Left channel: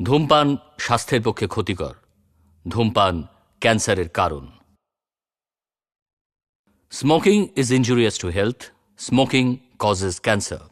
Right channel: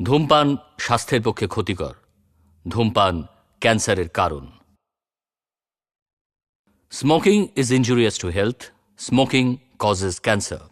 ধূমপান স্বাস্থ্যের পক্ষে ক্ষতিকর। ধূমপান ক্যান্সারের কারণ। Smoking is injurious to health. Smoking causes cancer.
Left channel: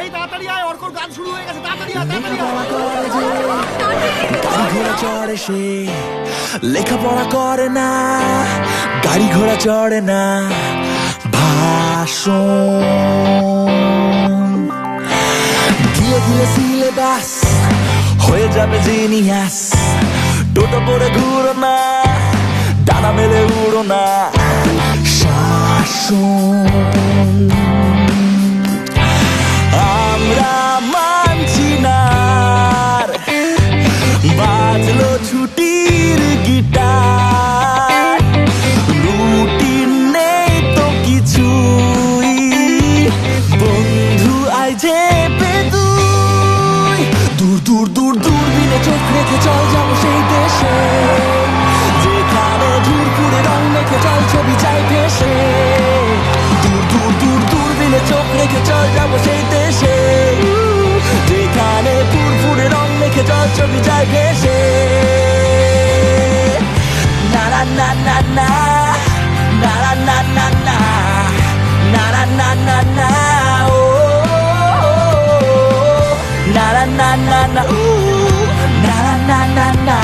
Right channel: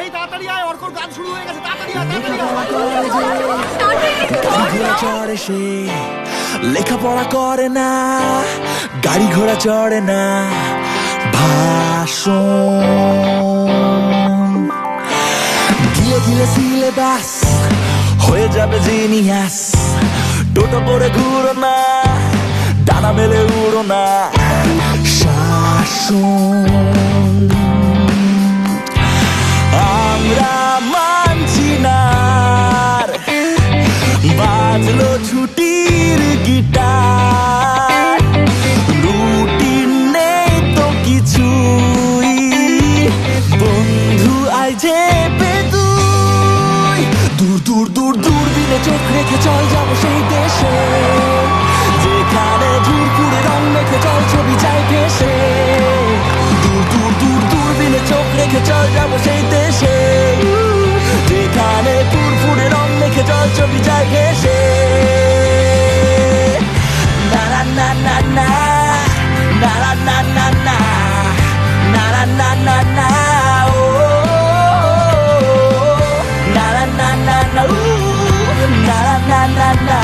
এই তাড়াতাড়ি আয়, অর্কর গান শুরু হয়ে গেছে, তাড়াতাড়ি আয়, চড়ে সে লেখাপড়া করে না, গাড়ি ঘোড়া চড়ে না, ভাষণ গিলে গিলে সিলেবাস হয়ে যাবে জিনিয়াস। টোটো করে ঘুরো না, ডানা মেলে উড়ো না, শাসন আমরা মানছি না। বাজলো ছুটির গিটার, রুটিন নেই তো কিছুই, বন্ধু আয় যে পেদুই। দূর দূর দূর দূরবীনে চোখ রেখে চল যাবো সেই দেশে, যেখানে ধূরপুরে রং মেখে চল ছবি যায় ভেসে। দূর দূর দূর দূরবীনে চোখ রেখে চল যাবো সেই দেশে, যেখানে ফুরফুরে রং মেখে চল ছবি যায় ভেসে। না না না না না না না না না না না না না ও না না না না না ও না না না না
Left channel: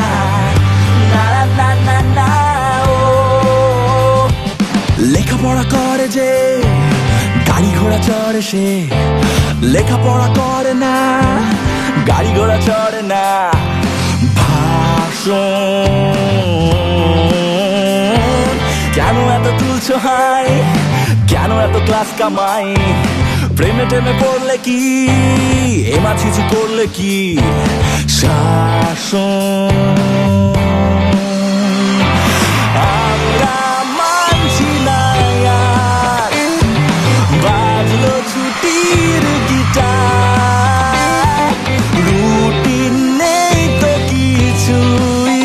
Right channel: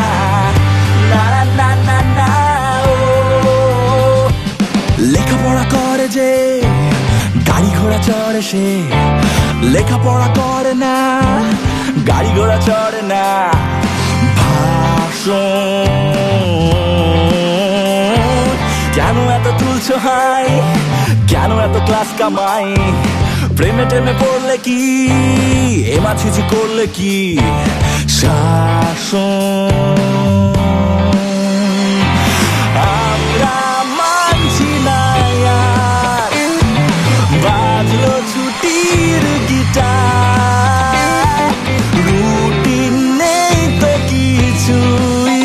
না না না না ও। লেখাপড়া করে যে গাড়ি ঘোড়া চড়ে সে, লেখাপড়া করে না, গাড়ি ঘোড়া চড়ে না, ভাষণ কেন এত তুলছো হাই, কেন এত ক্লাস কামাই, প্রেমে টেমে পড়লে কি, এমা ছিছি করলে কি, শাসন আমরা মানছি না আর। বাজলো ছুটির গিটার, রুটিন নেই তো কিছুই,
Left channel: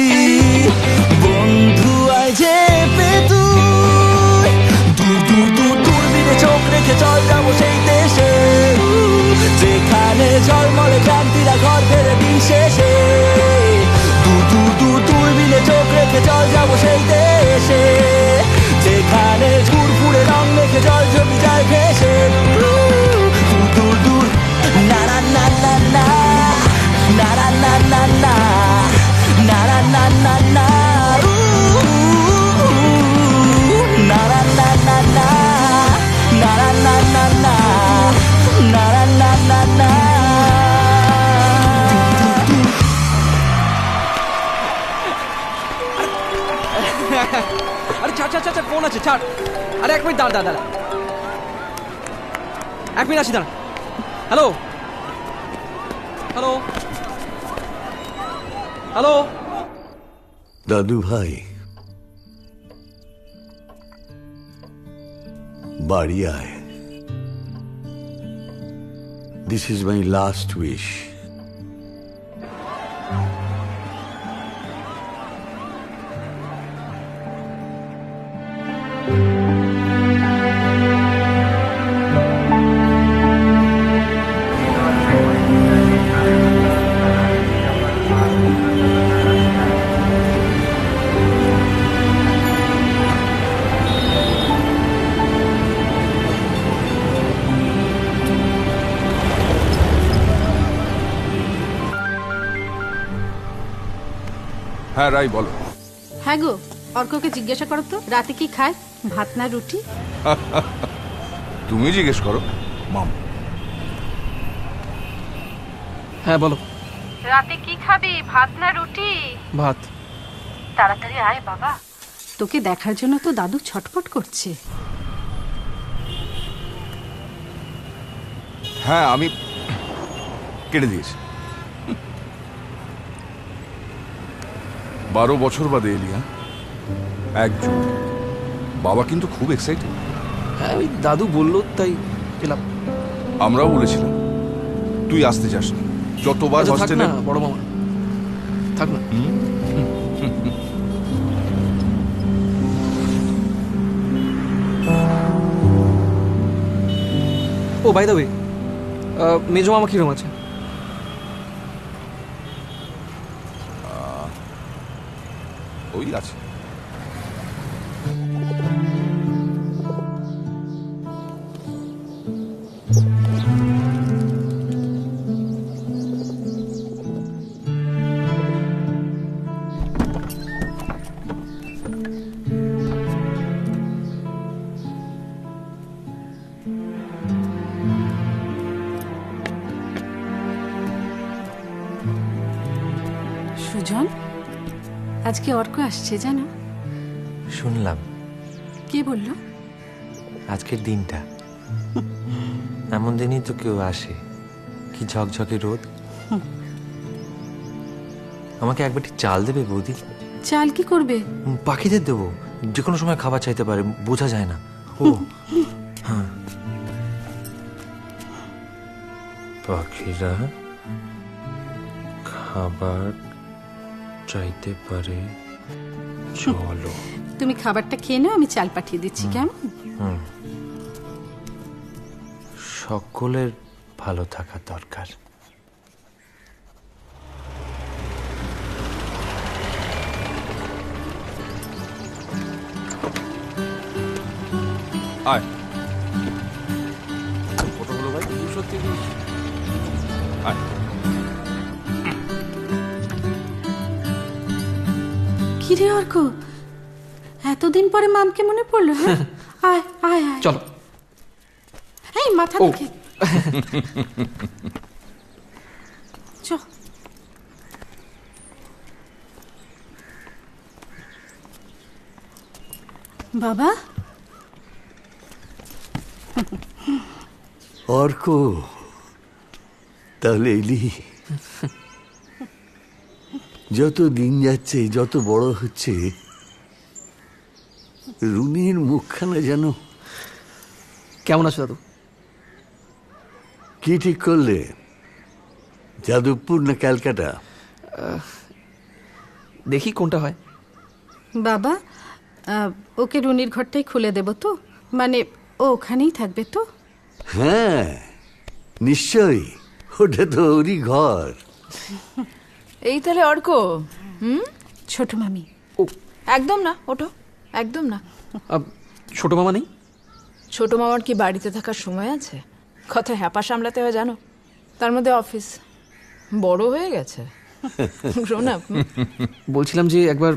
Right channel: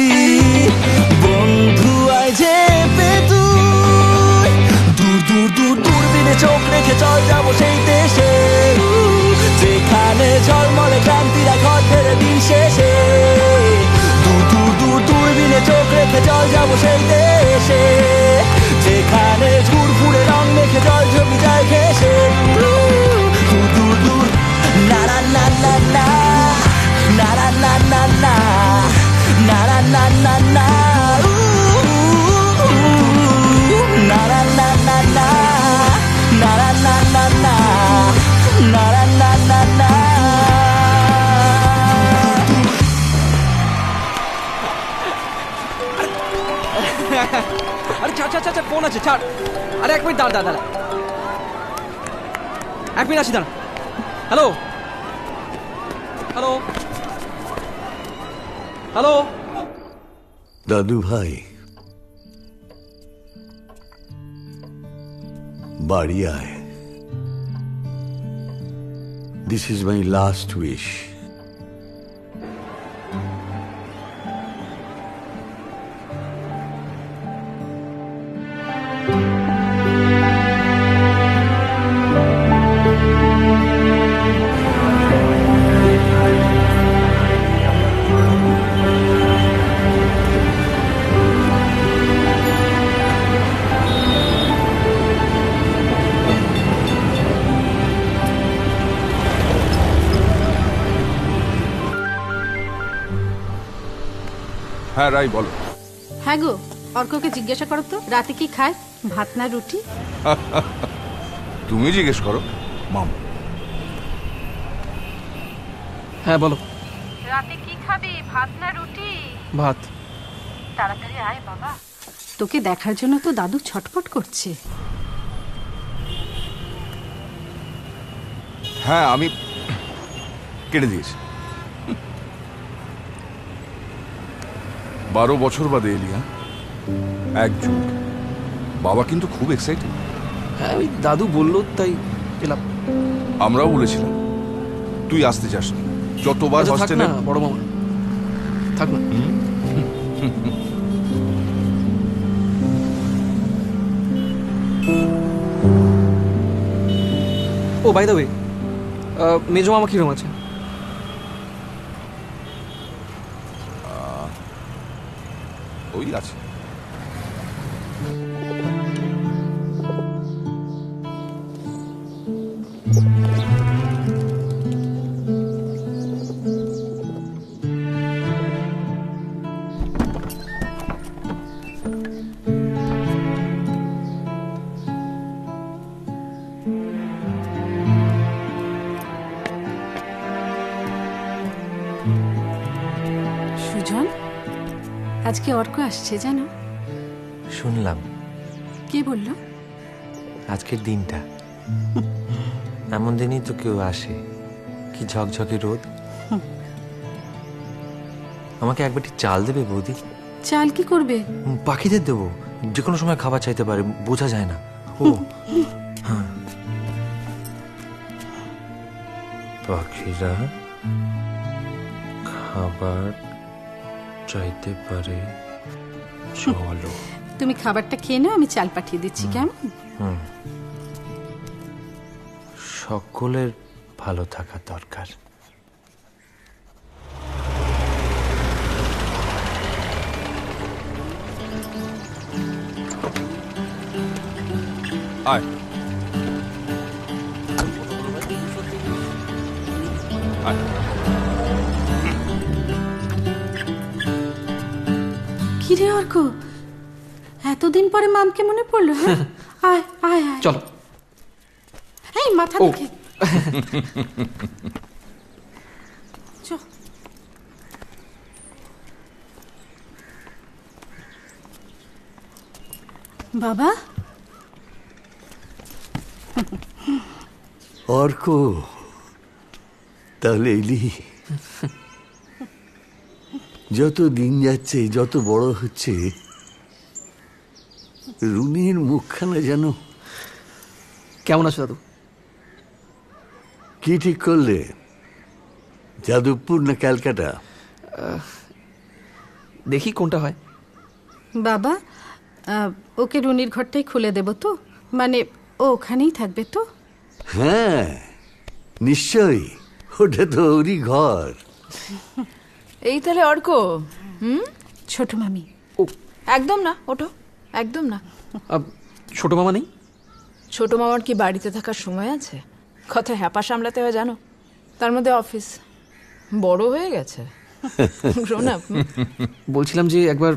বন্ধু আয় যে পেতুই। দূর দূর দূর দূরবীনে চোখ রেখে চল যাবো সেই দেশে, আরে ছাড় ছাড় ছাড় ফোন আছে ছাড়। আরে এক মিনিট দাঁড়া দাঁড়া, এক মিনিট আসি দাঁড়া। Hello hello hello. দাদু ভাই, বাড়ি আয়। This is my last wish. হ্যাঁ রাই বলো। হ্যাঁ গো, অর্ককে জিজ্ঞাসা করো তো রাতে কি খায়, ভাত না রুটি? তুমি জিজ্ঞেস করো মাম। হ্যাঁ বলো। রাতে কি খাবি, ভাত না রুটি? ভাত। তাড়াতাড়ি আয় বাবা, তোকে দেখার জন্য তো দাদু ছটফট করছে। হ্যাঁ আমি কেটে দিয়েছি। 12 বছর বাদে এলি। হ্যাঁ 1 জুন। বাবা কিন্তু খুব এক্সাইটেড। হ্যাঁ ওই দাদু বললো তাই এলাম। আমরাও বলেছিলাম তুই আসতে চাস না, যতবার আচ্ছা, থাক হস্টেলে। না বড় মামা, থাক না। ও বাই দ্য ওয়ে, মেজো মামা কিরম আছে? ওই আছে। সুজন, আজকে অর্ক আসছে জানো? শুনলাম। কে বললো? আজকের দিনটা এমন দিনই তো কেউ আসে। কি ঝকঝকে রোদ। আমাকে এক বাটি চাল দেবে বৌদি? চাল কি করবে? পাখিদের দেবো, যে কোনো সময় খাবার চাইতে পারে, বোঝা যায় না। ও হ্যাঁ, পাখিরা খাবার চাইতে পারে, চলো। তুমি খাবারটা খেয়ে নাও, আমি চাল পাঠিয়ে দিচ্ছি। কেমন? সকলের ভালো থাকা দরকার। আয়। আয়। কি রে অর্ক, এতদিন পরে মামকে মনে পড়লো? হ্যাঁ আয় আয় আয়। চলো। এই মাথা ও। দেখে চ। বাবা, অর্ক, তাহলে এলি? যত দিন যাচ্ছে, যত বড় হচ্ছে, রুনির মুখখানা যেন। কেমন আছো দাদু? কি ঠিক করলে, যাদবপুর না ক্যালকাটা? দেখি কোনটা হয়। বাবা ওকে রুনির ঘরটাই খুলে দেব তো? মানে ও ওখানেই থাকবে তো? হ্যাঁ নিশ্চয়ই, ওটা তো ওরই ঘর। এই তাহলে অর্ক। ছোট মামি। ও একদম না, ওঠো, একদম না। ছোট মামা নেই? ছোট মামার কি বাড়িতে থাকার সময় আছে? কত হ্যাপা সামলাতে হয় জানো? তার মধ্যে অফিস, বড় হয়ে গেছে। Grown up. বলছিলাম যে একবার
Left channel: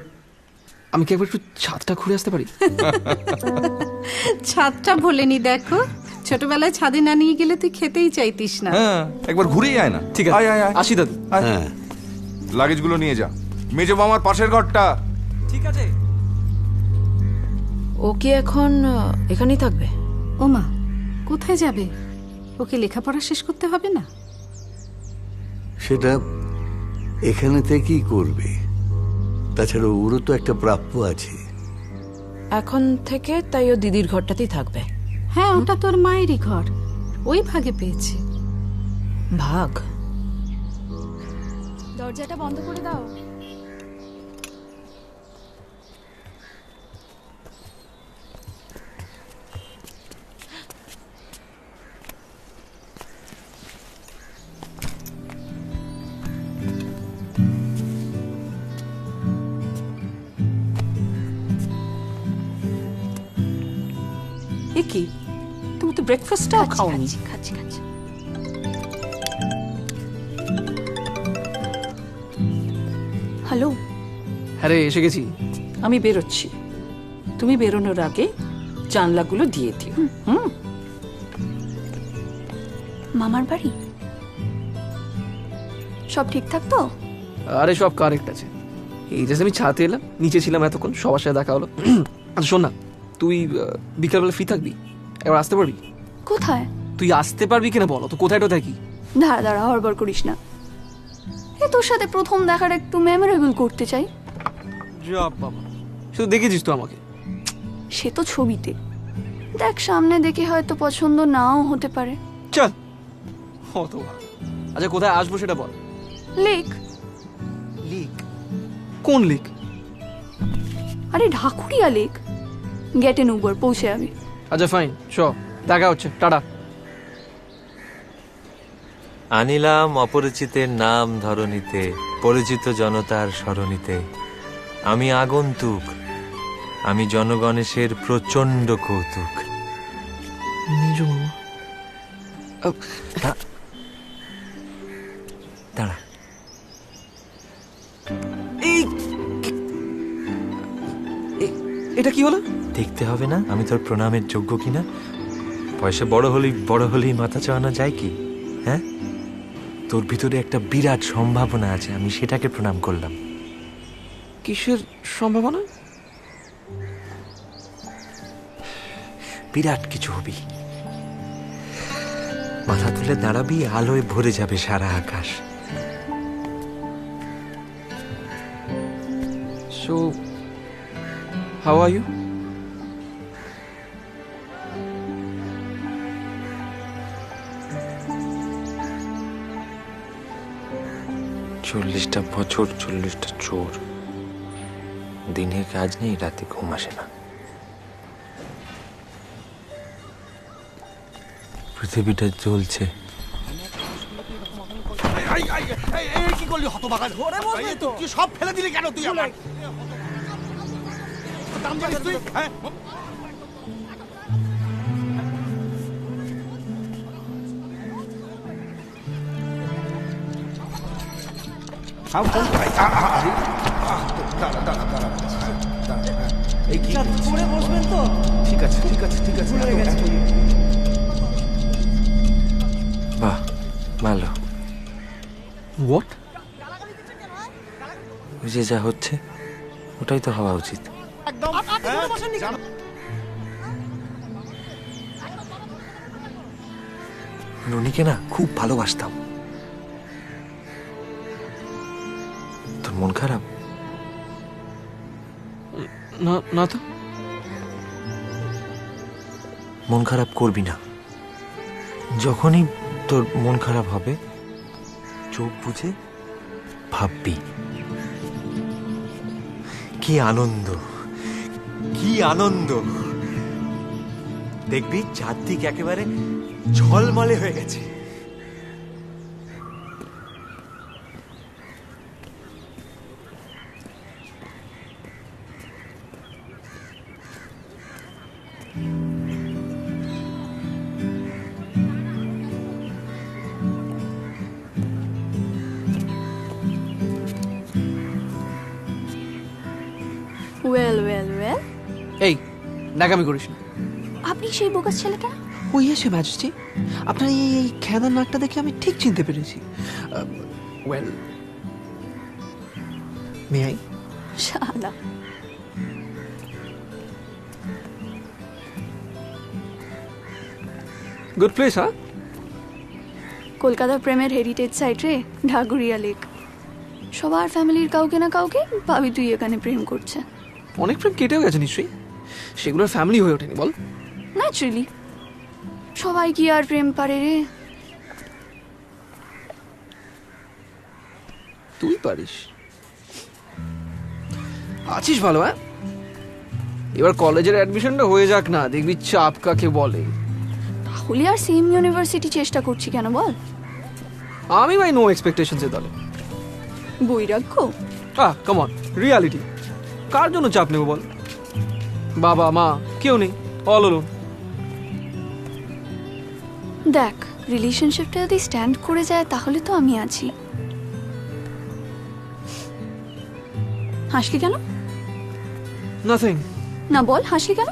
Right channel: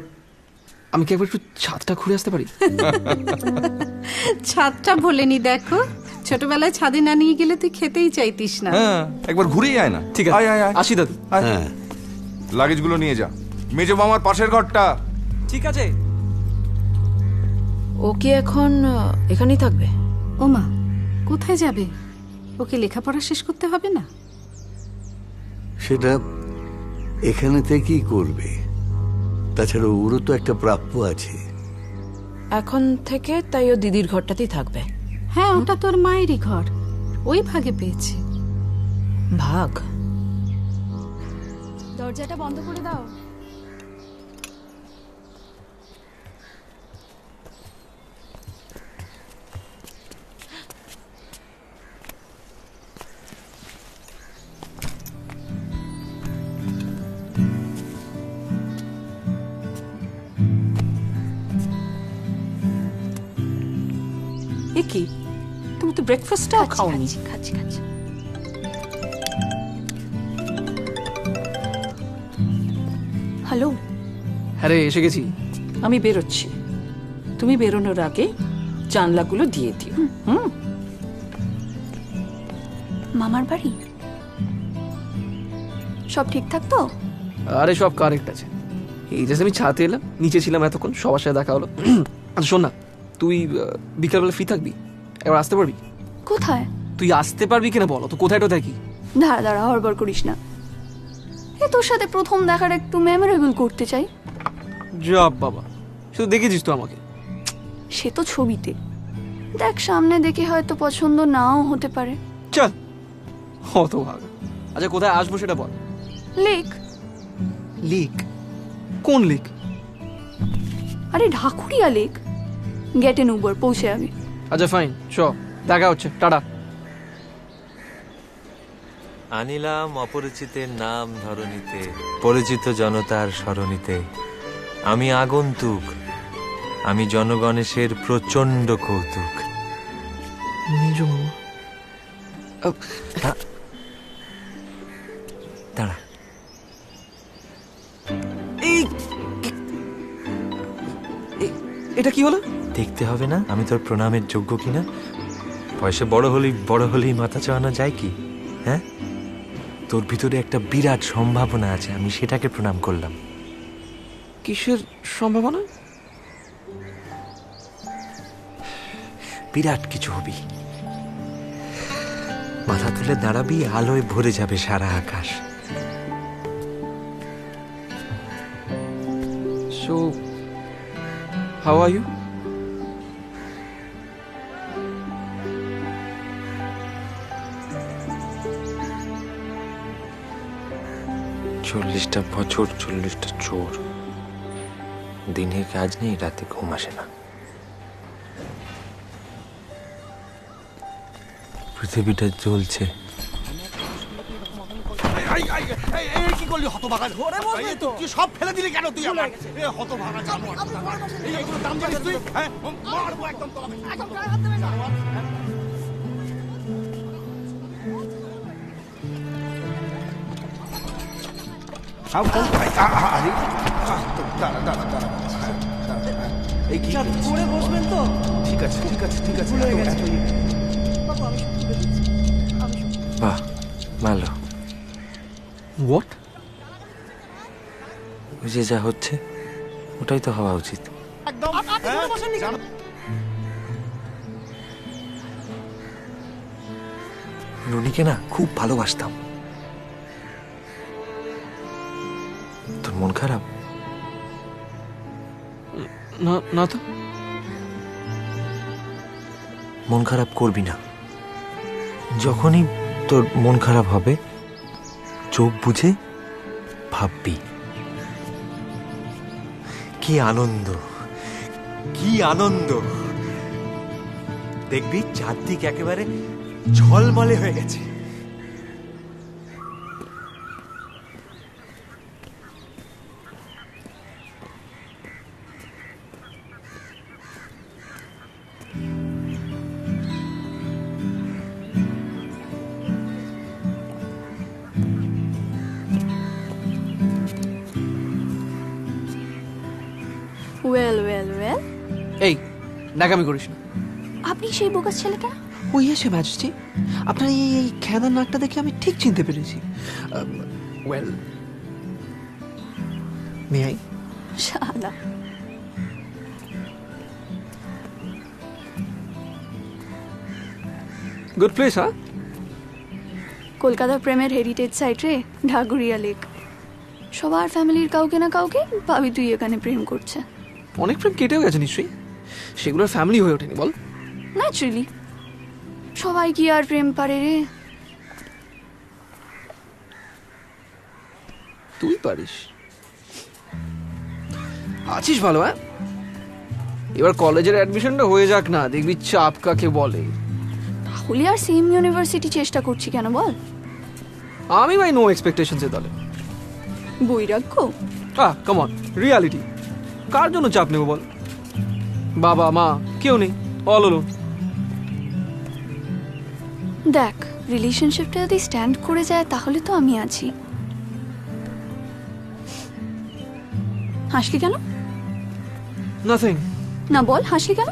আমি কি একবার একটু ছাদটা ঘুরে আসতে পারি? ছাদটা ভোলেনি, দেখো ছোটবেলায় ছাদে না নিয়ে গেলে তুই খেতেই চাইতিস না। হ্যাঁ একবার ঘুরেই আয় না। ঠিক আছে, আয় আয় আয়। আসি দাদু। আয়। হ্যাঁ লাগেজগুলো নিয়ে যা, মেজো মামার পাশের ঘরটা। ঠিক আছে। ও কি এখন এখানেই থাকবে? ওমা, কোথায় যাবে? ওকে লেখাপড়া শেষ করতে হবে না? সেটা এখানে থেকেই করবে। তাছাড়া ওরও তো একটা প্রাপ্য আছে। এখন থেকে তাই ও দিদির ঘরটাতেই থাকবে। হ্যাঁ, ওটা তোর মায়েরই ঘর, ওই ভাগে পেয়েছে। ভাগ? দরজাটা বন্ধ করে দাও। এ কি, তুমি তো ব্রেকফাস্টটাও খাওনি। খাচ্ছি খাচ্ছি। হ্যালো, হ্যাঁ রে, এসে গেছি। আমি বেরোচ্ছি, তুমি বেরোনোর আগে জানলাগুলো দিয়ে দিও। মামার বাড়ি সব ঠিকঠাক তো? আরে সব কারেক্ট আছে। এই যে আমি ছাতে এলাম, নিচে ছিলাম এতক্ষণ, সবার সাথে দেখা হলো। আচ্ছা শোন না, তুই বিকালবেলা ফ্রি থাকবি? এবার আসতে পারবি? কোথায়? তুই আসতে পারবি কিনা বলো তো, কোথায় টোথায় কি? দাঁড়া দাঁড়া, হড়বড় করিস না। এ তোর সাথে প্রথম দেখার একটু মেমোরেবল করতে চাই। জব বাবা, শুধু দেখেছিস তো আমাকে? সে তো ছবিতে দেখ, সামনে দেখে হয়তো পছন্দ নাও হতে পারে। চল, অত ভালো। আচ্ছা কোথায় আসবো সেটা বল। লেক। লেক? কোন লেক? আরে ঢাকুরিয়া লেক। গেটে নুবর পৌঁছে যাবি। আচ্ছা ফাইন, চ, দেখা হচ্ছে, টাটা। আনিলাম অপরিচিতের নাম ধরণীতে, পরিচিত জনতার সরণিতে। আমি আগন্তুক, আমি জনগণেশের প্রচন্ড কৌতুক। মেজো মামা। দাঁড়া, এটা কি হলো? দেখতে হবে না আমি তোর প্রণামের যোগ্য কিনা? বয়সে বড় হলেই মাথা চাওয়ানো যায় কি? হ্যাঁ, তোর ভিতরে একটা বিরাট সম্ভাবনা আছে, আমি সেটাকে প্রণাম করলাম। কিসের সম্ভাবনা? বিরাট কিছু হবি, মাথা তুলে দাঁড়াবি, আলোয় ভরে যাবে সারা আকাশ। So, how are you? চল্লিশটা বছর, 40টা চোর, দিনে কাজ নেই, রাতে ঘুম আসে না। পৃথিবীটা জ্বলছে। কি করলি হতভাগা? তুই সব ফেলে দিলি কেন? তুই আমার হতভাগা দাম জানিস তুই? হ্যাঁ, মারবো একদম তোকে। এই কি করে বসবেন তো? ঠিক আছে ঠিক আছে ঠিক আছে। বাহ, ভালো। What? ওই যে যা হচ্ছে ওটাই তো হওয়া উচিত। একদম রনিকে না খুব ভালোবাসতাম। তোর মন খারাপ? না না তো। মন খারাপ করবি না। যখনই তোর মন খারাপ হবে, চোখ বুঝে ভাববি কি আনন্দ, কি আনন্দ। দেখবি চারদিক একেবারে ঝলমলে হয়ে গেছে। Well well well. এই নাকামি করিস না। আপনি সেই বোকাস ছেলেটা? ওই এসে ম্যাজিস্ট্রি, আপনার এই খেদার নাকটা দেখে আমি ঠিক চিনতে পেরেছি। Well, may I? শালা। গুড প্লেস, হ্যাঁ? কলকাতার প্রেমের হেরিটেজ সাইট রে, ঢাকুরিয়া লেক। সবার ফ্যামিলির কাউকে না কাউকে ভাবি তুই এখানে প্রেম করছে। অনেক প্রেম কেটেও গেছে নিশ্চয়ই, সেগুলোর ফ্যামিলি হয়ে ওঠেনি বল। ন্যাচুরালি সবাই কি আর প্রেম পারে রে? তুই পারিস, আছিস ভালো। হ্যাঁ, এবার কলেজের অ্যাডমিশনটা হয়ে যাক না, দেখবি চাপ কাকে বলে। তাহলে আর সেম ইউনিভার্সিটি চেষ্টা করছি কেন বল? আমি ভাই নো এক্সপেকটেশনস এর দলে। বৈরাগ্য? Come on, reality. কার জন্য চাপ নেব বল? বাবা মা কেউ নেই, অল অলোন। দেখ, রিলেশনশিপটা যদি স্ট্যান্ড করে যায় তাহলে তো আমি আছি। হাসলি কেন? নাথিং। না বল, হাসলি কেন?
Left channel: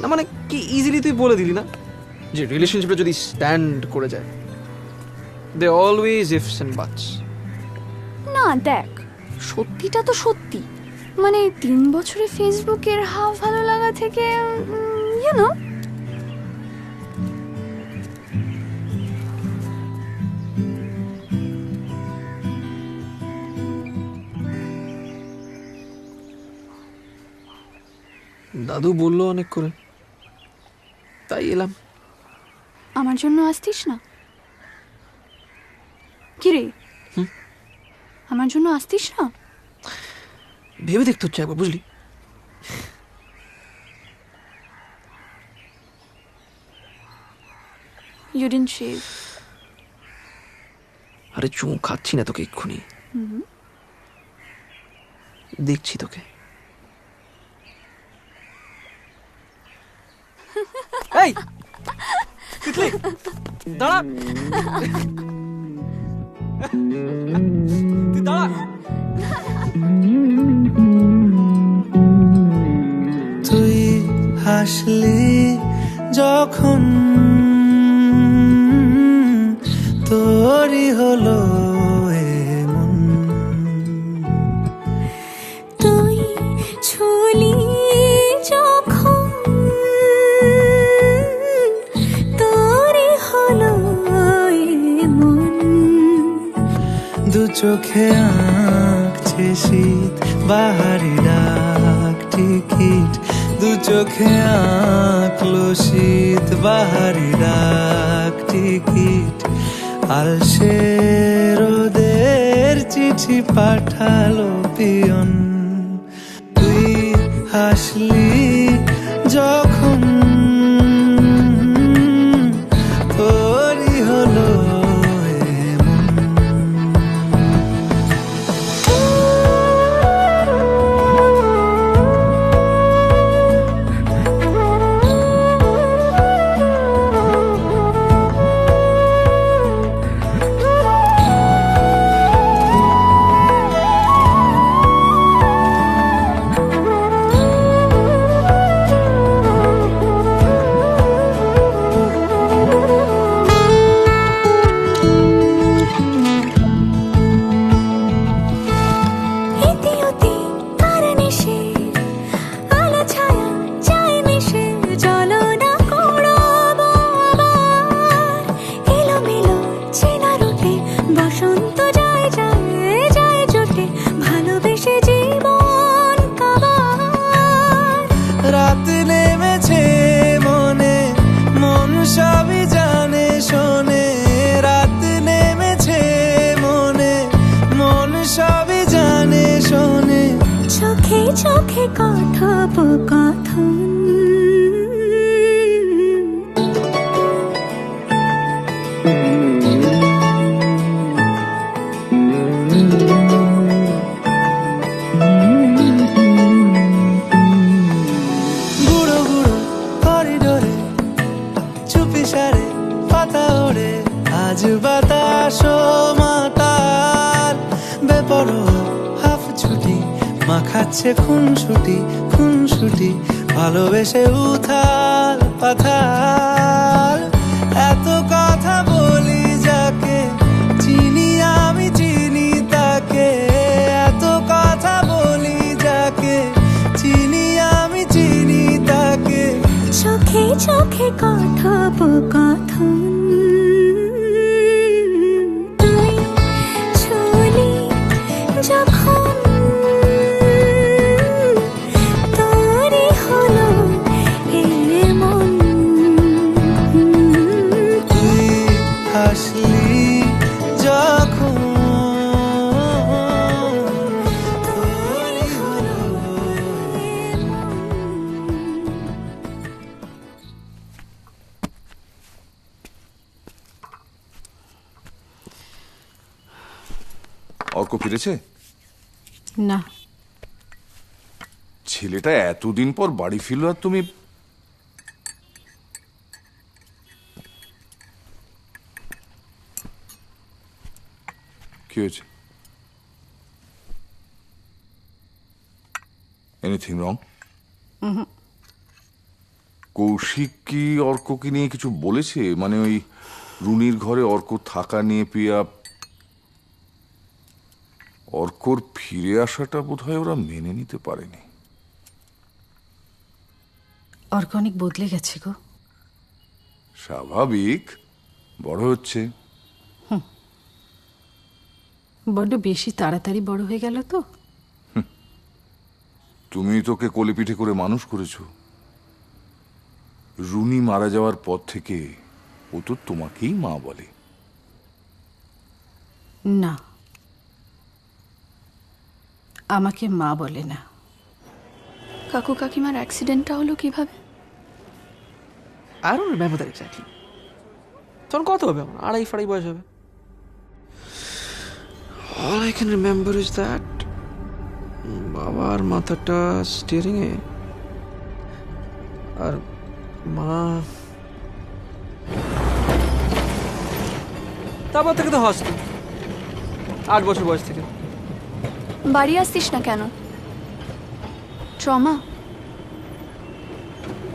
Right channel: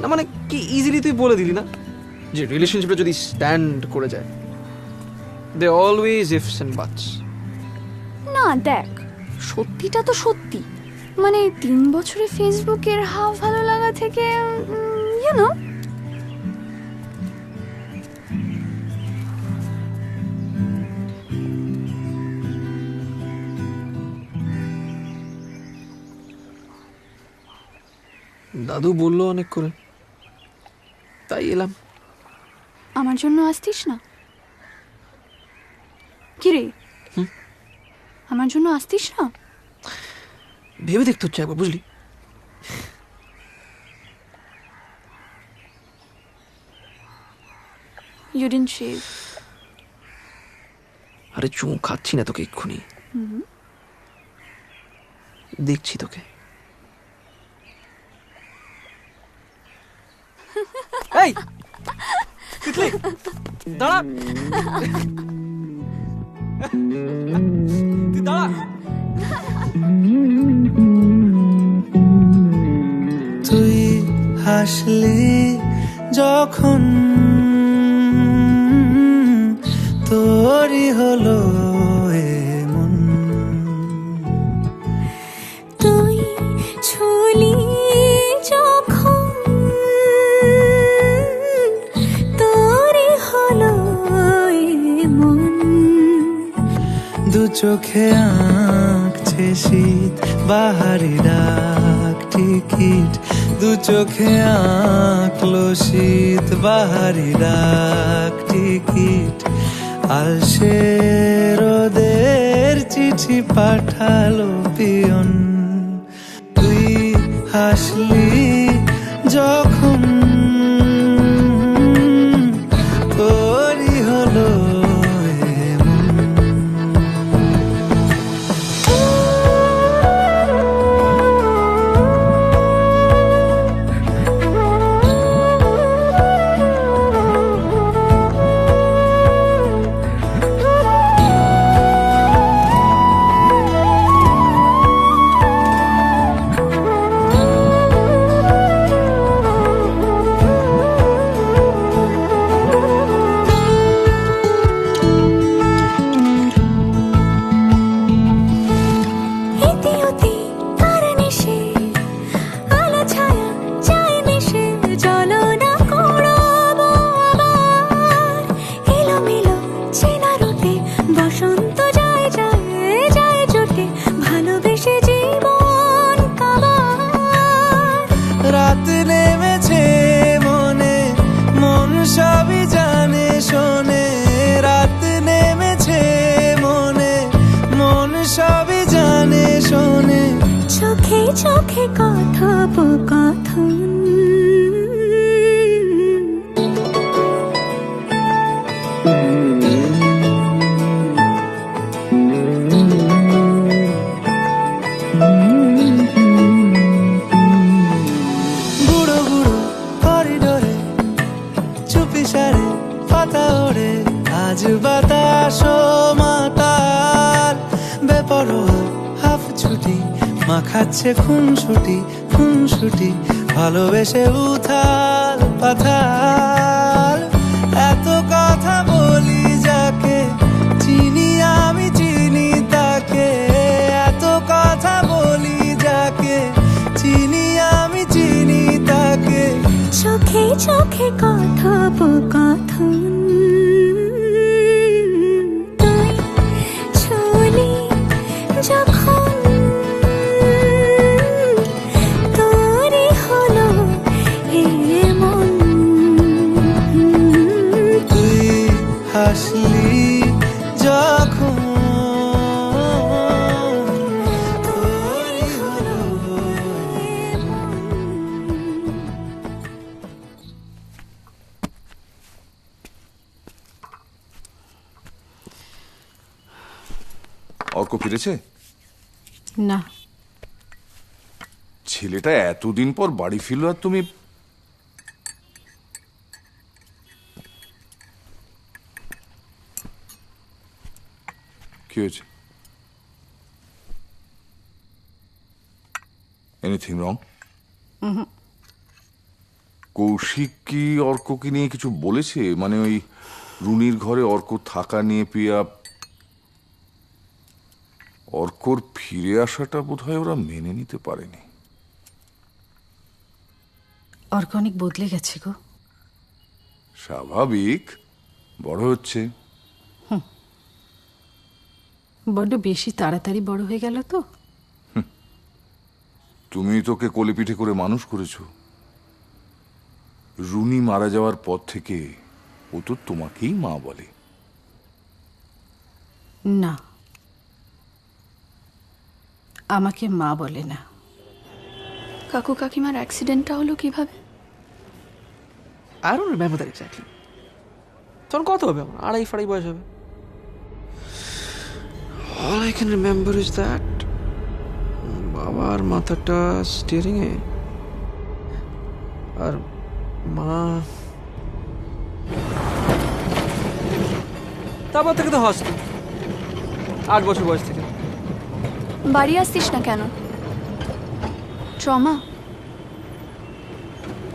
না মানে কি ইজিলি তুই বলে দিলি না যে রিলেশনশিপটা যদি স্ট্যান্ড করে যায়, দে অলওয়েজ ইফস এন্ড বাটস। না দেখ, সত্যিটা তো সত্যি। মানে 3 বছরে ফেসবুকের হাফ ভালো লাগা থেকে ইউনো দাদু বললো অনেক করে, তাই এলাম। আমার জন্য আসতিস না? কি রে, আমার জন্য আসতিস না? ভেবে দেখতে হচ্ছে একবার, বুঝলি? You didn't shave. আরে চুম খাচ্ছি না তোকে এক্ষুনি, দেখছি তোকে। এই তিতলি, দাঁড়া, তুই দাঁড়া। তুই হাসলি যখন তোরই হলো এমন, তুই ছুলি যখন তোরই হলো এমন, দু চোখে আঁকছে শীত বাহারি ডাক টিকিট, দু চোখে আঁকলো শীত বাহারি ডাক টিকিট, আলসে রোদের চিঠি পাঠালো পিয়ন, তুই হাসলি যখন তোরই হলো বসন্ত যায় যায় যায় জোটে, ভালোবেসে জীবন কাবার। রাত নেমেছে মনে, মন সবই জানে শোনে, রাত নেমেছে মনে, মন সবই জানে শোনে, চোখে চোখে কথোপকথন। গুঁড়ো গুঁড়ো করিডোরে চুপি সারে পাতা ওড়ে, আজ বাতাস মাতাল বেপরোয়া হাফ ছুটি, মাখাচ্ছে খুনসুটি খুনসুটি, ভালোবেসে উথাল পাথাল, এত কথা বলি যাকে চিনি আমি চিনি তাকে, এত কথা বলি যাকে চিনি আমি চিনি তাকে। থাকে চোখে চোখে কথোপকথন তুই ছুলি যখন তোরই হলো এমন তুই হাসলি যখন তোরই হলো অর্ক ফিরেছে? না, ছেলেটা এতদিন পর বাড়ি ফিরল আর তুমি কি হয়েছে? Anything wrong? কৌশিক কি অর্ককে নিয়ে কিছু বলেছে? মানে ওই রুনির ঘরে অর্ক থাকা নিয়ে প্রিয়া অর্কর ফিরে আসাটা বোধহয় ওরা মেনে নিতে পারেনি। অর্ক অনেক বদলে গেছে গো। স্বাভাবিক, বড় হচ্ছে। বড্ড বেশি তাড়াতাড়ি বড় হয়ে গেল তো। তুমি তোকে কোলে পিঠে করে মানুষ করেছো। রুনি মারা যাওয়ার পর থেকে ও তো তোমাকেই মা বলে। না, আমাকে মা বলে না। কাকু কাকিমার অ্যাক্সিডেন্টটা হলো কিভাবে? I don't remember that exactly. তখন কত হবে আমার? 2.5 বয়স হবে। All I can remember is that বাবার মাথাটা স্টিয়ারিং এ আর মা তারপর থেকে তো হস্ত 8 বছর বয়স থেকে। বাড়ি আসতিস না কেন? Trauma?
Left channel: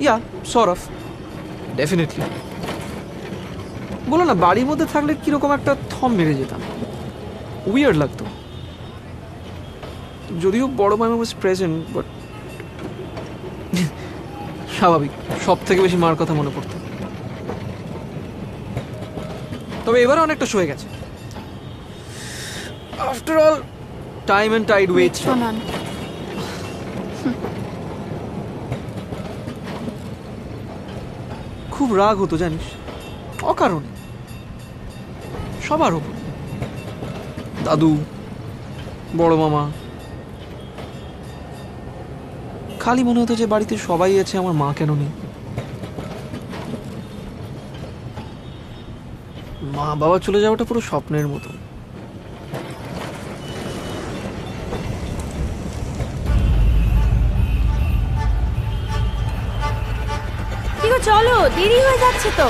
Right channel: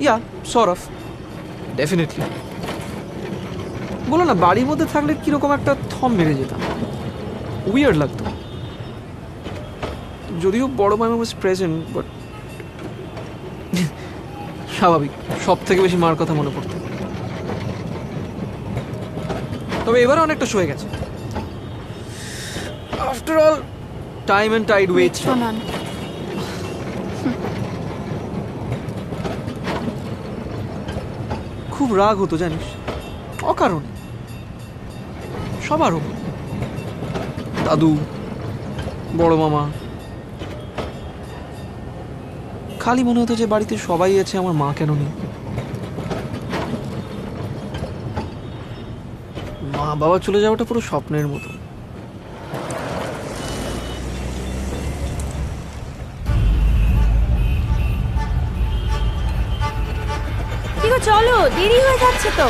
Yeah sort of, definitely. বলো না, বাড়ির মধ্যে থাকলে কিরকম একটা থম মেরে যেতাম, উইয়ার্ড লাগতো। যদিও বড় মামা ওয়াজ প্রেজেন্ট, বাট স্বাভাবিক, সব থেকে বেশি মার কথা মনে পড়তো। তবে এবারে অনেকটা সয়ে গেছে। After all time and tide waits. শোনান, খুব রাগ হতো জানিস, অকারণে, সবার উপর। দাদু, বড় মামা। খালি মনে হতো যে বাড়িতে সবাই আছে, আমার মা কেন নেই। মা বাবা চলে যাওয়াটা পুরো স্বপ্নের মতো। চলো, দেরি হয়ে যাচ্ছে তো।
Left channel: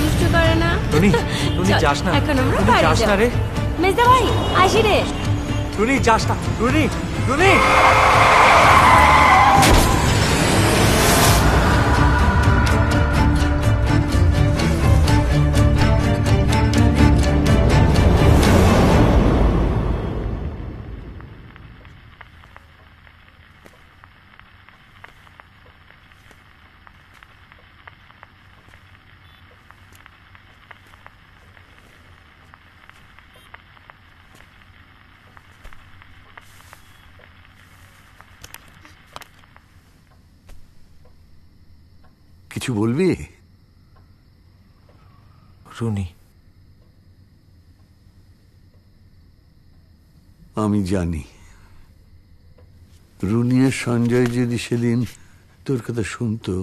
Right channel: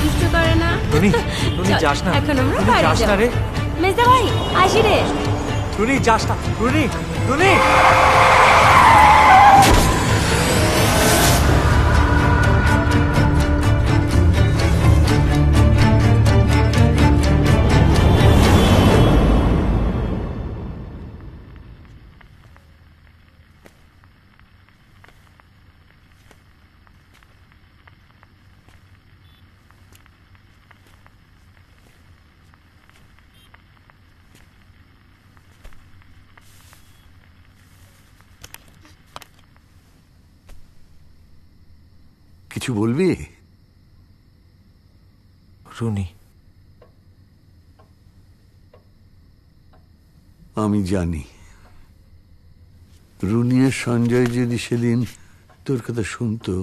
দুষ্টু করে না। টুনি, টুনি যাস না। এখন আমরা টুনি বাড়ি যাস না যাব। রে। মেজদা ভাই, আসি রে। টুনি যাস না। টুনি, টুনি। কিছু বলবি? রুনি, আমি জানি রুনি আর সঞ্জয় যদি সেদিন তোর কথা শুনতো,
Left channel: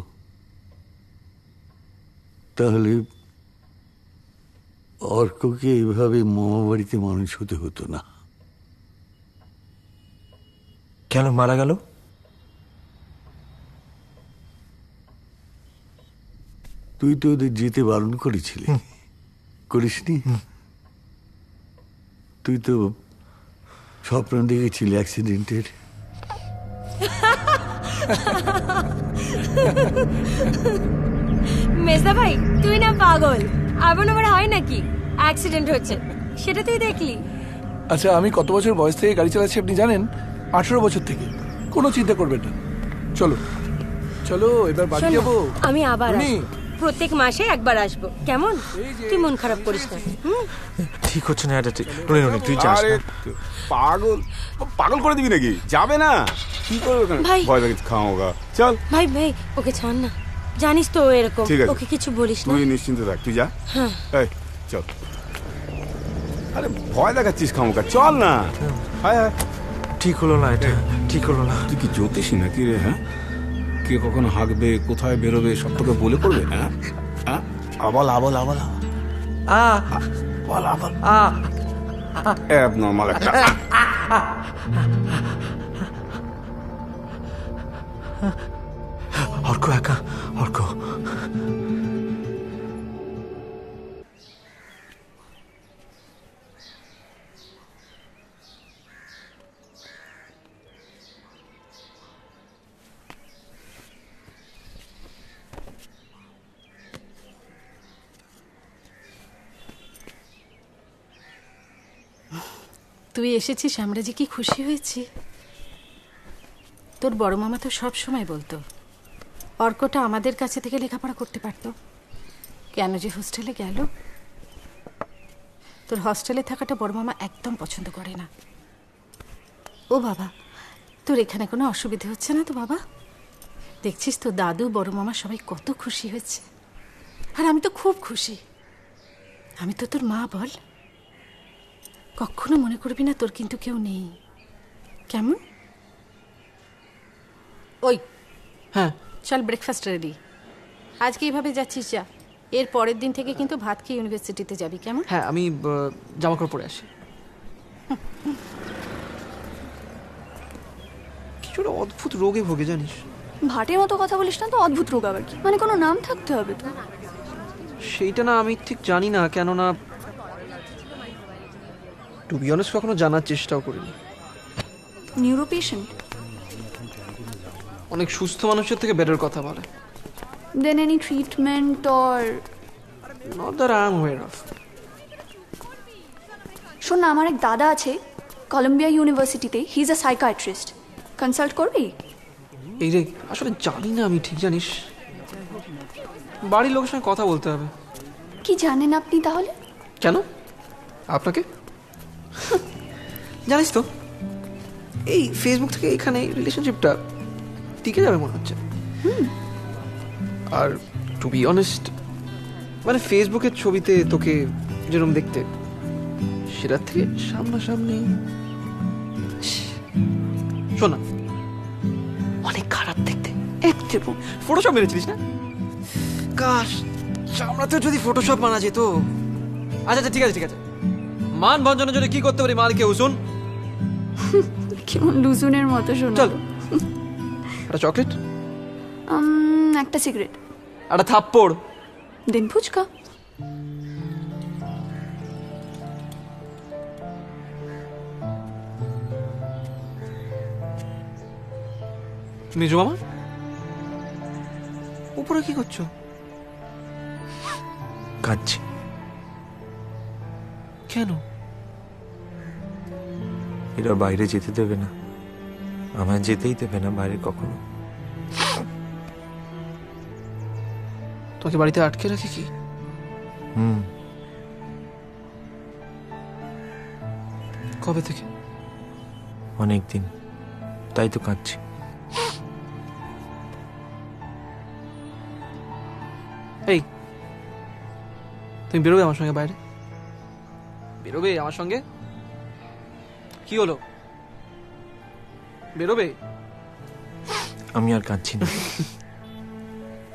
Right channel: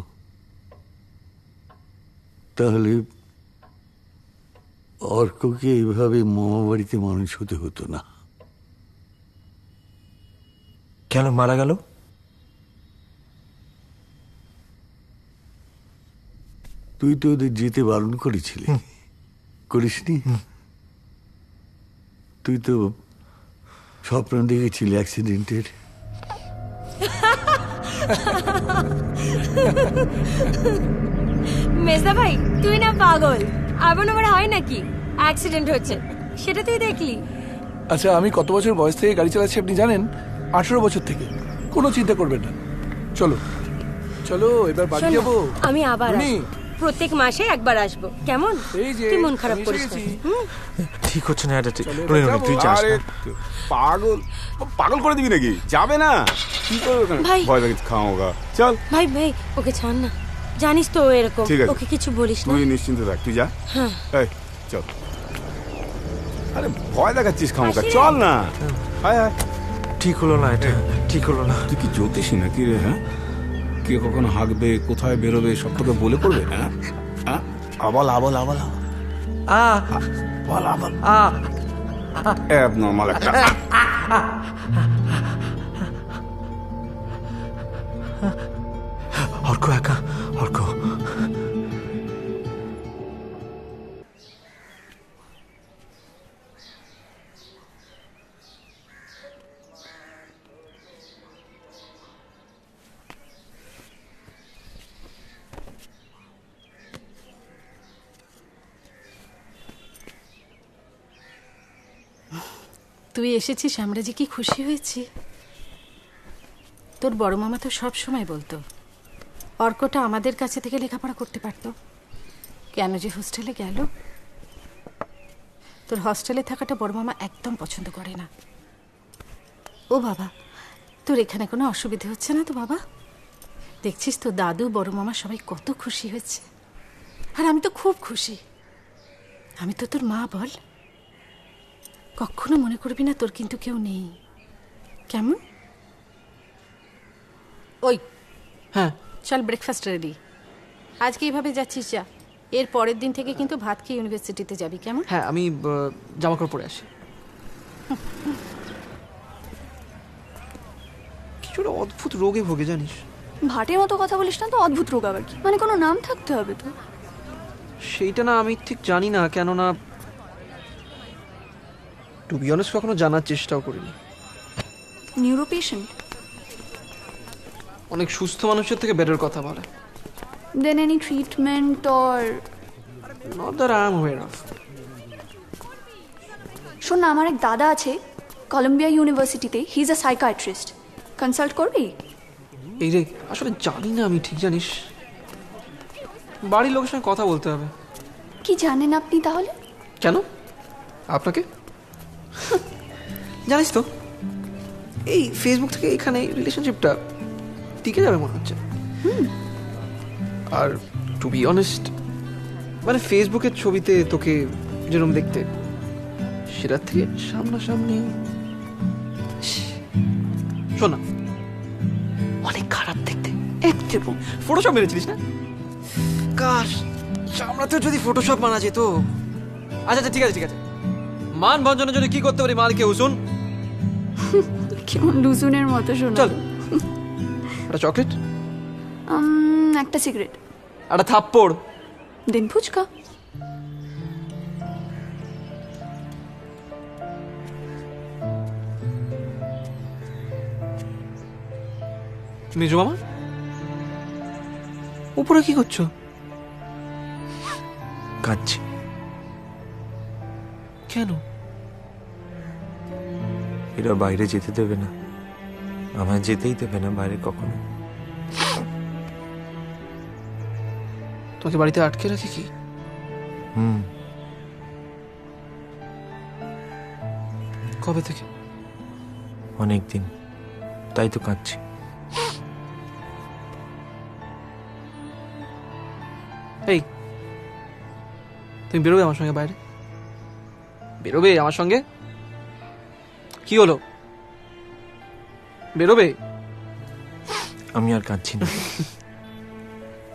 তাহলে অর্ককে এইভাবে মামা বাড়িতে মানুষ হতে হতো না। কেন মারা গেল? তুই তো ওদের যেতে বারণ করেছিলি, করিসনি? তুই তো স্বপ্ন দেখেছিলি অ্যাক্সিডেন্টের। মেজদা ভাই, তুই না পাগল? এমন আবার হয় নাকি? অ্যাক্সিডেন্ট হচ্ছে সেটা তুই দেখলি? আচ্ছা, আমি কত বছর বয়স থেকে গাড়ি চালাচ্ছি আপনি জানেন? 18 বছর থেকে। কোনো চিন্তা করবেন না, চলো। চলো এবার বাড়ি শোন না, যাবো। আমি আবার টুনি। আসবো। প্রত্যেক মাসে একবার আসবো, কেমন? তুই মন খারাপ করিস না। ঠিক হচ্ছে না এটা, রনি রনি তুই যাস আরে না। পাগল পাগল করে দিবি নাকি? যাবে না, কি করবে ওখানে? ভাই। ভয় লাগে খাওয়া। চল ভাই ভাই ওকে ছাড় না, জানিস তো ও এরকম। ঠিক আছে। ওকে কিছু বলিস না। তুই নিশ্চিন্ত থাক, তুই যা। হ্যাঁ। এই চল। আরে ভয় দেখাচ্ছিস খামোকা, চল না। হায় হায়, ঠিক হলো না এটা, ঠিক হলো না। তুই কি জ্যোতিষী নাকি রে? হ্যাঁ, কে কখন হাঁকবে, কোথায় বেরোবে সব তোকে বলে পড়বে? হ্যাঁ হ্যাঁ, আবল আবল আবল আবল বল আবল অ্যাবনর্মাল একটা। অর্ক একা, অর্ক তুই এসেছিস, আমরা যে কি খুশি হয়েছি। তোর বড় মামা তো সব সময় বলতো অর্কটা আমাদের কাছে থেকে লেখাপড়া করতে পারতো, কেন যে হোস্টেলে গেল। তোর হস্টেলে থাকাটা বড় মামা একদম পছন্দ করে না। ও বাবা, তোর এখানে কোনো অসুবিধে হচ্ছে না তো বাবা? দেখছিস তো দাদু বড় মামা সবাই কত খুশি হয়েছে, আর আমি তো খুব খুশি। আমি তো তোর মা, বল। কখনো মনে করবি না তোর কিন্তু কেউ নেই, কেমন? ওই হ্যাঁ চল, ব্রেকফাস্ট রেডি। আজকে এইভাবে যাচ্ছিস যা, এর পরের দিন থেকে কিন্তু ভাত খেয়ে ইউনিভার্সিটিতে যাবি, কেমন? হ্যাঁ, আমি জামা কাপড় পরে আসি। কিছু একটা অদ্ভুত রোগে ভোগে জানিস। ভাটের মতো কথা বলিস না তো, অদ্ভুত রোগ আবার কি? মানে কোনো নাম থাকতে হবে তো? সেইটা না আমি ঠিক জানি না, কেননা টু বি অনেস্ট কখনো জানার চেষ্টাও করিনি। Neuro patient? অনেক সুস্থ মানুষের থেকে বেটার কথা বলে। Than any treatment or? Not that I am aware of. শোন না, আমার এক দাদা আছে কলম্বিয়া ইউনিভার্সিটিতে, হি ইজ আ সাইকাইট্রিস্ট। কনসাল্ট করবি? এই রে, আসলে জানি না আমি, ঠিক জানিস, বাড়ির লোকের সঙ্গে কথা বলতে হবে। কি জানেন আপনি তাহলে? কেন আপনাকে? জানিস তো এই ফেসবুক থেকে এখানে রিলেশনশিপটা টিকে যাবে মনে হচ্ছে। আর টু বি অনেস্ট, মানে ফেসবুকের ছবিতে তোকে যেরকম দেখতে, সেটার থেকে সামনাসামনি শোন না, অনেক খারাপ দেখতে। একটু ফটোশপ মেরেছিলিস না? কাশ চামড়াতেও যদি ফটোশপ মানা যেত। আচ্ছা আচ্ছা, ঠিক আছে ঠিক আছে। মান ভঞ্জনের জন্য কি করতে পারি মালকে উসুন? কেমন লুজুনের মতো শোনা। চল, একটা চকলেট, একটা সিগারেট, একটা থাপ্পড়, দিন ফুচকা। মেজো মামা উপরে কি করছো? কাঁদছি। কেন? এরা বাইরে যেতে দেবে না, আমায় যেতেই দেবে না বাইরে কখনো। তোমাকে বাড়িতে আটকে রাখে কি? কবে থেকে? অনেক দিন, তাই তো কাঁদছি। এই তুমি বেরোবে আমার সঙ্গে বাইরে? বেরোবে আমার সঙ্গে? কি হলো, বেরোবে? আমি আর কাঁদছি না।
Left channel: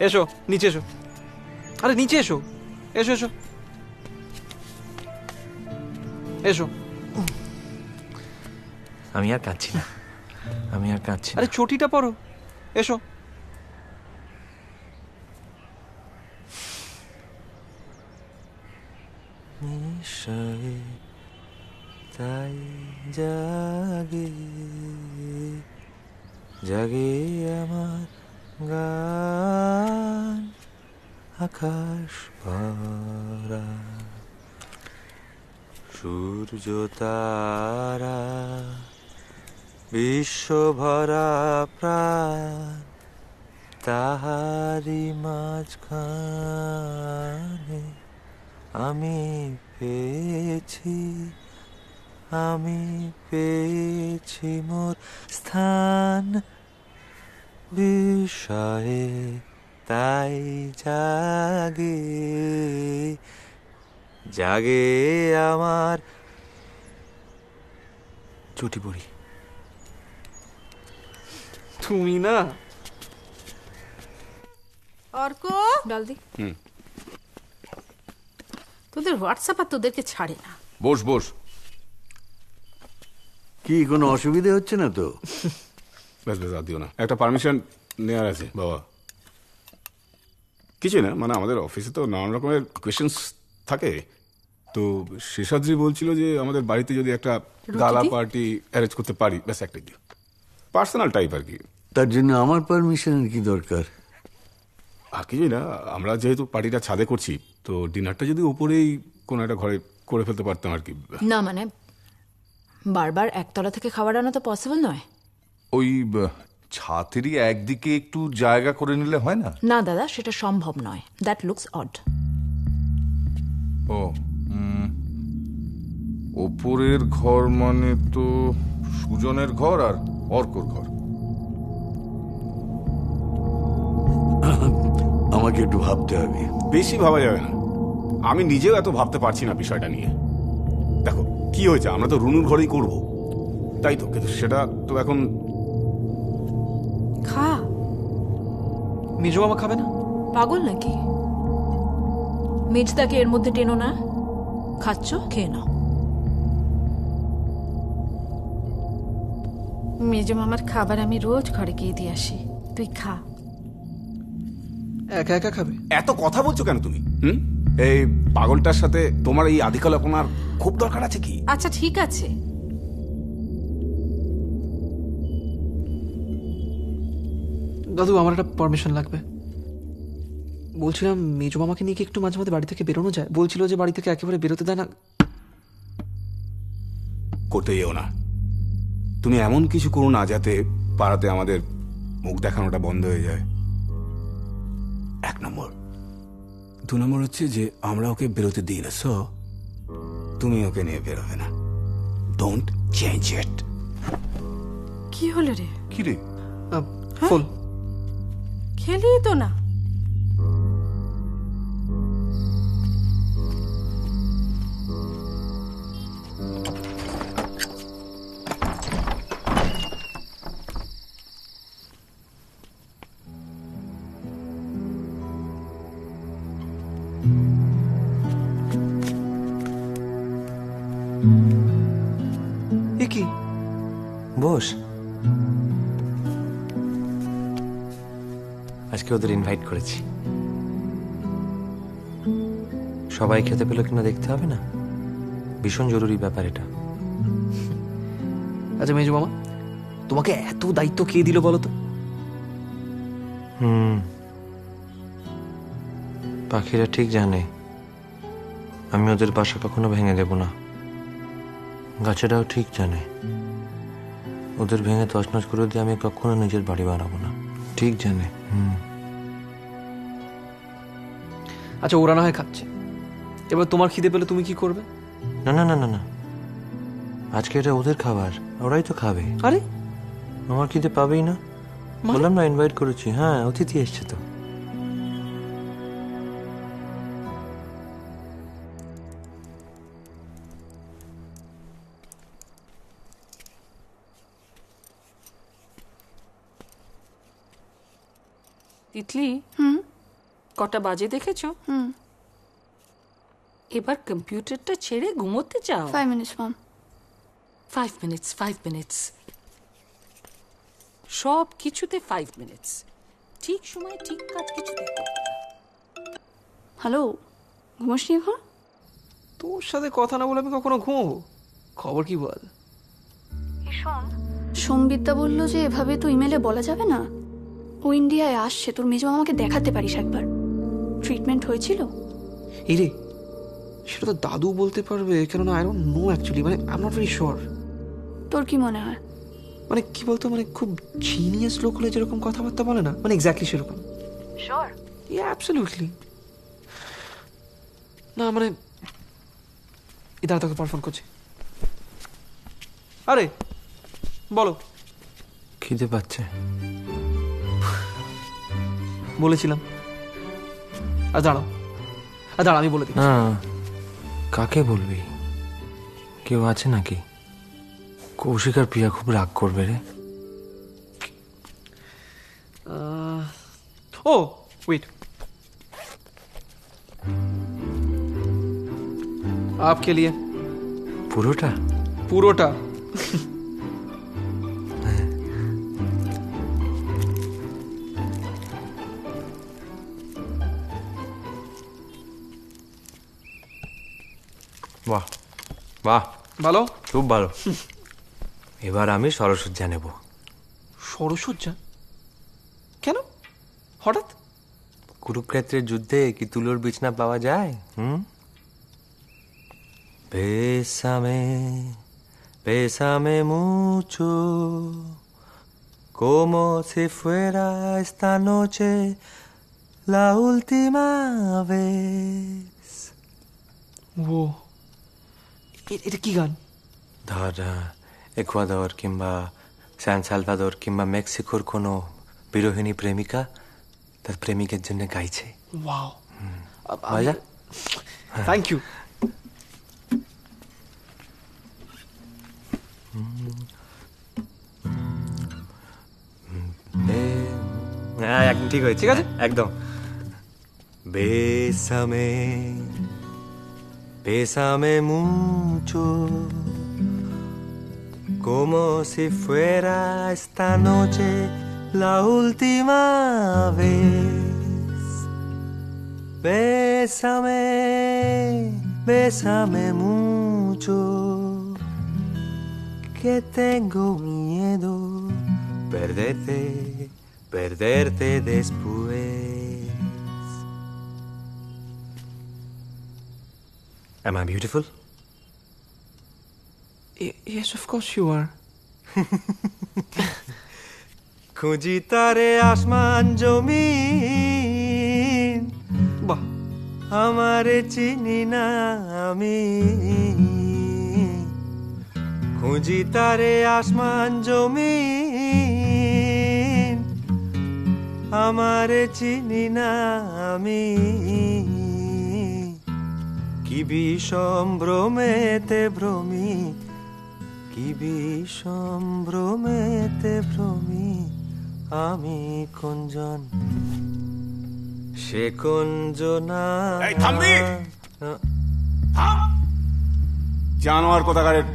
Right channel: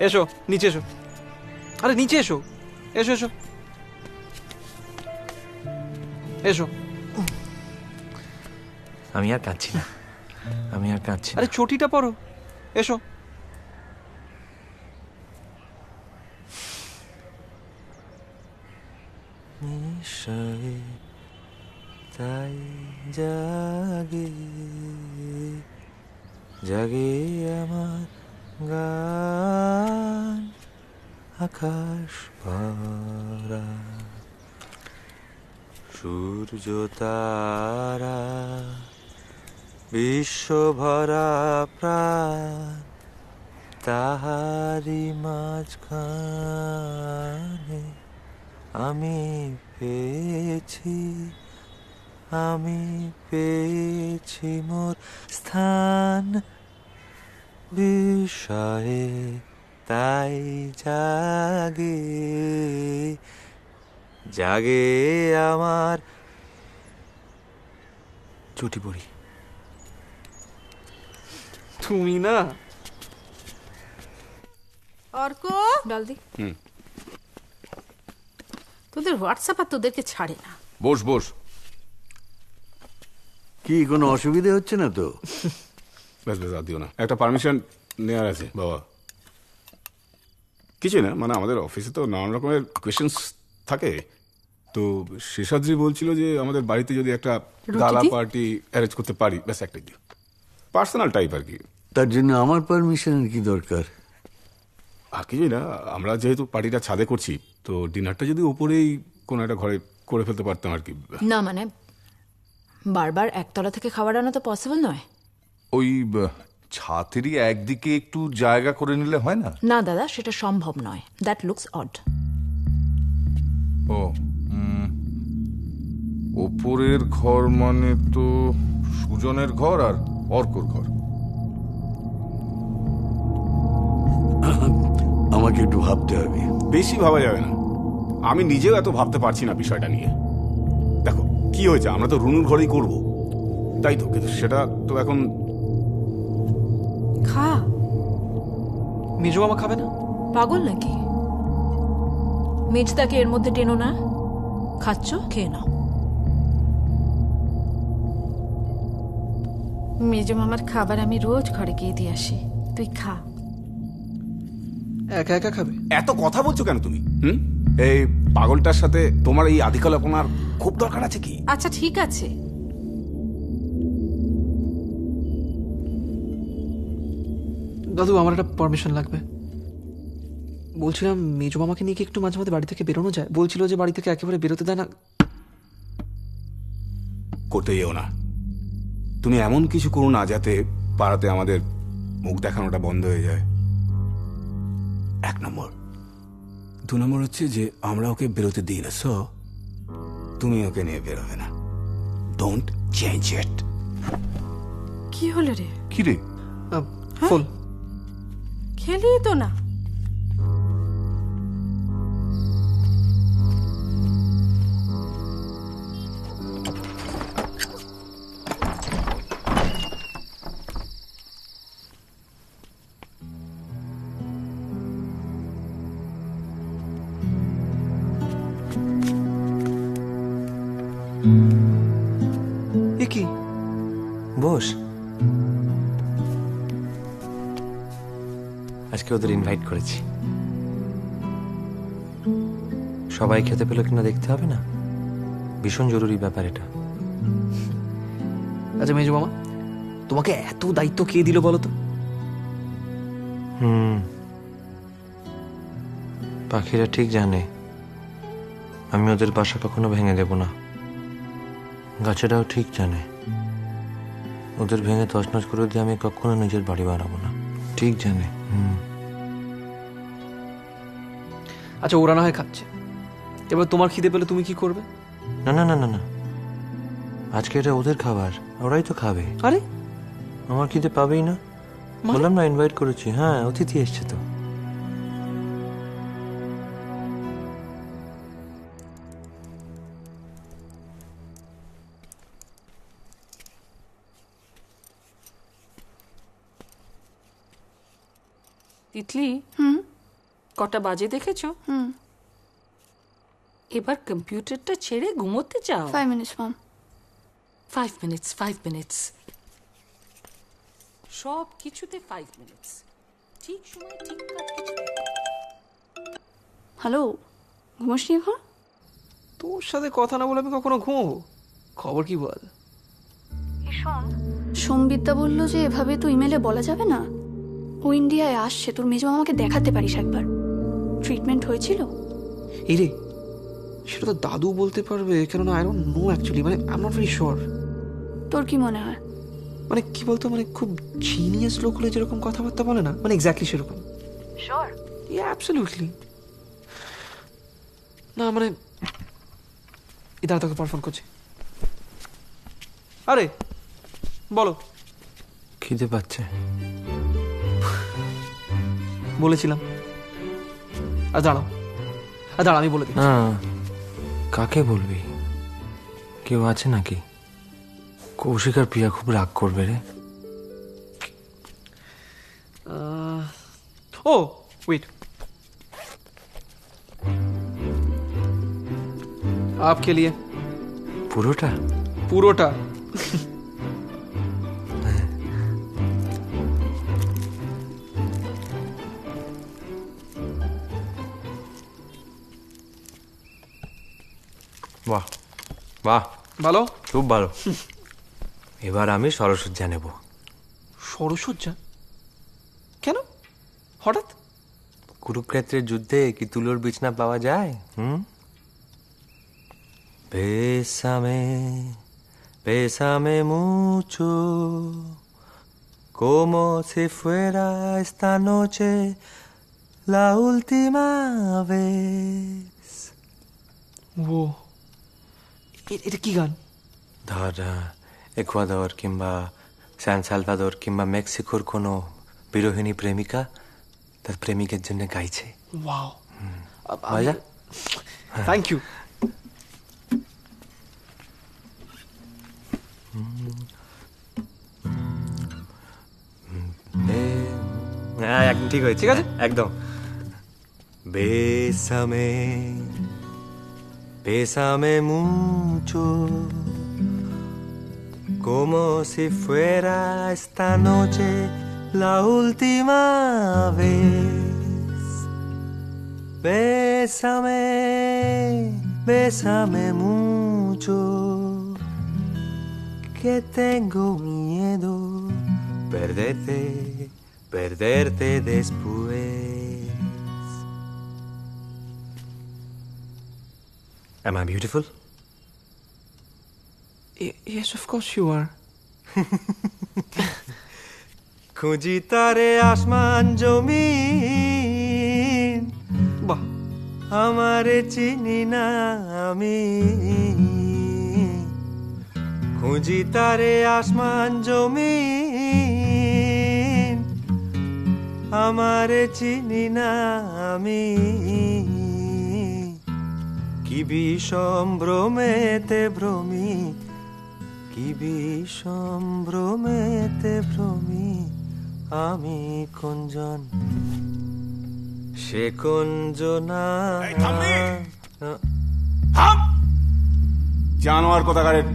এসো নিচে এসো, আরে নিচে এসো, এসো এসো এসো। আমি আর কাঁদছি না, আমি আর কাঁদছি না। আরে চটিটা পরো, এসো। নিশ্চয় তাই জাগে জাগে আমার গান, আকাশ ভরা সূর্য তারা, বিশ্ব ভরা প্রাণ, তাহারি মাঝখানে আমি পেয়েছি মোর স্থান বিষয়ে তাই জাগে আমার চুটি পড়ি। তুমি না অর্ক, ডাল দি। তোদের হোয়াটসঅ্যাপ আর তোদেরকে ছাড়ে না। বস বস। কি কোনো অসুবিধা হচ্ছে না তো? ব্যাস ব্যাস, আর দিও না, একটা পারমিশন নেওয়ার আছে বাবা। কিছুই না, মানে আমাদের অফিসে তো নানান রকমের কোয়েশ্চেন্স থাকে, তো শেষাদ্রি বলছিল যে আমাদের বাড়িতে যদি একটা গালা পার্টি অ্যারেঞ্জ করতে পারি, ব্যাস একটাই দিও, পার্সোনাল টাইপ আর কি। তার জন্য আমার পারমিশনের কি দরকার? আর কিছুই না, আমরা যেহেতু পার্টিটা ছাদে করছি, তো ডিনারটা যদি উপরেই কোনো একটা ঘরে করে ফেলতে পারতাম আর কি। না মানে বারবার একতলা থেকে খাবার আনা তো পসিবল নয়। ওই ছাতেরই একদিকে একটু জায়গা করে নিলে হয় না? না দাদা, সেটা সম্ভব নয়। That looks odd. ও ওপরের ঘর মানে তো সুজনের ঘর আর অর্কর ঘর। আমাকে একটু ভাবতে হবে। বেশি ভাবা যাবে না, আমি নিজেও এত ভাবতে পারছি না বিষয়টা নিয়ে। দেখো কি হয়েছে, আমরা তো রুনুর ঘরেই করব, তাই তো, কিন্তু সেটা তো এখন খা। মেজো মামা খাবে না? পাগল নাকি? মেজদাকে এর মধ্যে টেনো না। খাচ্ছ, খেয়ে নাও। মেজো মামার খাবার আমি রোজ ঘরে গিয়ে দিয়ে আসি, তুই খা। একা একা খাবে? এত কথা বলছো কেন তুমি? এই পাগলটার সাথে তোমার এই আধিকালাপনার খুব দরকার আছে কি? আচ্ছা ঠিক আছে, দাদু আমার একটা পারমিশন লাগবে। বলছিলাম মেজো মামাকে নিয়ে কি একটু মাঝে মাঝে বাড়ি থেকে বেরোনো যায়? বলছিল যে বাড়ি থেকে একেবারে বেরোতে দেয় না। করতে যেও না, তুমি এমন কিছু করো না যাতে পাড়াতে আমাদের মুখ দেখানোটা বন্ধ হয়ে যায়, 1 নম্বর। 2 নম্বর হচ্ছে যে আমরা ওকে বেরোতে দিই না, সো তুমি ওকে নিয়ে বেরোবে না। Don't change it. কি হলো রে? কি রে? ফুল খেলি তো না। কি? বস। আজকে ওদের ইনভাইট করেছি, সবাই খেতে পেল কিনা দেখতে হবে না? ভীষণ জরুরি ব্যাপার এটা। আচ্ছা মেজো মামা, তোমাকে এত দায়িত্ব কে দিল বলো তো? পাখিরা ঠিক জানে আমি ওদের বাসা কখনো ভেঙে দেব না। গাছেরাও ঠিক জানে ওদের ভেঙে তছনছ করে দিয়ে আমি কখনো নিজের বাড়ি বানাবো না। ঠিক জানে। আচ্ছা ওরা না হয় খাচ্ছে, এবার তোমার খিদে পেলে তুমি কি করবে? না না না না না, আজকে এটা ওদের খাবার, ওরাই তো খাবে। আরে আমার খিদে পাবেই না? বললাম না ইনভাইট করেছি। হ্যাঁ, অতিথি এসছে তো। তিতলি, কটা বাজে দেখেছো? এবার কম্পিউটারটা ছেড়ে ঘুমোতে চাও? 5 minutes মম। 5 minutes, 5 minutes, সব কিছুতে 5 minutes। ঠিক সময় ঠিক কাজ কিছু। হ্যালো, ঘুমোসনি এখন? তোর সাথে কথা না বলে আমি কখনো ঘুমোবো? খবর কি বল? সোমবিদ্যা বললো যে এভাবে তো ইমেলে বলা যাবে না। ও ইন্ডিয়ায় আসছে, তোর মেজো মামাকে দেখাতে পারিস একবার। ট্রিটমেন্ট হয়েছিল? এই রে, সেটা তো দাদু বলতে পারবে, কেননা আই ডোন্ট নো অ্যাকচুয়ালি, মানে I am not very sure. তোর কি মনে হয়? মানে কি বলতো, মানে খুব জিনিয়াস লোক হলে যেরকম কথাবার্তা বলে না, মানে এক্স্যাক্টলি সেরকম। শিওর? ইয়া অ্যাবসলিউটলি। না মানে ইদার তোকে পর ফোন করছি। আরে বলো। খিদে পাচ্ছে। বলেছিলাম। আর দাঁড়াও, আর দাঁড়া আমি বলে দিই। না, কাকে বলবি? কেউ আছে নাকি? কৌশিক আর প্রিয়া খুব রাগ করবে রে। ও ওয়েট, आपके लिए পুরোটা? পুরোটা। বাহ বাহ, ভালো, খুব ভালো। এবার আমি সরসজ্জা নেব। সরসজ্জা? কেন হঠাৎ? কুরুক্ষেত্রের যুদ্ধে কি তুলোর বিছনা পাওয়া যায়? Bésame, bésame mucho, como si fuera esta noche la última vez. ও এটা কি গান? ধর একুয়াদর কিংবা স্যান সালভাদর কিংবা মেক্সিকোর কোনো বিরোহিণী প্রেমিকা তার প্রেমিকের জন্য গাইছে। ওয়াও, মজা। Thank you. হ্যাঁ একদম ঠিক হয়েছে, ঠিক আছে একদম। Bésame, bésame mucho, como si fuera esta noche la última vez. Bésame, bésame mucho, que tengo miedo perderte, perderte después. Am I beautiful? Yes, of course you are. খুঁজি তারে আসমান জমিন, বাহ, আমারে চিনি না আমি। খুঁজি তারে আসমান জমিন, আমারে চিনি না আমি। কি বিষম ভ্রমেতে ভ্রমি, কি বিষম ভ্রমেতে ভ্রমি আমি কোনজন, সে কোনজনা। এই থামবি? থাম! জানোয়ার কোথাকারের।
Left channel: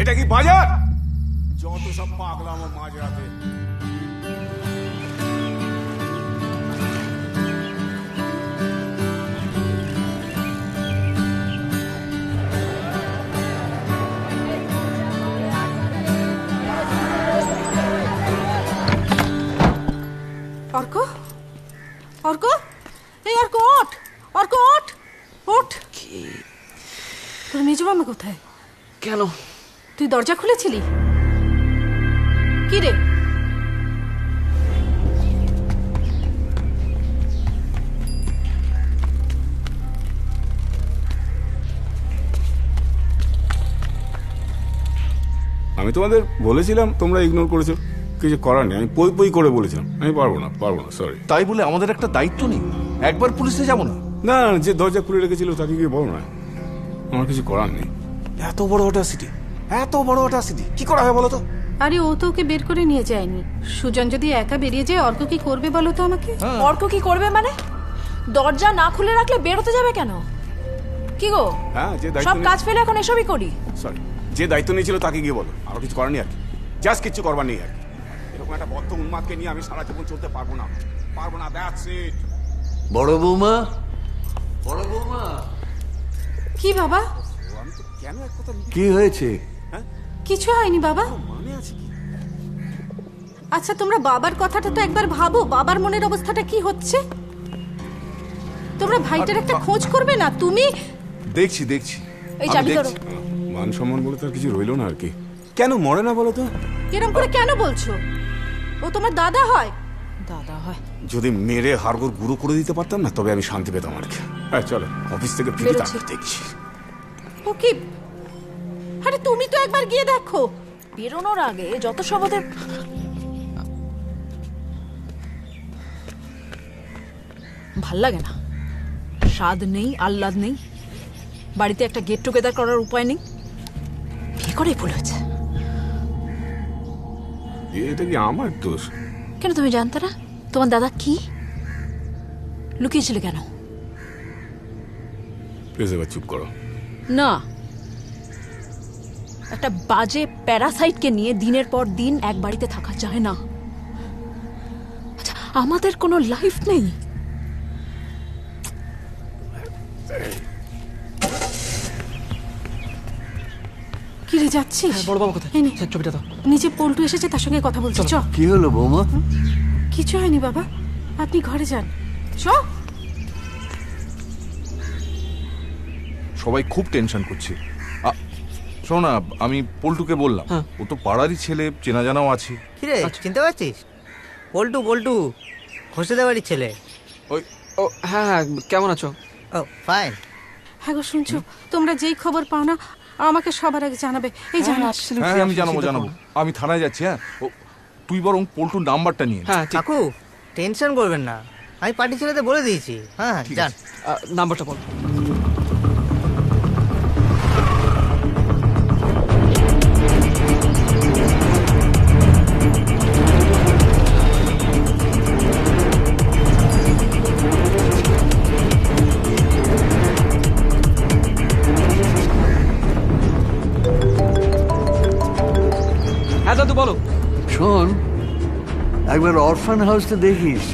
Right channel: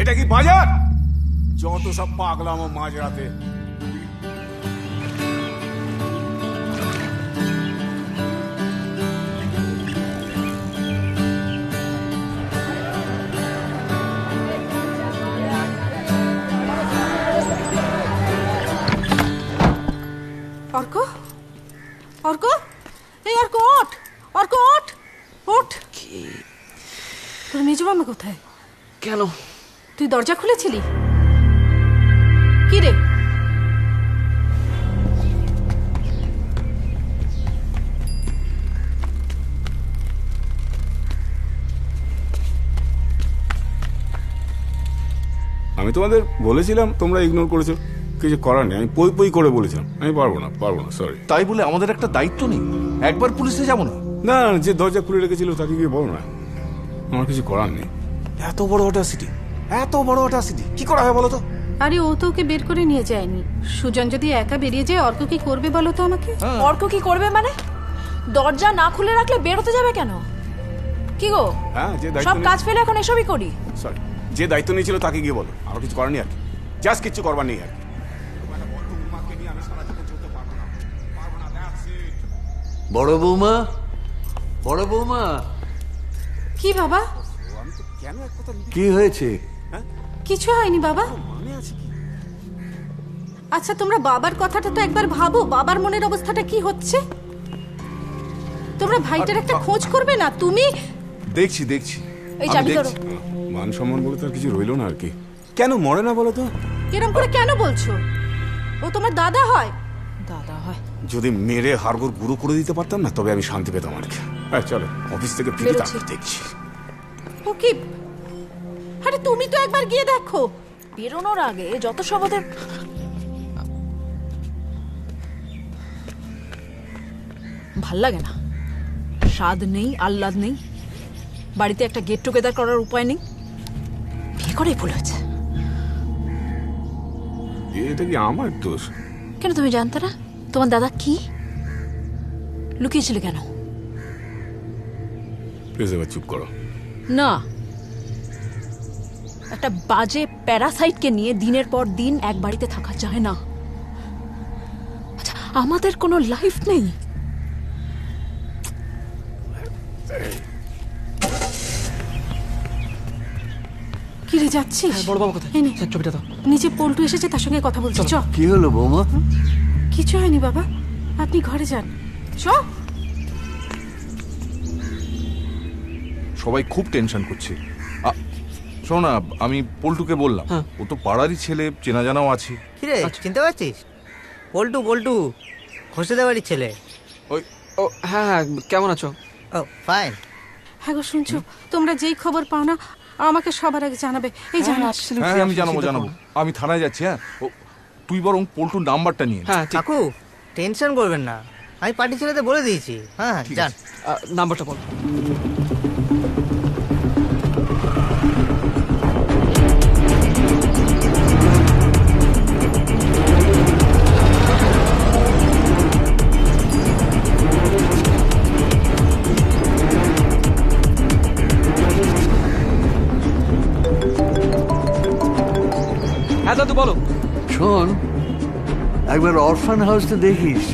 এটা কি বাজার? যত সব পাগলাম মাঝরাতে। অর্ক, অর্ক, এই অর্ক ওঠ, অর্ক ওঠ, ওঠ। তোর মেজো মামা কোথায়? কেন? তুই দরজা খুলেছিলি? কি রে? আমি তোমাদের বলেছিলাম, তোমরা ইগনোর করেছো। কিছু করার নেই, আমি পই পই করে বলেছিলাম আমি পারবো না, সরি। তাই বলে আমাদের একটা দায়িত্ব নেই? একবার পুলিশে যাবো না? না, যে দরজা খুলে রেখেছিল তাকে গিয়ে বলো না, আমার কিছু করার নেই। এত বড় অটাসিটি, এত বড় অটাসিটি কি করা হয় বলো তো? আরে ও তো ওকে বের করে নিয়ে যায়নি। সুজন যদি একা বেরিয়ে যায়, অর্ক কি করবে বলো তো আমাকে? অর্ক কি করবে মানে? দরজা না খুলে রাখলে বেরোতে যাবে কেন? কি গো, হ্যাঁ, যে সব কাজ দায়িত্ব ফেলে এখন এসবই করি? সরি, যে দায়িত্ব নিয়েছিল তাকে গিয়ে বলো, আর কিছু করার নেই আর কি, জাস্ট কিচ্ছু করবার নেই আর কি। এরকম একটা বদ্ধ উন্মাদকে নিয়ে আমি সারা জীবন চলতে পারবো না, দ্যাটস ইট। বড় বৌমা, বড় বৌমা। কি বাবা? আমি তো কেন এক কথা কি হয়েছে? কিছু হয়নি বাবা। মানে আছে কি? আচ্ছা তোমরা বাবার কথাটা তো একবার ভাবো, বাবার মনের অবস্থাটা কি হচ্ছে। তোমরা ভাইটার একটা খোঁজ করবে না? তুমি দেখছি এই চাবি ধরো। মান সম্মান বলে তার কিছু রইলো না আর কি। কেন মরে না বলো তো? এরকম করে কেন বলছো? ও তোমার দাদা হয়। দাদা হয়? যদি মেরে হাড়গোড় গুঁড়ো করে দিতে পারতাম না, তবে আমি শান্তি পেতাম আর কি। চলো অফিস থেকে ফিরে তারপর দেখছি। ও কি? আরে তুমি তো একবার গিয়ে দেখো। বেরোনোর আগে যত সব ওদের ভাল লাগে না, স্বাদ নেই, আহ্লাদ নেই, বাড়িতে একটা গেট টুগেদার করার উপায় নেই। বিয়ে করে ভুল হয়েছে। এটা কি আমার দোষ? কেন তুমি জানতে না তোমার দাদা কি লুকিয়েছিল? কেন? প্লিজ এবার চুপ করো। না, একটা বাজে প্যারাসাইটকে নিয়ে দিনের পর দিন এক বাড়িতে থাকা যায় না। আচ্ছা, আমাদের কোনো লাইফ নেই? কি রে যাচ্ছিস? বড় বাবা কোথায়? এই নে ছবিটা দাও। নিচে পল্টু এসেছে, তার সঙ্গে কথা বলছি। চ। কি হলো বৌমা? কিছু হয়নি বাবা, আপনি ঘরে যান। চ। সবাই খুব টেনশন করছে। শোনো না, আমি পল্টুকে বললাম, ও তো পাড়ারই ছেলে, চেনা জানাও আছে। কিরে চিনতে পারছিস? পল্টু, পল্টু ঘোষেদের বাড়ির ছেলে। ওই ও হ্যাঁ হ্যাঁ, কেমন আছো? ও ফাইন। হ্যাঁ গো, শুনছো? তোমরা যেই খবর পাও না আমাকে সবার আগে জানাবে। এই জানাস? হ্যাঁ আমি জানাবো। আমি থানায় যাচ্ছি। হ্যাঁ, তুই বরং পল্টুর নাম্বারটা নিয়ে। হ্যাঁ কাকু টেনশন করবেন না, আমি পার্টি ছেলেদের বলে দিয়েছি। হ্যাঁ যান, নাম্বারটা বল। হ্যাঁ দাদু বলো। শোন, একবার অরফান হাউসটা দেখিস।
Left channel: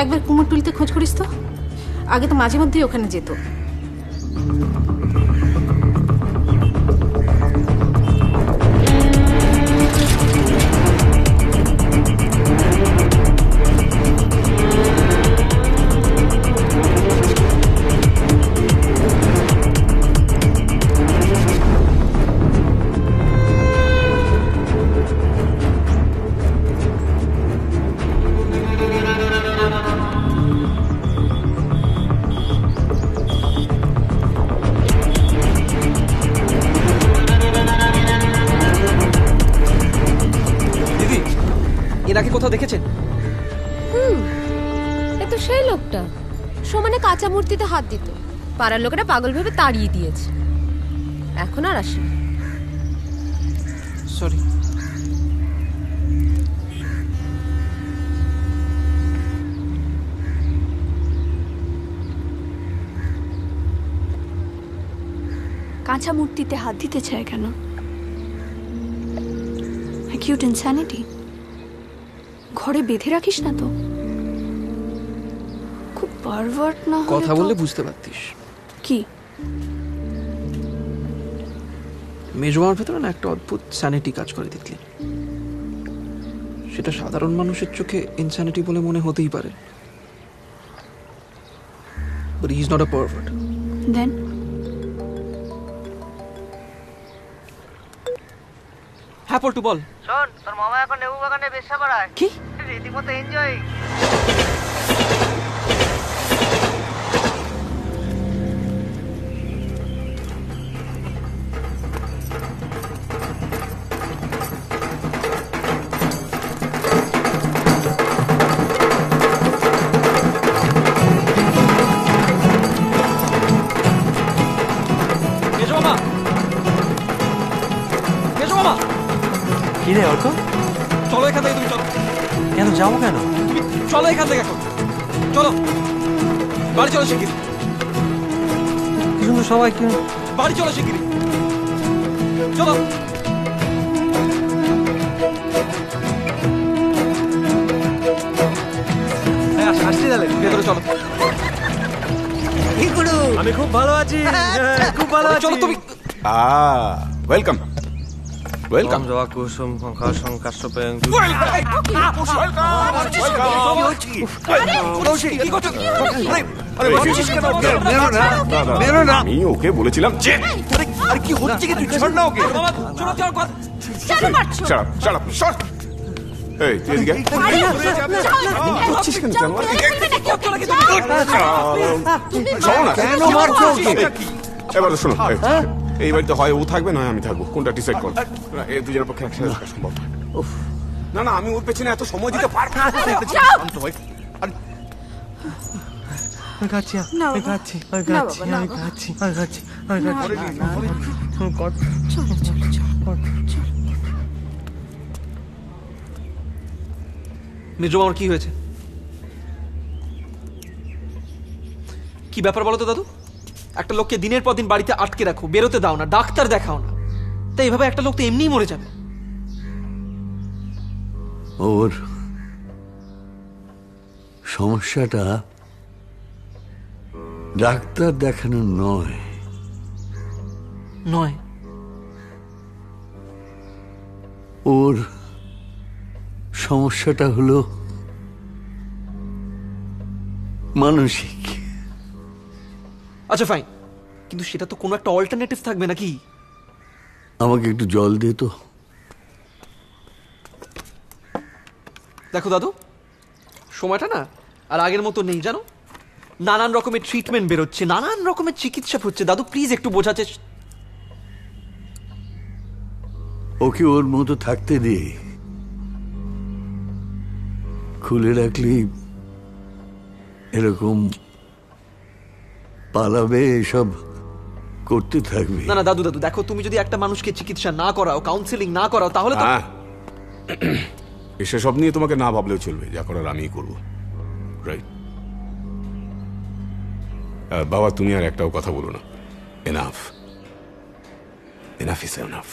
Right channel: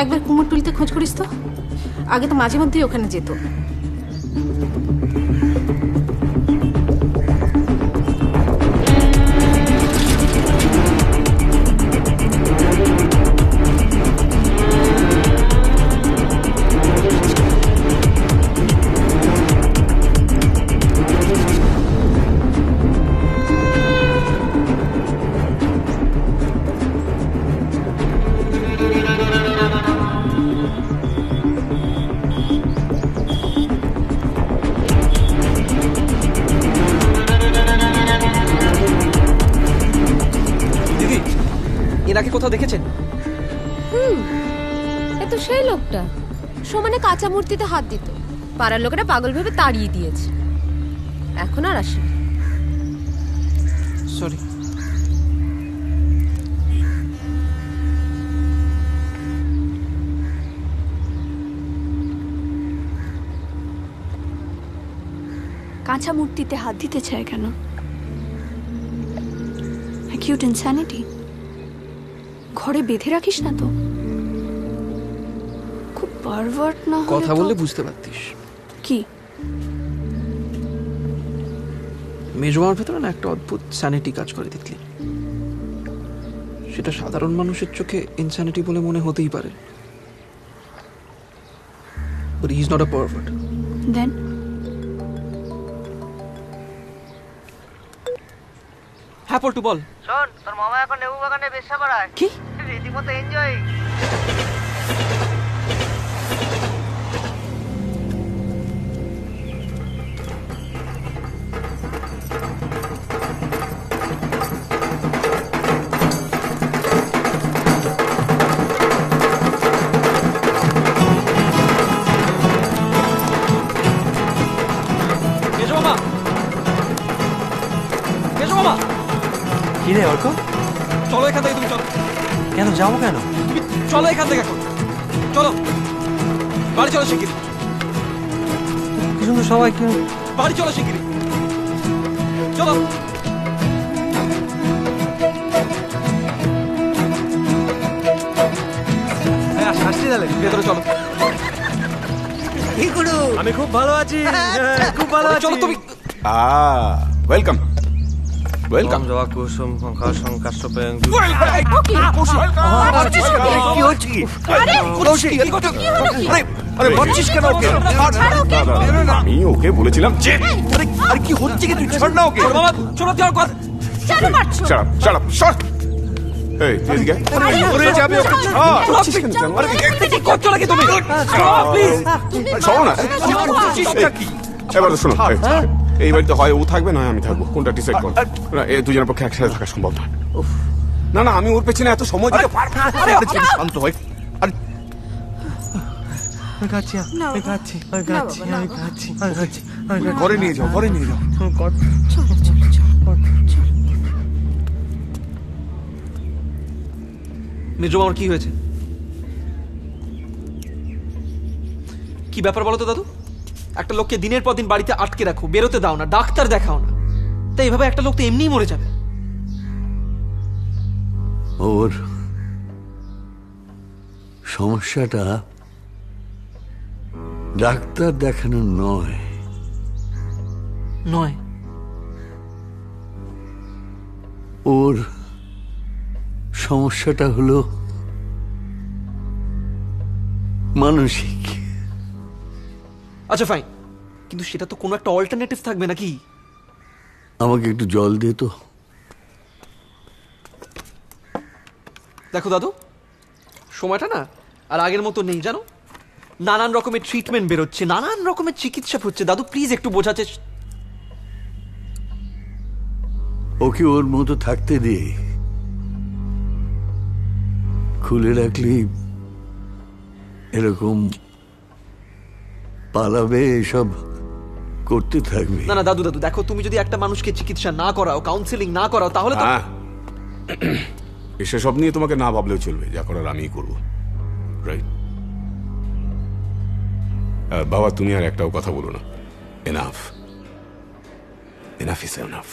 একবার কুমোরটুলিতে খোঁজ করিস তো। আগে তো মাঝে মধ্যেই ওখানে যেত। এনাকে কোথাও দেখেছেন? এ তো সেই লোকটা, সমানে কাঁচা মূর্তিতে হাত দিত। পাড়ার লোকেরা পাগল ভেবে তাড়িয়ে দিয়েছে, এখন আর আসে। সরি। কাঁচা মূর্তিতে হাত দিতে চায় কেন? Acute insanity. ঘরে বেঁধে রাখিস না তো, খুব পারভার্ট না হলে কথা তো- বললে বুঝতে পারতিস। কি? মেজমার ভেতরে না একটা অদ্ভুত স্যানিটি কাজ করে, দেখলি? সেটা সাধারণ মানুষের চোখে ইনস্যানিটি বলে মনে হতেই পারে, but he is not a pervert. Then হ্যাঁ পল্টু বল। শোন, তোর মামা এখন লেবু বাগানে বেশ্যা করায়। কি? রীতিমতো এনজয়। মেজো মামা, মেজো মামা, কি রে অর্ক? চলো এখান থেকে। তুমি চলো। কেন যাবো কেন? তুমি চলো এখান থেকে এখন। চলো বাড়ি চলো শিগগিরি। কি সুন্দর সবাই কি বাড়ি চলো শিগগিরি। চলো। হ্যাঁ আসছি তাহলে। ভেতরে চলো। কি করু? আমি খুব ভালো আছি, খুব ভালো আছি। চলো তুমি। Welcome welcome. জবা কুসুম কাশং কাশ্যপেং আমি ওকে বলেছিলাম যে আর কি হচ্ছে কি, তুই ছাড় না ওকে। বাবা চলো চলো কথা। Shut up, shut up. এই, তুই এদিকে আয়। করছিস কেন জানোয়ার? করছো নাকি তুমি? শোনো না। এবার শোনো, এই বাড়িতে হয় ও থাকবে নয় আমি থাকবো, কোনটা ডিসাইড করো। এই দুজনের পক্ষে একসাথে থাকা সম্ভব না। না না, আমি ওর পেছনে এত সময় দিতে পারবো না। শান্ত হয়। ঘরে নিয়ে যাও, ঘরে নিয়ে যাও। মেজো মামার কি হয়েছে? কি ব্যাপার বলো তো দাদু? একটা লোককে দিনের পর দিন বাড়িতে আটকে রাখো, বেরোতে দাও না, ডাক্তার দেখাও না, তাই এভাবে একটা লোক তো এমনিই মরে যাবে। ওর সমস্যাটা ডাক্তার দেখানো নয়। নয়? ওর সমস্যাটা হলো মানসিক। আচ্ছা ফাইন, কিন্তু সেটা তো কোনো একটা অল্টারনেটিভ থাকবে নাকি? আমাকে একটু জল দে তো। দেখো দাদু, সময়টা না আর আগের মতো নেই জানো। নানান রকমের ট্রিটমেন্ট বেরোচ্ছে, নানান রকমের চিকিৎসা হচ্ছে। দাদু প্লিজ একটু বোঝাতে। ওকে ওর মতো থাকতে দে। খুলে রাখলি এরকম পালাবে, এসব করতে থাকবে। না না দাদু দাদু, দেখো তুমি যদি একটা মানুষকে চিকিৎসা না করাও, কাউন্সিলিং না করাও, তাহলে তো সেসব নিয়ে তোমাকে না ভাবলেও চলবে, যা করার আমিই করবো। রাইট? বাবা তুমি আর একটাও কথা বলো না। Enough, enough is enough.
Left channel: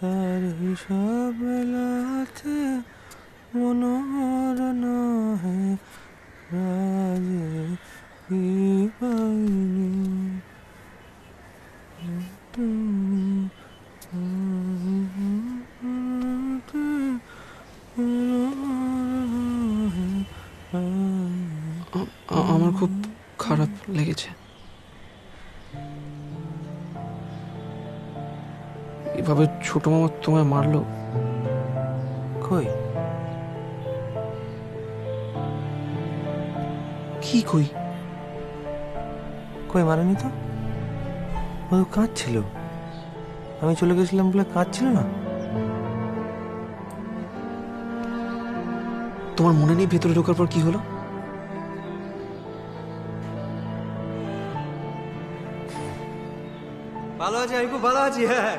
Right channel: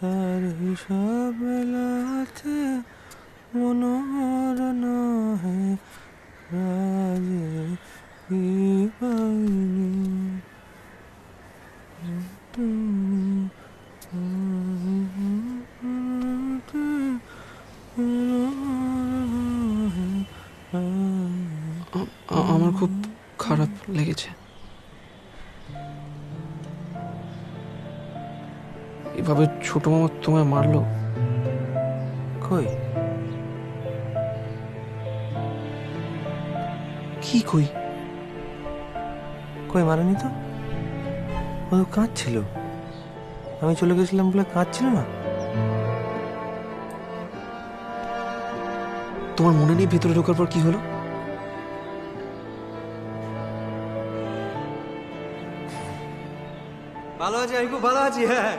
তার হিসাব মেলাতে মনোহর নহে রাজে কি পাইনি। আমার খুব খারাপ লেগেছে এভাবে ছোট মামা তোমায় মারলো। কই কি কই? কই মারেনি তো, ও তো কাঁদছিল। আমি চলে গেছিলাম বলে কাঁদছিল না। তোমার মনে নেই ভেতরে ঢোকার পর কি হলো? ভালো আছি, আমি খুব ভালো আছি। হ্যাঁ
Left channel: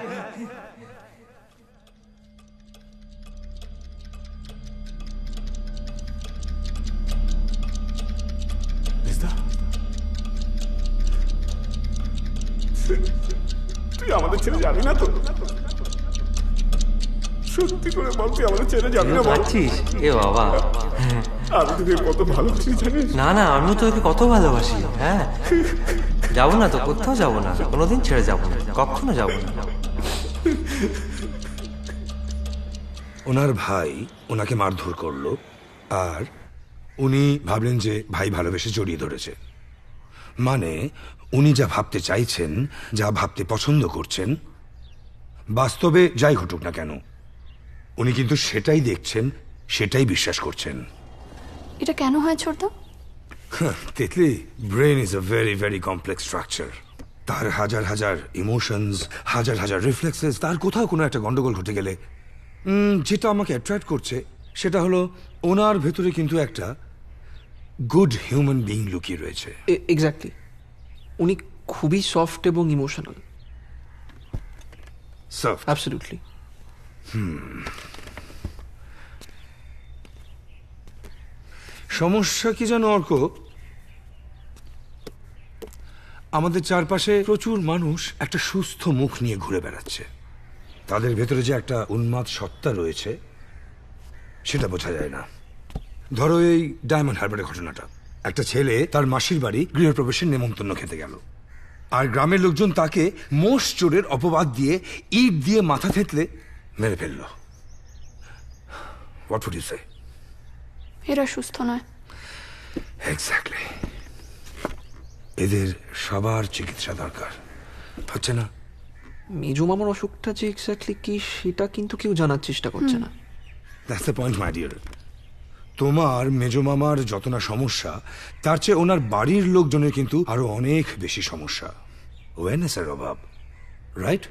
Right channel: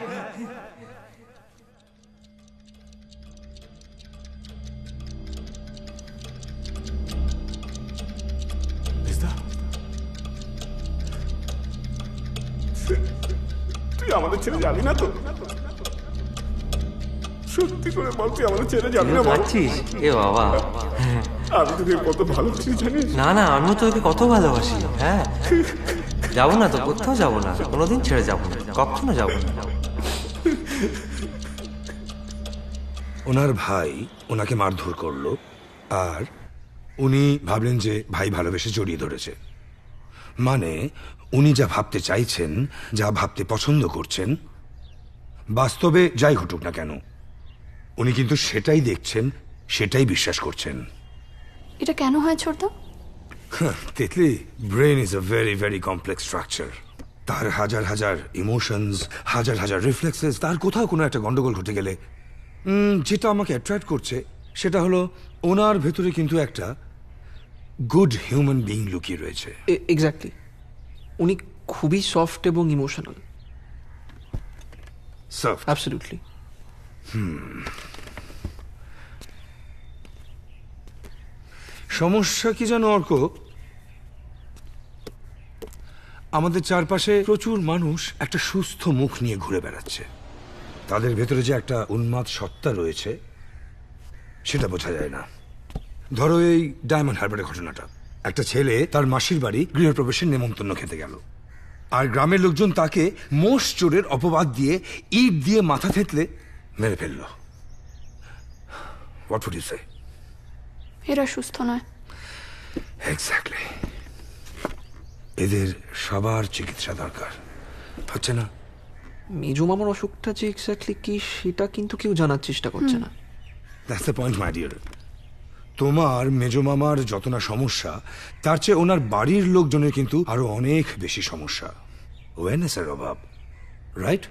তুই আমাদের ছেড়ে যাবি না তো? সত্যি করে বল, তুই আমাদের ছেড়ে যাবি না? ভাবছিস? এ বাবা, আমি তোকে কত ভালোবাসি জানিস? না না, আমিও তোকে কত ভালোবাসি। হ্যাঁ যাবো না তো, কোথাও যাবো না, কোনোদিন ছেড়ে যাবো না, কখনো যাবো না। ওনার ভাই ওনাকে মারধর করলো, আর উনি ভাবলেন যে ভাই ভালোবেসে জড়িয়ে ধরেছে। মানে উনি যা ভাবতে চাইছেন, যা ভাবতে পছন্দ করছেন, বাস্তবে যাই ঘটুক না কেন উনি কিন্তু সেটাই দেখছেন, সেটাই বিশ্বাস করছেন। এটা কেন হয় ছোটদা? তেতলি, brain is a very very complex structure. তার হাজার হাজার ইমোশনস, হাজার হাজার রিফ্লেক্সেস, তার কোথাও কোনো একটা গন্ডগোল ঘটে গেলে যেটা আমাকে অ্যাট্রাক্ট করছে সেটা হলো ওনার ভেতরে কিন্তু একটা গুড হিউম্যান বিইং লুকিয়ে রয়েছে। এক্স্যাক্টলি, উনি খুবই সফট এবং ইমোশনাল। সফট? অ্যাবসলিউটলি। সমস্যা কি জানো অর্ক, আমাদের চারপাশে প্রচুর মানুষ একটা সুস্থ মুখ নিয়ে ঘুরে বেড়াচ্ছে। তাদের ভেতরে যে একটা উন্মাদ সত্তা রয়েছে সেটা বোঝা যায় না। ধরো এই ডায়মন্ড হারবারের ঘটনাটা, একটা ছেলে তার মাসির বাড়ি গৃহপ্রবেশের নেমন্তন্ন খেতে গেল, আর গ্রামের লোকজন তাকে মোষ চোরের অপবাদ দিয়ে ইট দিয়ে মাথা থেতলে মেরে ফেলল। হোয়াট উড ইউ সে? এরা সুস্থ নয়। এক্স্যাক্টলি। এদের সবার চিকিৎসা দরকার, হচ্ছে না? মেজো মামার অসুখটা যে এক্স্যাক্টলি কি সেটা কিন্তু কেউ জানার চেষ্টা করছে না। That's the point my dear. তোমার মেজো মামার যত না সমস্যা, তার চেয়ে ওনার বাড়ির লোকজনের কিন্তু আরো অনেক বেশি সমস্যা, ওয়েনেসের অভাব, রাইট?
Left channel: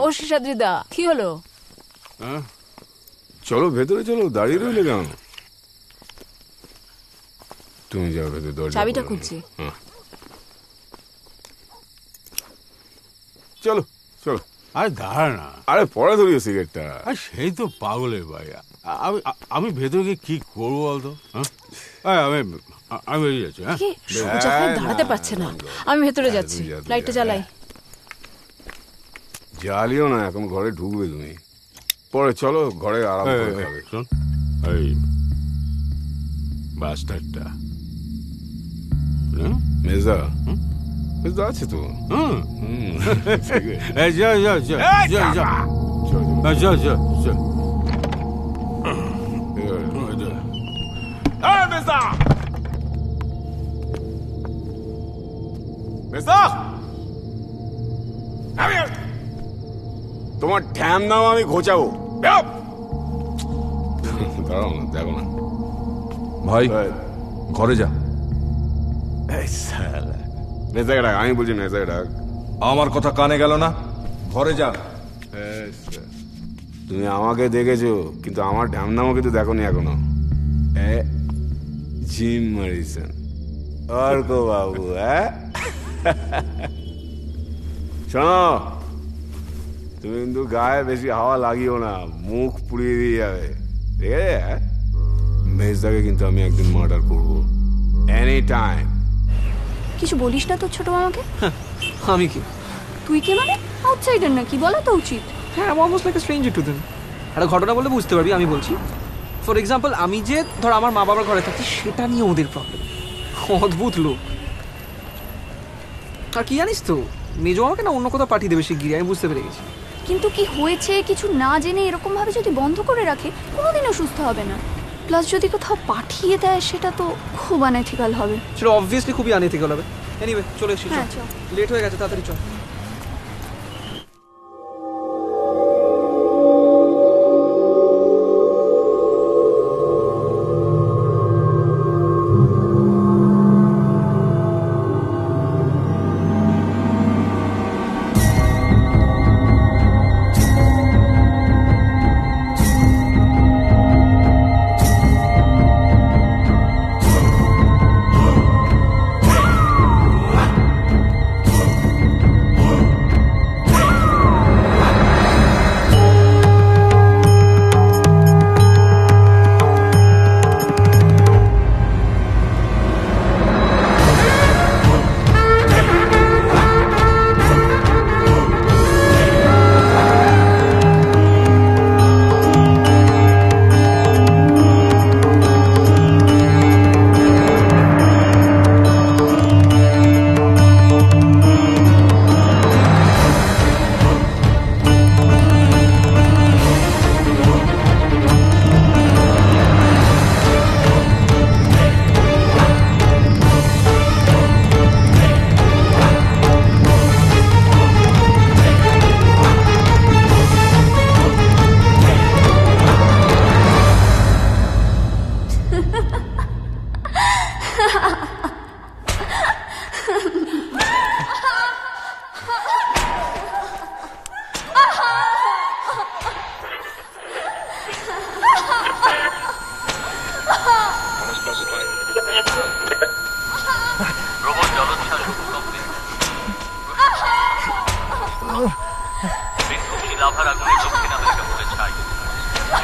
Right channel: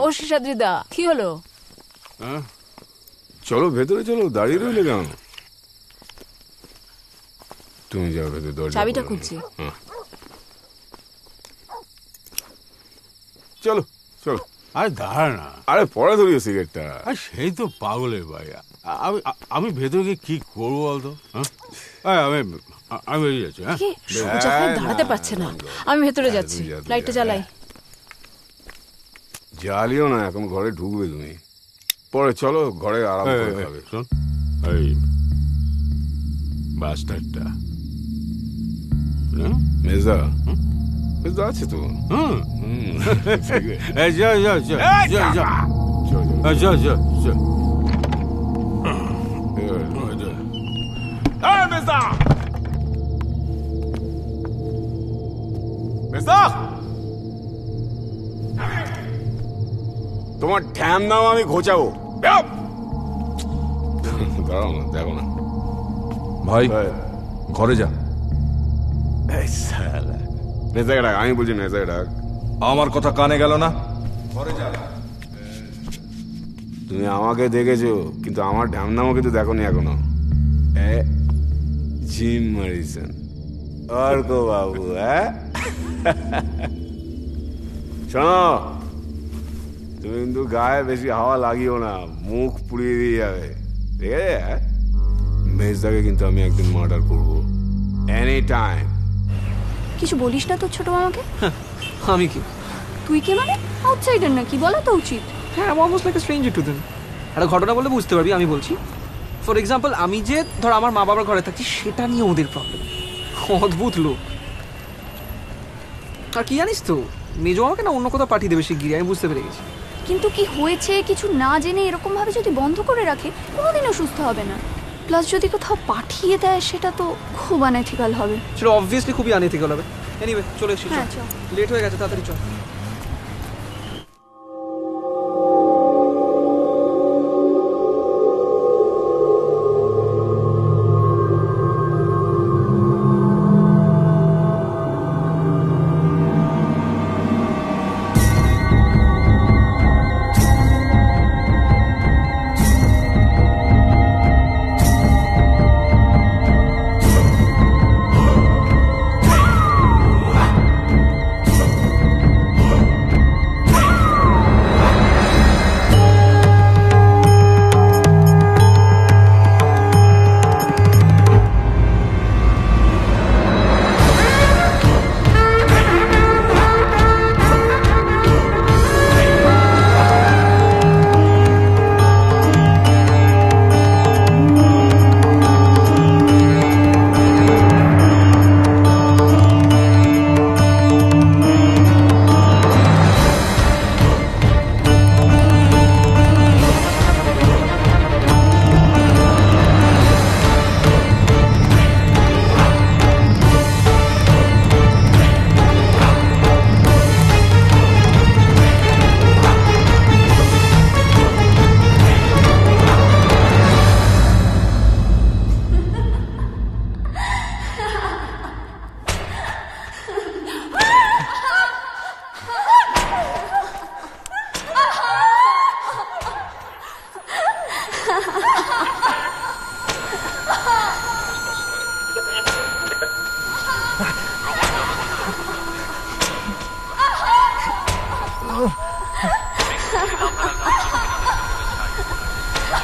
ও শেষাদ্রিদা, কি হলো? চলো ভেতরে চলো, দাঁড়িয়ে রইলে কেন? তুমি যাও ভেতরে, দরজা চাবিটা খোলো। খুঁজছি। চলো চলো। আরে দাঁড়া না, আরে পরে ধরিও সিগারেটটা। আর সেই তো পাগলের ভাই। আমি ভেতরে গিয়ে কি করবো বলতো? হ্যাঁ আমি বেরিয়ে যাচ্ছি। হ্যাঁ কি সোজা হয়ে দাঁড়াতে পারছে না। আমি ভেতরে যাচ্ছি, লাইটটা জ্বালাই। জ্বালিও না, এখন ঘরে ঢুকবে তুমি। পরে চলো ঘরে আরাম করে খাবে। শোন, এই বাস্টারটা মেজদা, মেজদা আছে তো? যা যা যা যা যা যা যা যা। মেজদা, মেজদা, তোমার ঠ্যাম নাও আমি ঘোচাবো। দাঁড়াও না, দেখো না ভাই, ঘরে যা। মেজাকে ডাক, আমি বলছি মেজাকে ডাক। আমার কথা কানে গেল না? ঘরে যা। তুমি আমাকে দেখেছো, কিন্তু আমার ঢ্যামনামও কিন্তু দেখোনি এখনো। জিম মরিসন, অর্ক বাবু। শোনো, তুমি কিন্তু গায়ে বেশি হাওয়া লাগিও না, মুখ পুড়িয়ে দিয়ে যাবে, ঠিক আছে? মেজদাকে কিন্তু আমি একদিন মার্ডার করবো, এনি টাইম। কিছু বলিস না তোর ছোট মামাকে? আমি কি? তুই কে মানে? আউটসাইডার নাকি? বলা তো উচিত। হ্যাঁ, আমি almost like a stranger to them. একটা ঘটনা বলে বুঝতে পারবি আমি বলছি। ফর এক্সাম্পল, আমি যে ধর আমার মা বাবার ঘরে থাকছি, সেটা নিয়ে ওদের প্রবলেম। অদ্ভুত লোক। আর কি জানিস তো, মেজো আমাকে না অন্য কোথাও পাঠিয়ে দেবে শিগগিরি, আমি বুঝতে পেরে গেছি। কিন্তু কি হয়েছে কিছু না জেনে এরকম ভাবে যদি বন্ধ করে রাখে, কোনোদিনও সুস্থ হবে না। প্লাস যদি কোথাও পাঠিয়ে দেয়, সেটা তো খুব আনএথিক্যাল হবে। সেটা অবভিয়াসলি খুবই আনএথিক্যাল হবে। এনিওয়ে, চলে এসেছি, হ্যাঁ চল, লেট হয়ে গেছে, তাড়াতাড়ি চল।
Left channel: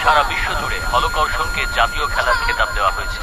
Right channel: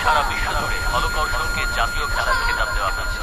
সারা বিশ্ব জুড়ে হলকর্ষণকে জাতীয় খেলার খেতাব দেওয়া হয়েছে।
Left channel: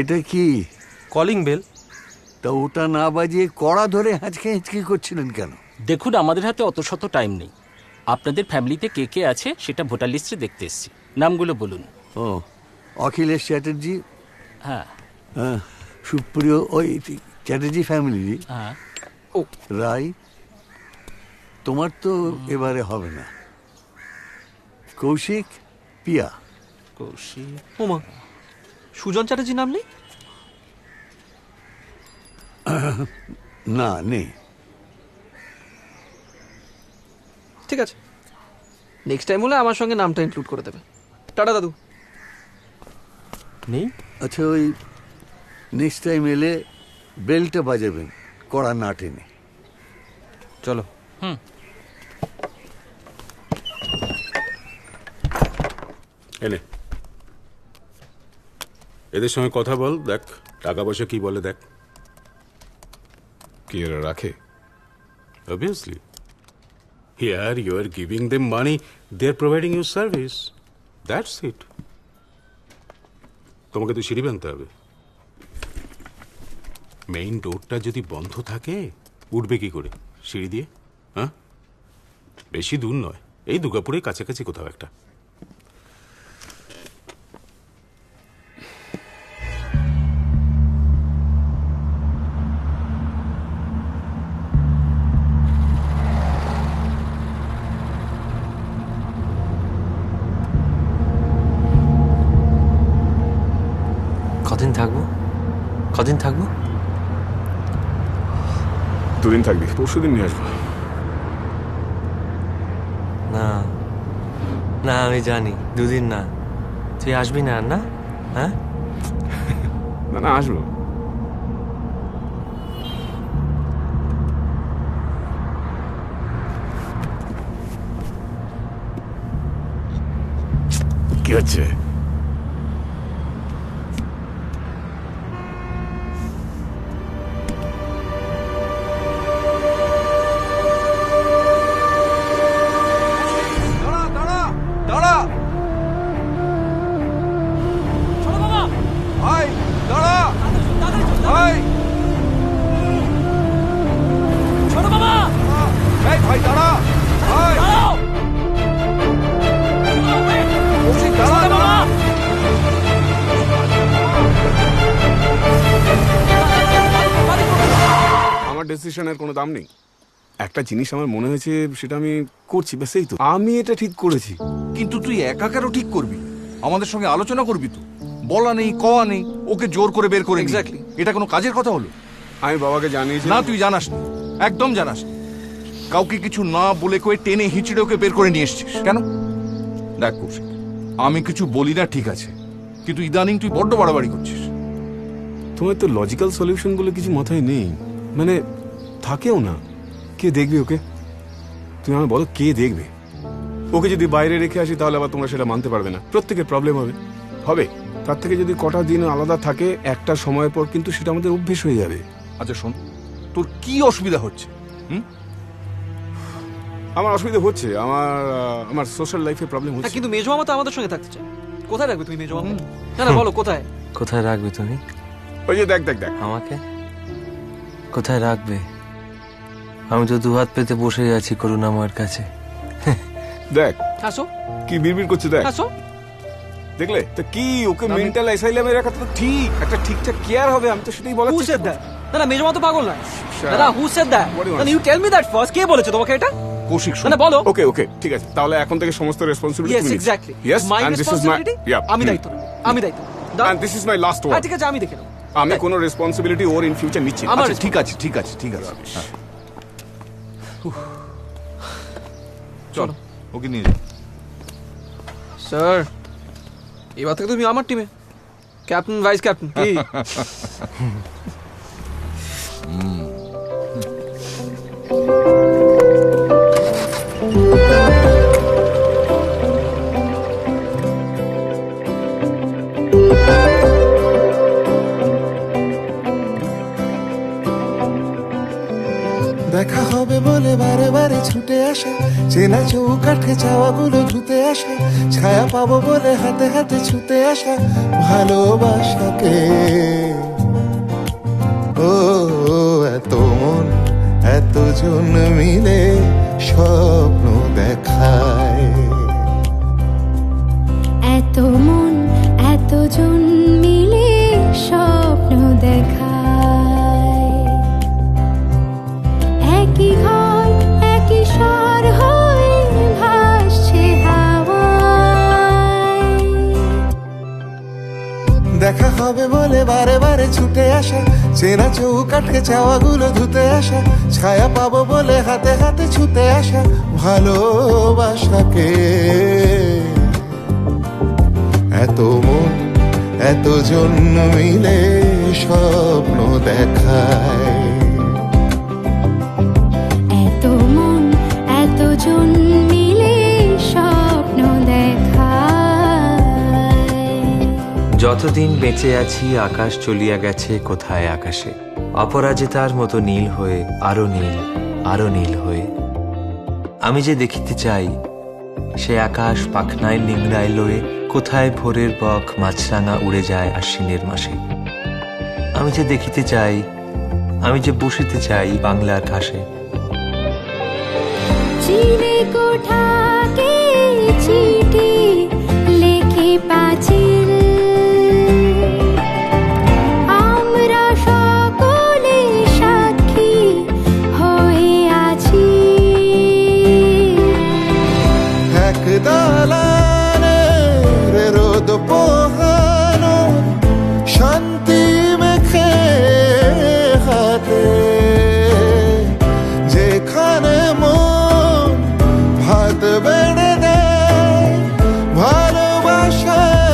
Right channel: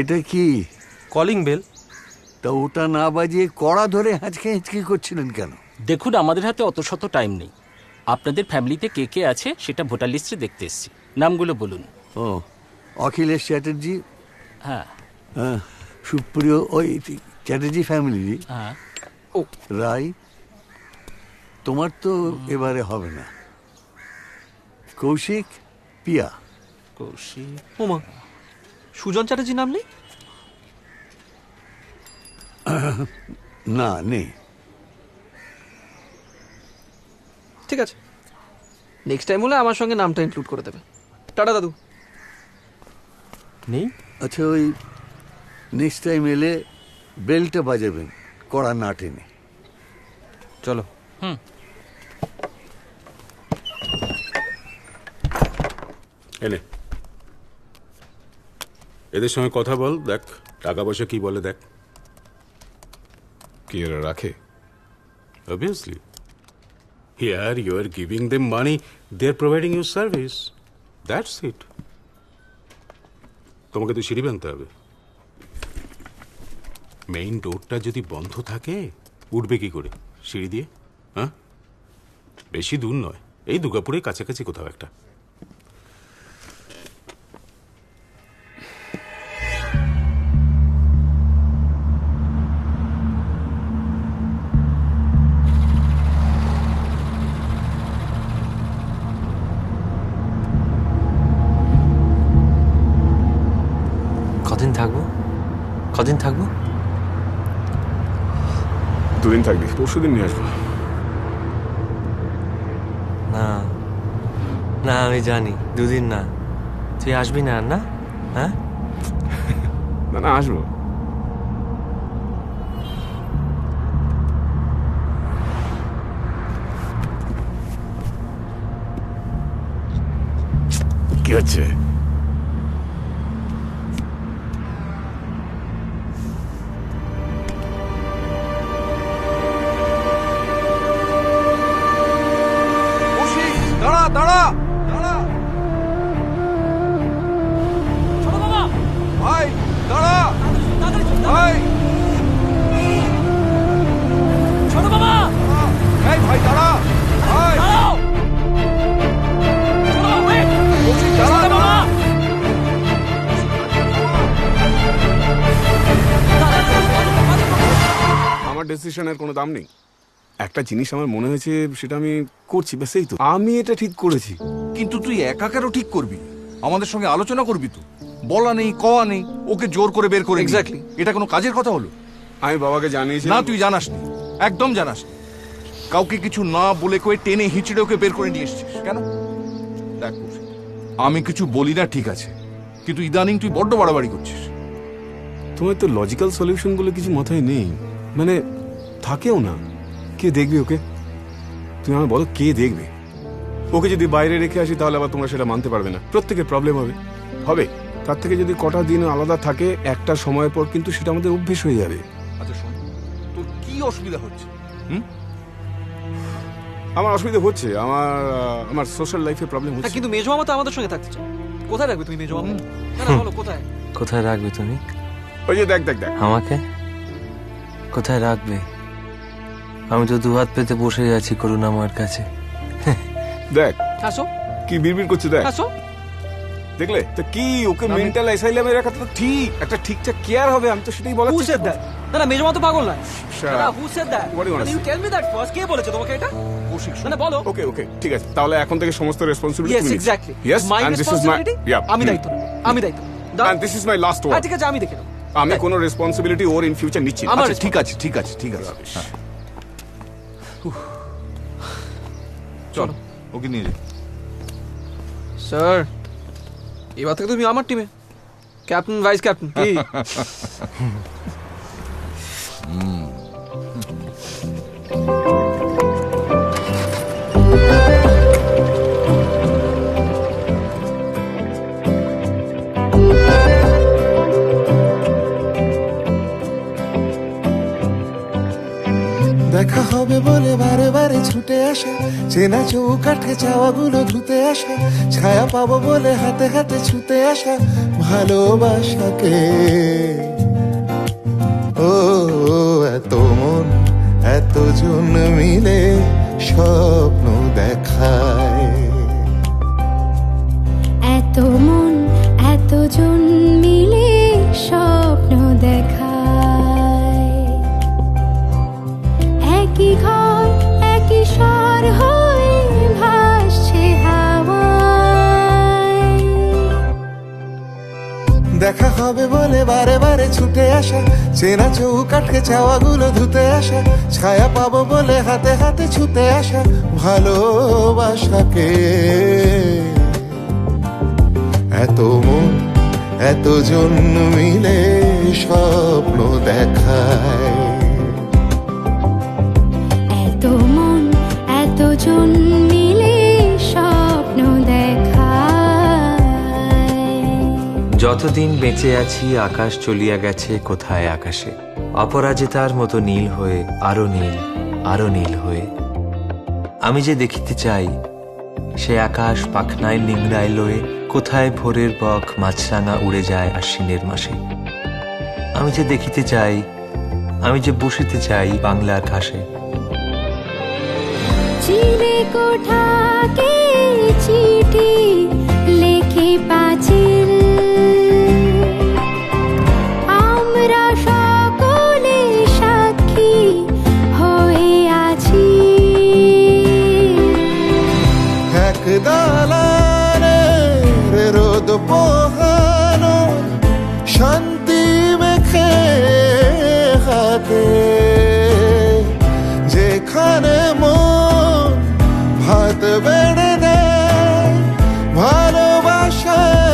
এটা কি কলিং বেল? তা ওটা না বাজিয়ে কড়া ধরে হাঁচকে হিঁচকি করছিলেন কেন? দেখুন, আমাদের হাতে অত শত টাইম নেই। আপনাদের ফ্যামিলিতে কে কে আছে সেটা ভোটার লিস্টে দেখতে এসেছি। নামগুলো বলুন। ও, অখিলেশ চ্যাটার্জি, হ্যাঁ। সুপ্রিয়, ওই চ্যাটার্জি ফ্যামিলি। হ্যাঁ। ও রাই, তোমার তো এবারে হবে না। কৌশিক, পিয়া। কৌশিক, ওমা, সুজন চ্যাটার্জি নাম নেই? না, নেই। ঠিক আছে, নেক্সট টাইম হলে আমার সঙ্গে নামটা ইনক্লুড করে দেবে। টাটা দাদু। নেই? আচ্ছা, ওই নেক্সট টাইম এলে বেলটা বাজাবেন, কড়া না টেনে। চলো। এনে এদের সঙ্গে কথা বল, দেখ টাকা পয়সা কি বলে, দেখ কি এরা রাখে। Obviously here you are giving them money, they are providing you service, that's it. তোমাকে তো সিঁড়ি বানতে হবে। মেইন ডোরটা যদি বন্ধ থাকে উঠবে কি করে সিঁড়ি দিয়ে? হ্যাঁ, বেশি দূর নয়, এই দুর্গাপুরের কাছাকাছি কোথাও একটা। কদিন থাকবো? কদিন থাকবো? 2 দিন থাকবি, পরশুদিন নিয়ে আসবো। না না, আমি জানি 2 দিন না। তুই আসবি না? না, হ্যাঁ, না না, আসবো। কি হচ্ছে? আমার ডিসিশনের কোনো দাম নেই। একটা জিনিস আমার মনে হয়েছে, সেটা আমি করছি, ব্যাস এই তো। আমি এটা ঠিক করেছি। কিন্তু তুই একা কেন ঠিক করবি? আমাদের সঙ্গে আলোচনা করবি তো। বলা নেই, কওয়া নেই, ওকে জোর করে বের করে Exactly. এটা কোনো কাজের কথা হলো? আমি বাবাকে জানিয়েছি। না, তুই জানাসনি, একদম জানাসনি। কাউকে কিছু না বলে কয়ে টেনে হিচড়ে ওকে বের করে নিয়ে এসছিস কেন? দেখ কৌশিক, আমি কিছু বলি না ঠিক আছে, কিন্তু ইদানিং তুই বড্ড বাড়াবাড়ি করছিস। তোমার তো লজিক্যাল সলিউশন গুলো কিছু মাথায় নেই, মানে থাকেও না। কে দেখবে ওকে? তুমি আমায় বলো, কে দেখবে ওকে? যদি বাইরে রেখে আসি তাহলে আবার তোমরা সেটা মানতে পারবে না, প্রত্যেকের প্রবলেম হবে। তার থেকে যদি কটা দিন আলাদা থাকে, একটা সময় পর কিন্তু সেটা আমাদের অভ্যেস হয়ে যাবে। আচ্ছা শোন, তোর কি অসুবিধা হচ্ছে? আমার অসুবিধা হচ্ছে, আমার সোশ্যাল লাইফে প্রবলেম হচ্ছে। কিন্তু মেজো মামা তো আমাদের সঙ্গে থাকতে চায়। কোথায় রাখবে তুমি মেজো মামা? না বলো কোথায়? কোথায় রাখবে তুমি? ওই যে দেখ আমাকে কোথায় রাখবে? আমি তো দুহাত পেতে বসে আছি করুণাময়ের কাছে। দেখ হাসো, কি বিড়বিড় করছে, দেখ হাসো। দেখলে তো কি, ওকে মেন্টাল অ্যাসাইলামে রাখা তো ঠিক, একটা ঠিকঠাক কেয়ার হবে। আমি তো সেটাই বলার চেষ্টা করছি। না মেজো মামা তো পাগল না। দাদা, who said that? You tell me that first. কে বলেছে তোমাকে এটা? কৌশিক, না বলো। ওকে ঠিক আছে, তাহলে এখন থেকে সমস্ত responsibility yes exactly, my responsibility. আমি দায়িত্ব নেব, আমি দায়িত্ব। and this is my last word. ঠিক আছে, আমি দেখে নেব। আমি কোনো রেসপন্সিবিলিটি ওর ইন ফিউচার নিচ্ছি না। আচ্ছা ঠিক আছে। হ্যাঁ। চলো ওকে নিয়ে যাও। স্যার, এবার থেকে তুমি আমার টিমে ক্যাপ্টেন, ভাইস ক্যাপ্টেন। কি দেখা হবে বলে বারে বারে ছুটে আসা, চেনা চৌকাঠে চাওয়াগুলো ধুতে আসা, ছায়া পাবো বলে হাতে হাতে ছুতে আসা ভালোবাসাকে। ও এত মন এতজন মিলে স্বপ্ন দেখায়, এত মন এতজন মিলে স্বপ্ন দেখায়, একই ঘর একই স্বর হয়ে ভাসছে হাওয়ায়। দেখা হবে বলে বারে বারে ছুটে আসা, চেনা চৌকাঠে চাওয়াগুলো ধুতে আসা, ছায়া পাবো বলে হাতে হাতে ছুতে আসা ভালোবাসাকে। এত মন এতজন মিলে স্বপ্ন দেখায়, এত মন এতজন মিলে স্বপ্ন দেখায়। যতদিন বেঁচে আছি আকাশ চলিয়া গেছে কোথায় আকাশে, অপরাজিতার মতো নীল হয়ে আরো নীল, আরো নীল হয়ে। আমি যে দেখিতে চাই সে আকাশ পাখনায় নিংড়ায় লয়ে, কোথায় ভোরের বক মাছরাঙা উড়ে যায় আশ্বিনের মাসে। আমি যে দেখিতে চাই, আমি যে বসিতে চাই বাংলার ঘাসে। চিলে কোঠাকে চিঠি লেখে পাঁচিল, আমরা সকলে সাক্ষী হয়ে আছি। এক দালানের রোদ পোহানো শান্তি মেখে হাতে, যেখানে মন ভাত বেড়ে দেয় ভালোবাসার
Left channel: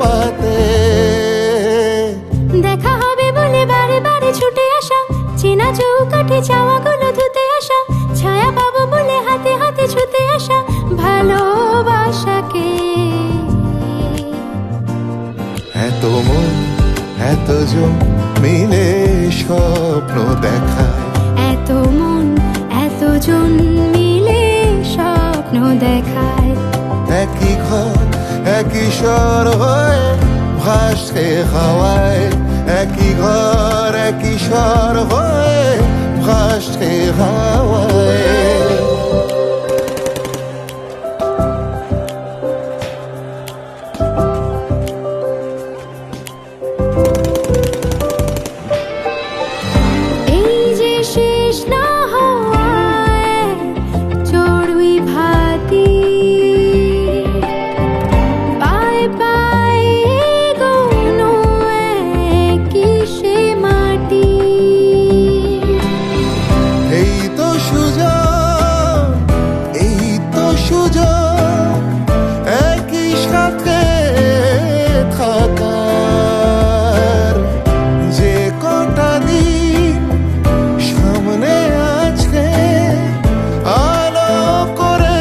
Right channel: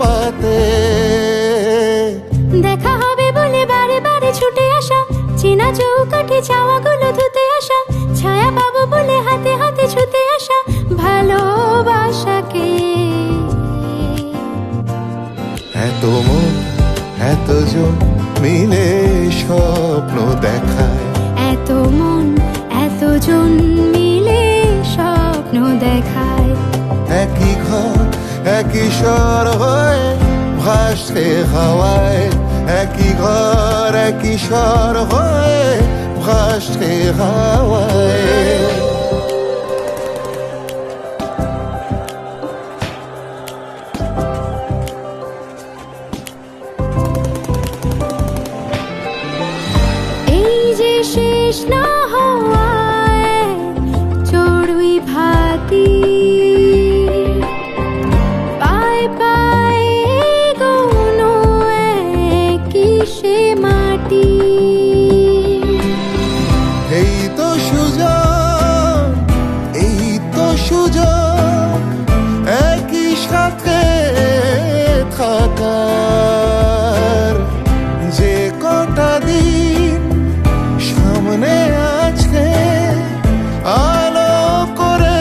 পাতে। দেখা হবে বলে বারে বারে ছুটে আসা, চেনা চৌকাঠে চাওয়াগুলো ধুতে আসা, ছায়া পাবো বলে হাতে হাতে ছুতে আসা ভালোবাসাকে। এত মন এতজন মিলে স্বপ্ন দেখায়, এত মন এতজন মিলে স্বপ্ন দেখায়, একই ঘর একই স্বর হয়ে ভাসে হাওয়ায়, একই ঘর একই স্বর হয়ে ভাসে হাওয়ায়। এই তৃষ্ণা হওয়ায় চড়ুই ভাতি পায়ে পায়ে গোনো কিসে মাটি। এই তো সুযোগ, এই তো সুযোগ একই সাথে থাকার। যে কটা দিন সামনে আজকে আলো করে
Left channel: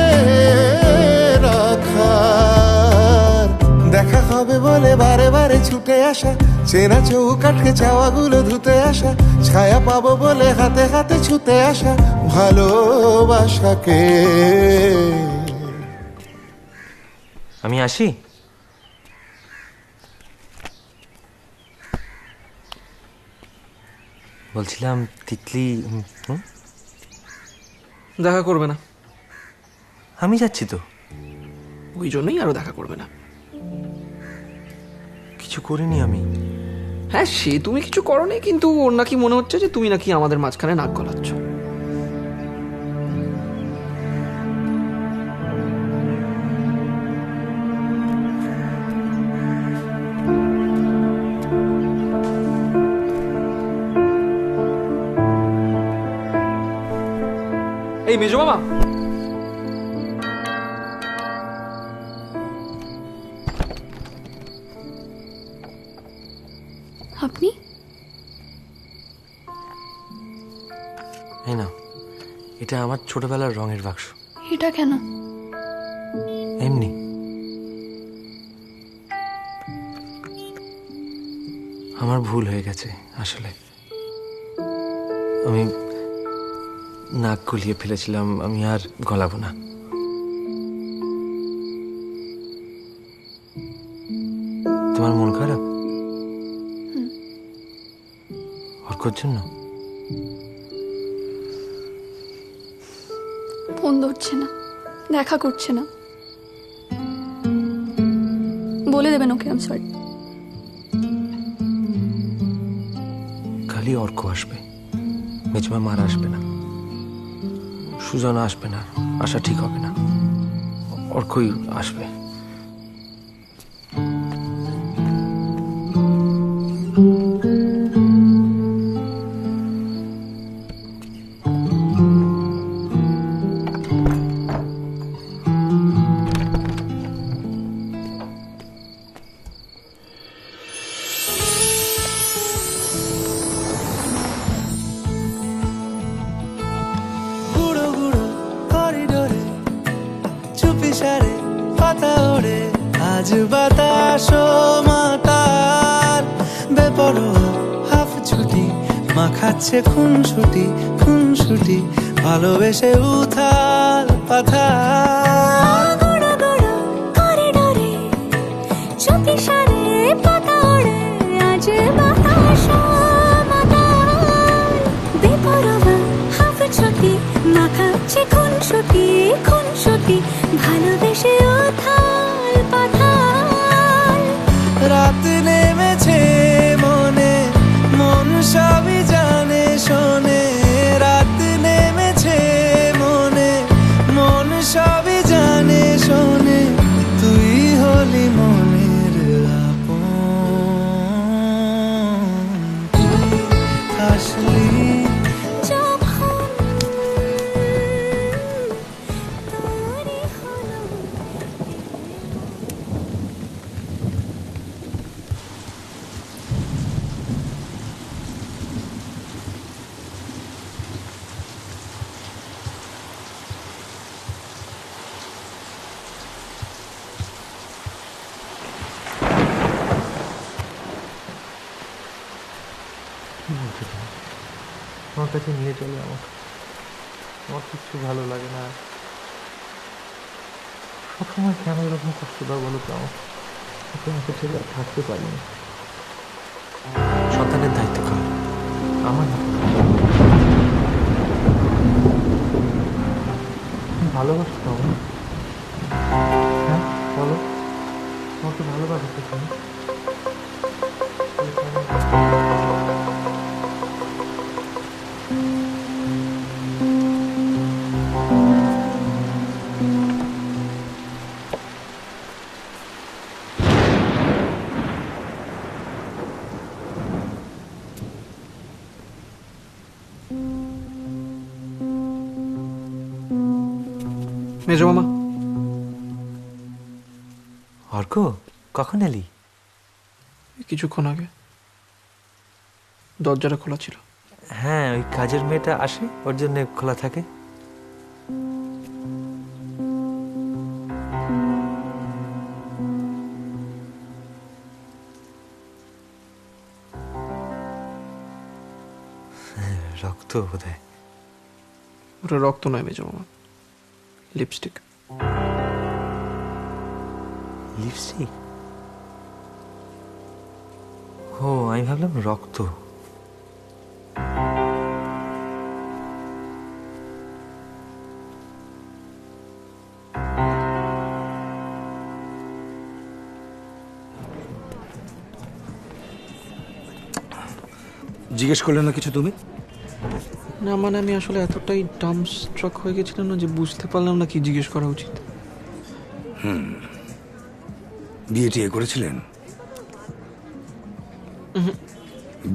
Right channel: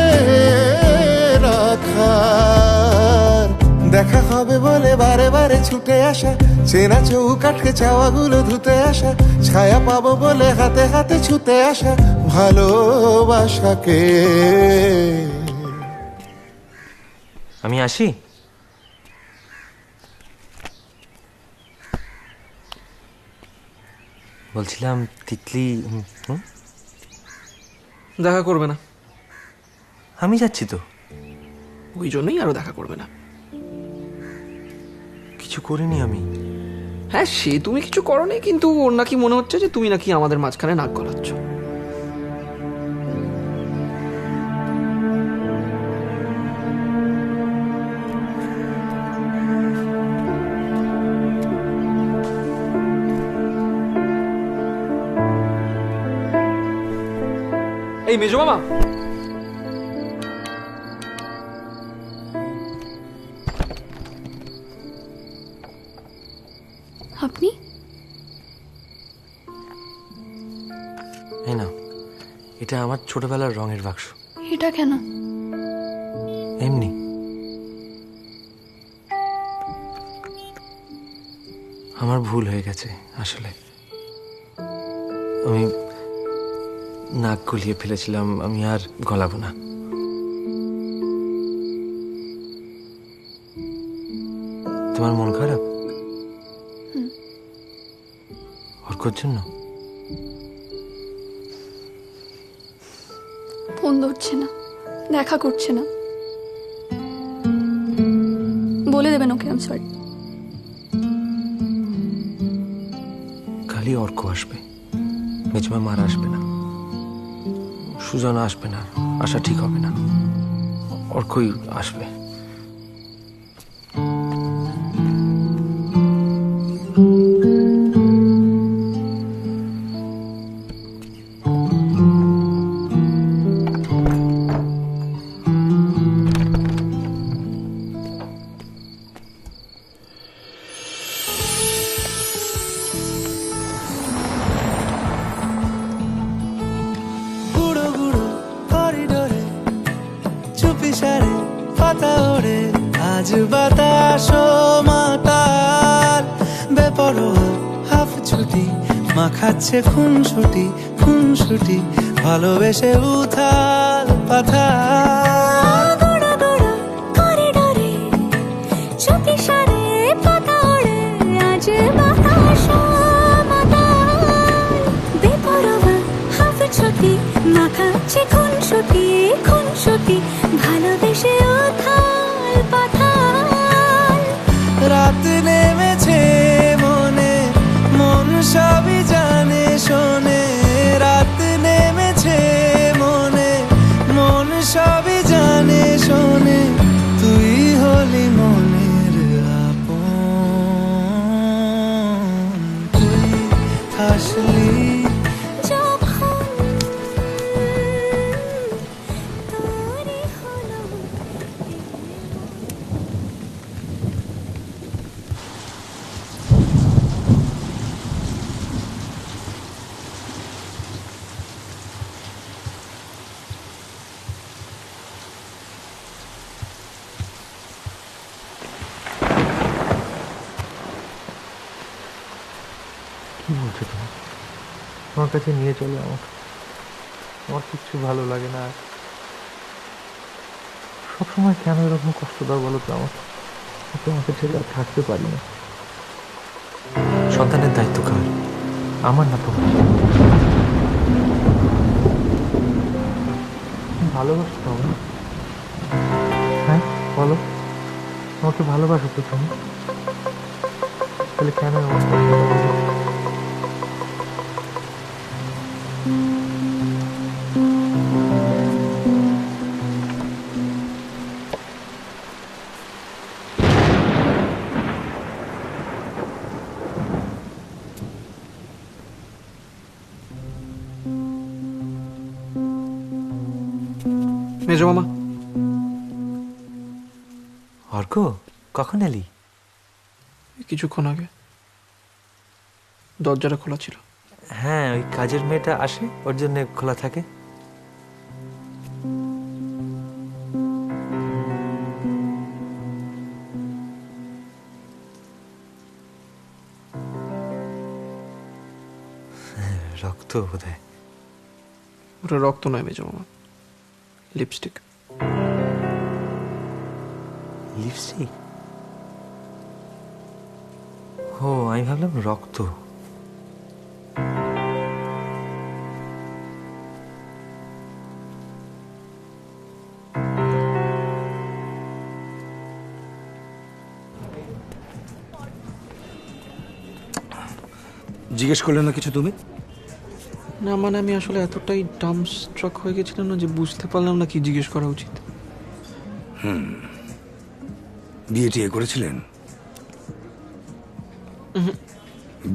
রাখার। দেখা হবে বলে বারে বারে ছুটে আসা, চেনা চৌকাঠকে চাওয়াগুলো ধুতে আসা, ছায়া পাবো বলে হাতে হাতে ছুতে আসা ভালোবাসাকে। আমি আসি। বলছিলাম তিতলি দেখা করবে না। আমি যাচ্ছি তো। ওই জন্যই আরো দেখা করবে না। কিছু করিনি আমি। হ্যাঁ, সে তুমি কিছু করোনি, কিন্তু ওর নাকি মনে হচ্ছে যে তুমি নাকি আমাদের মাঝখানে নাক গলাচ্ছ। এই মেজো মামা, আপনি? এই না, এটা আমার ছোটবেলার রঙের বাক্স। এটা কেন? এমনি। আমার ভুল হয়ে গেছে আসলে। আমি নাক গলিয়ে ফেলেছিলাম, আমি আর গলাবো না। তোমার মন খারাপ অর্কর জন্য? ফোন ধরছে না, দেখা করছে না। বলে দেবেন ওকে আই এম সরি। খালি অর্ক আসবে, মেজমা মার আসবে না, সুজন আসবে না, আসা ঠিক হবে না। অর্কই আসবে। গুঁড়ো গুঁড়ো করিডোরে চুপি সারে পাতা ওড়ে, আজ বাতাস মাতাল বেপরোয়া হাফ ছুটি, মাখাচ্ছে খুনসুটি খুনসুটি, ভালোবেসে উথাল পাথাল। গুঁড়ো গুঁড়ো করিডোরে চুপি সারে পাতা ওড়ে, আজ বাতাস মাতাল বেপরোয়া হাফ ছুটি, মাখাচ্ছে খুনসুটি খুনসুটি, ভালোবেসে উথাল পাথাল। রাত নেমেছে মনে, মন সবই জানে শোনে। রাত নেমেছে মনে, মন সবই জানে শোনে। তুই হলি মনের আপন, তুই হাসলি যখন তোরই হলো কি বলছো তুমি? আমার কাছে নিয়ে চলো আমাকে। আমার কিচ্ছু ভালো লাগে না। সবসময় কেন এরকম কষ্ট দাও বলো তো আমাকে? তোমাকে ছেড়ে আর থাকতে পারি না। সন্তানের দায়িত্ব কার? আমার না তোমার। ভালোবাসো তো আমাকে? হ্যাঁ বলো, আমাকে ভালোবাসো তো তুমি? তাহলে কেন মেজো মামা। অর্ক, কখন এলি? কিছুক্ষণ আগে। দরজাটা খোলা ছিল। হ্যাঁ, ওই কাজের মেয়েটা আসে, ওর জন্য খোলা থাকে। রক্ত বোধহয়। ওটা রক্ত নয় মেজো মামা, লিপস্টিক। লিপস্টিক? ও, আমি ভাবলাম রক্ত। জিজ্ঞেস করলে না কিছু তুমি? না মানে আমি আসলে এতটাই ডাম্পস্ট্রাক হয়ে গেছিলাম না যে বুঝতে পারলাম না কি জিজ্ঞেস করা উচিত। বিয়ে টিয়ে করেছিলেন?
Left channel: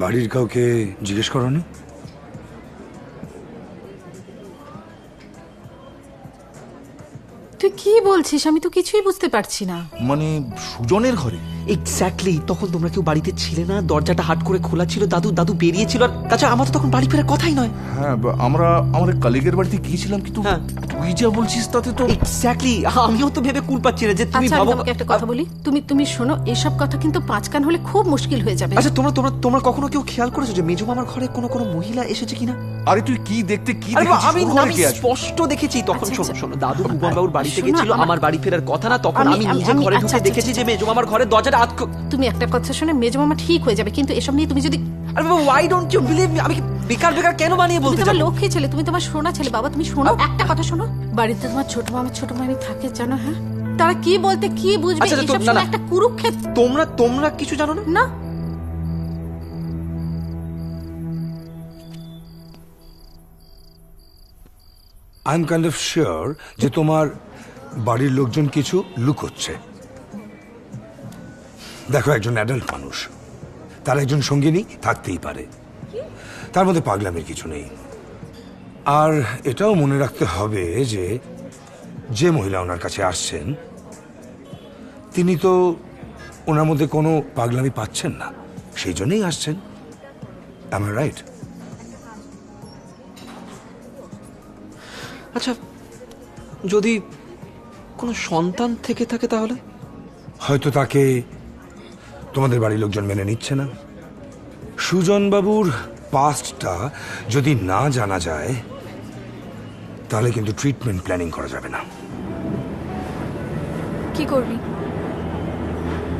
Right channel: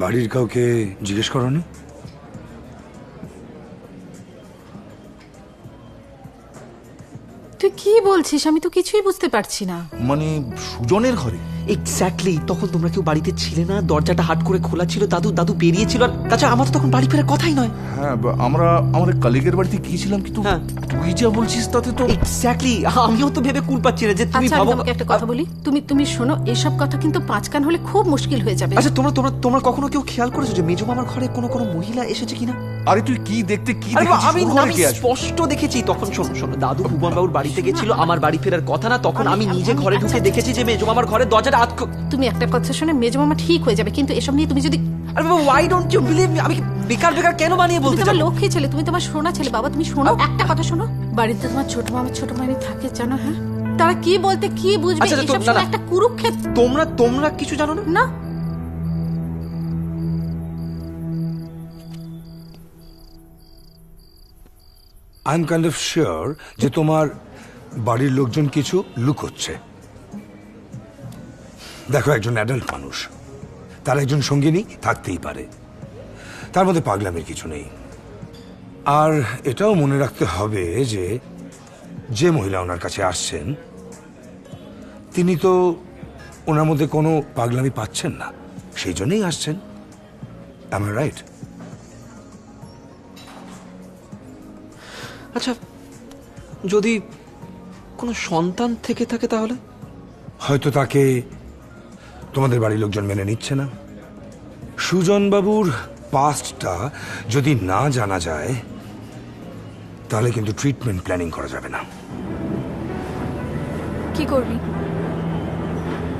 বাড়ির কাউকে জিজ্ঞেস করনি? তুই কি বলছিস? আমি তো কিছুই বুঝতে পারছি না। মানে সুজনের ঘরে? এক্স্যাক্টলি। তখন তোমরা কেউ বাড়িতে ছিলে না, দরজাটা হাট করে খোলা ছিল, দাদু বেরিয়েছিল, আর তাছাড়া আমার তো তখন বাড়ি ফেরার কথাই নয়। হ্যাঁ, আমরা আমার কলিগের বাড়িতে গিয়েছিলাম, কিন্তু তুই যা বলছিস তাতে তো এক্স্যাক্টলি। আমিও তো ভেবে কুল পাচ্ছি না যে তুমি আচ্ছা, আমি ভাবো। তোমাকে একটা কথা বলি, তুমি শোনো, এসব কথা কিন্তু পাঁচ কান হলে খুব মুশকিল হয়ে যাবে। আচ্ছা, তোমরা কখনো কেউ খেয়াল করেছো যে মেজো মামার ঘরে কোনো মহিলা এসেছে কিনা? আরে তুই কি দেখতে কি আরে দেখেছিস? আমি ওর ঘরে কে আছে? স্পষ্ট দেখেছি তখন। শোনো, দাদু ভুবন বাবুর বাড়িতে গেছিল, আমার বাড়ি ফেরার কথা না, তখন আমি নিজে ঘরে ঢুকে দেখেছি যে মেজো মামার ঘরে দরজাটা তুমি একটা কথা শুনে মেজো মামা ঠিক হয়ে যাবে, কিন্তু এসব নিয়ে তুমি যদি আরে বাবা, why don't you believe me? আমি বেকার কেন বানিয়ে বলতে তোমার যাবো? লক্ষ্মী ছেলে, তুমি তোমার শোনা ছেলে। বাবা তুমি শোনো, একটা কথা শোনো, বাড়িতে তোমার ছোট মামা ছোট মামি থাকে জানো? হ্যাঁ, তারা কি বলতে কি বুঝবে? আচ্ছা, এসব শুনে একটা কুরুক্ষেত্র। তোমরা কিছু জানো না? না। I am kind of sure যে তোমার বাড়ির লোকজন কিছু লুকোচ্ছে। দেখো, একজন অ্যাডাল্ট মানুষ, তার একজন সঙ্গিনী থাকতেই পারে, তার মধ্যে পাগলামির কিছু নেই। আর এটাও মনে রাখতে হবে যে মহিলা ওনার কাছে আসছেন তিনি তো ওনার মধ্যে কোনো পাগলামি পাচ্ছেন না, সেই জন্যই আসছেন। am I right? আচ্ছা, যদি কোনো সন্তান থেকে থাকে তাহলে? হয়তো তাকে তোমাদের বাড়ির লোকজন মেনে নিচ্ছে না। সুজন বাবুর পাস্টটা যদি না জানা যায় তাহলে কিন্তু ট্রিটমেন্ট প্ল্যানিং করা যাবে না। কি করবি?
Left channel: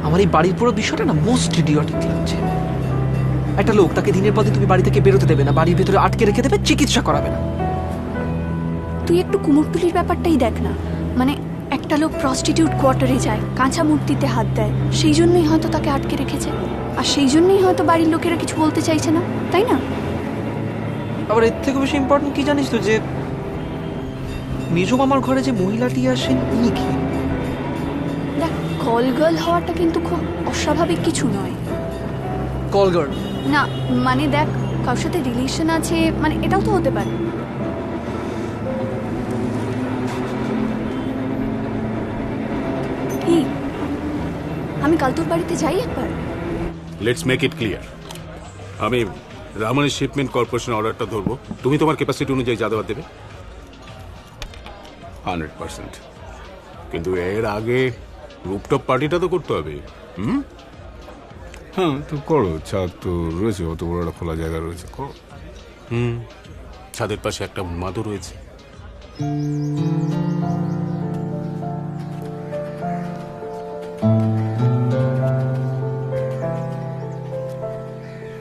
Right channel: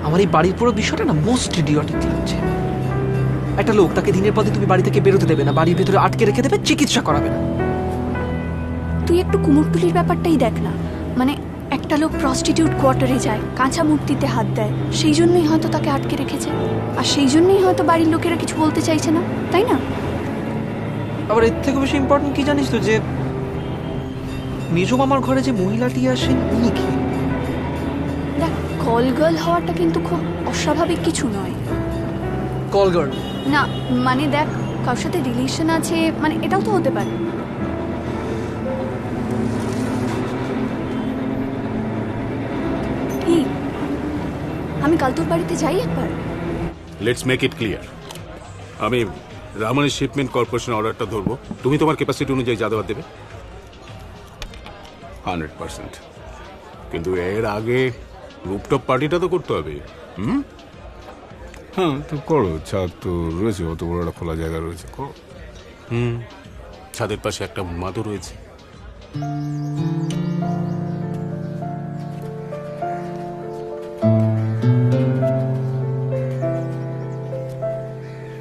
আমার এই বাড়ির পুরো বিষয়টা না মোস্ট ইডিয়টিক লাগছে। একটা লোক, তাকে দিনের পর দিন তুমি বাড়ি থেকে বেরোতে দেবে না, বাড়ির ভেতরে আটকে রেখে দেবে, চিকিৎসা করাবে না। তুই একটু কুমোরটুলির ব্যাপারটাই দেখ না। মানে একটা লোক প্রস্টিটিউট কোয়ার্টারে যায়, কাঁচা মূর্তিতে হাত দেয়, সেই জন্যই হয়তো তাকে আটকে রেখেছে, আর সেই জন্যই হয়তো বাড়ির লোকেরা কিছু বলতে চাইছে না, তাই না? আবার এর থেকে বেশি ইম্পর্টেন্ট কি জানিস তো, যে মেজো মামার ঘরে যে মহিলাটি আসেন উনি কি? দেখ, কল গার্ল হওয়াটা কিন্তু খুব অস্বাভাবিক কিছু নয়। কল গার্ল না, মানে দেখ, কারোর সাথে রিলেশন আছে, মানে এটাও তো হতে পারে। কি, আমি কাল তোর বাড়িতে যাই একবার? Let's make it clear. আমি রামানি শিপমেন্ট কর্পোরেশন অর্ডারটা ধরবো, তুমি তোমার ক্যাপাসিটি অনুযায়ী যা দেওয়ার দেবে। 100%। কিন্তু এর আগে রুপটপ পার্টিটা তো করতে হবে। হ্যাঁ, তো করো, ছাদ তো রয়েছে, অত বড় একটা খোলা জায়গা রয়েছে, করো। ছাদের পাশে একটা উন্মাদও রয়েছে।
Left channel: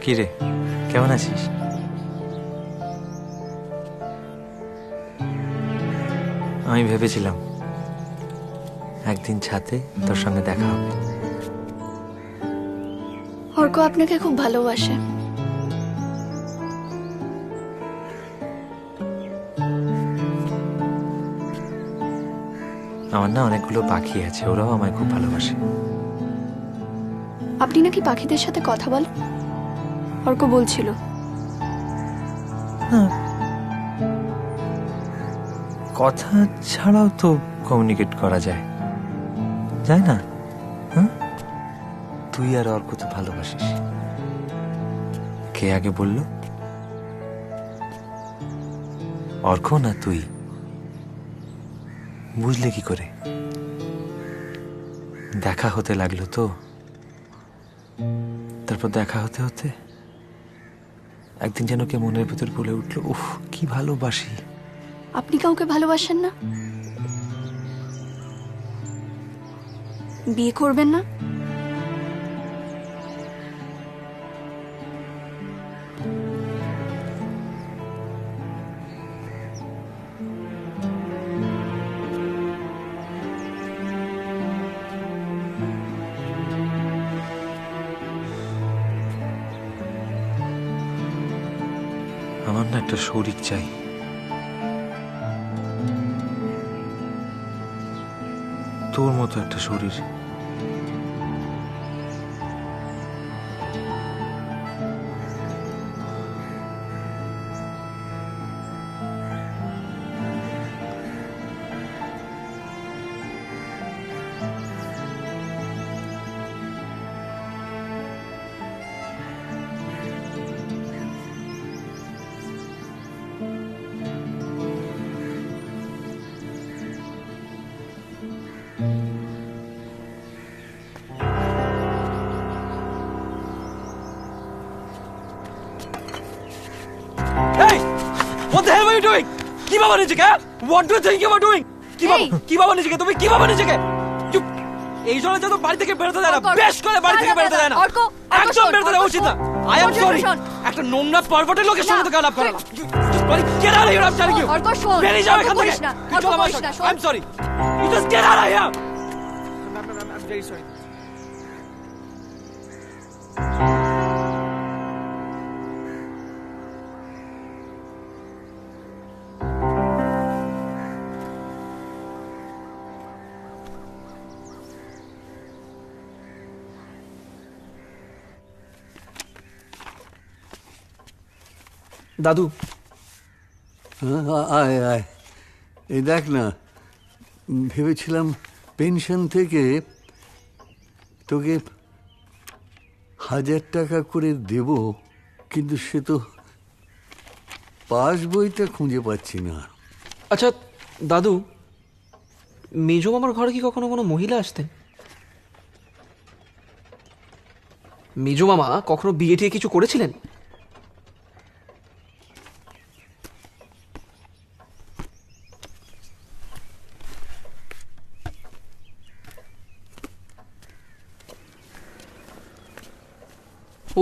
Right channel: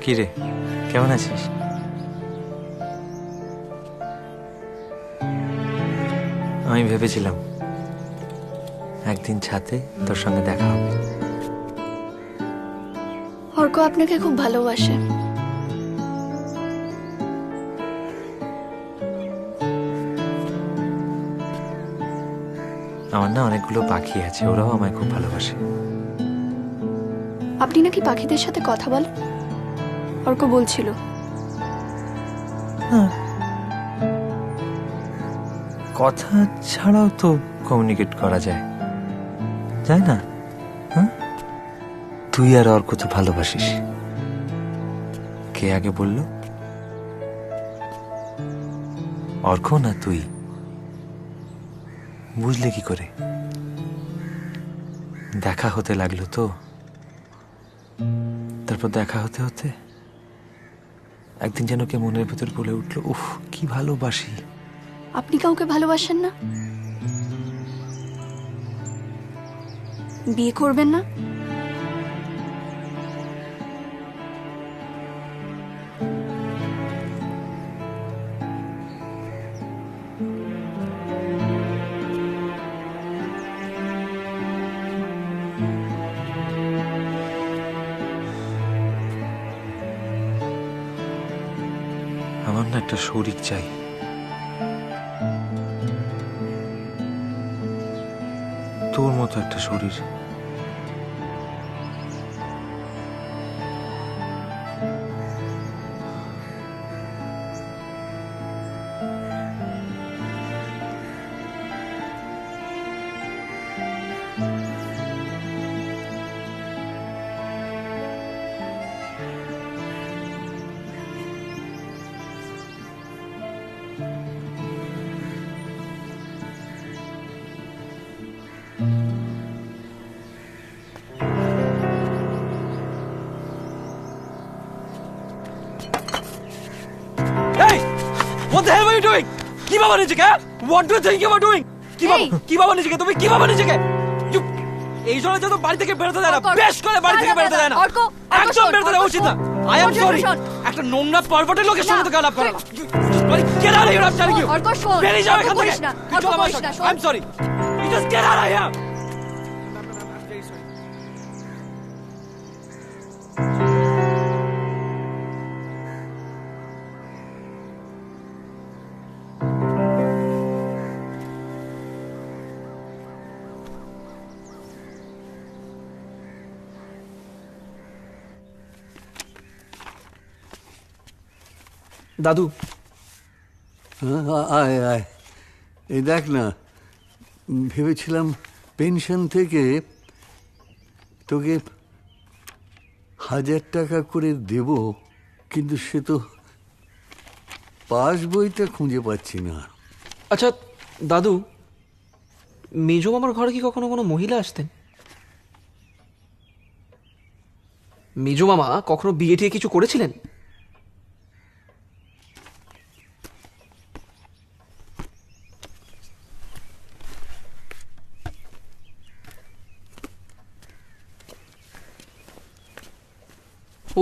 কি রে, কেমন আছিস? আমি ভেবেছিলাম একদিন ছাদে তোর সঙ্গে দেখা হবে। অর্ক আপনাকে খুব ভালোবাসে। আমার না অনেকগুলো পাখি আছে, ওরাও আমায় খুব ভালোবাসে। আপনি নাকি পাখিদের সাথে কথা বলেন? অর্ক বলছিল। কথা ছাড়াও তো কমিউনিকেট করা যায়, যায় না? হ্যাঁ, তুই আর অর্ক তো ভালোবাসিস। কে আগে বলল? অর্ক না তুই? বুঝলে কি করে? দেখা হতে লাগলো তো, তারপর দেখা হতে হতে একদিন যেন কে মনের ভেতর বলে উঠলো, উফ কি ভালোবাসি। আপনি কাউকে ভালোবাসেন না? বিয়ে করবেন না? আমার না একটা শরীর চাই, তোর মতো একটা শরীর। Hey! What the hell are you doing? কি বাবা নিজেকে? What do you think you are doing? কি বাবা নিজেকে? তুমি কি বাবা নিজেকে? এই জন্য তো বাড়ি থেকে বেরোতে দেয় না, বেশ করে বাড়ি থেকে বেরোতে দেয় না, একদম বেরোতে দেওয়া উচিত না। I am sorry. একটা নোংরা পারভার্টেড লোকের সঙ্গে তো আলাপ করা না। Get out of here, I'm telling you. বেরিয়ে যাও এখান থেকে। I'm sorry. You just get out of here. I'm very sorry. দাদু, আয় আয়, এই দেখ না, ভেবেছিলাম পেনশন থেকে তোকে 1000 টাকা করে দেব, কিন্তু সে তো পাস বইটা খুঁজে পাচ্ছি না। আচ্ছা দাদু, মেজো মামার ঘরে কি কখনো কোনো মহিলা আসতেন? মেজো মামা কখনো বিয়ে টিয়ে কিছু করেছিলেন?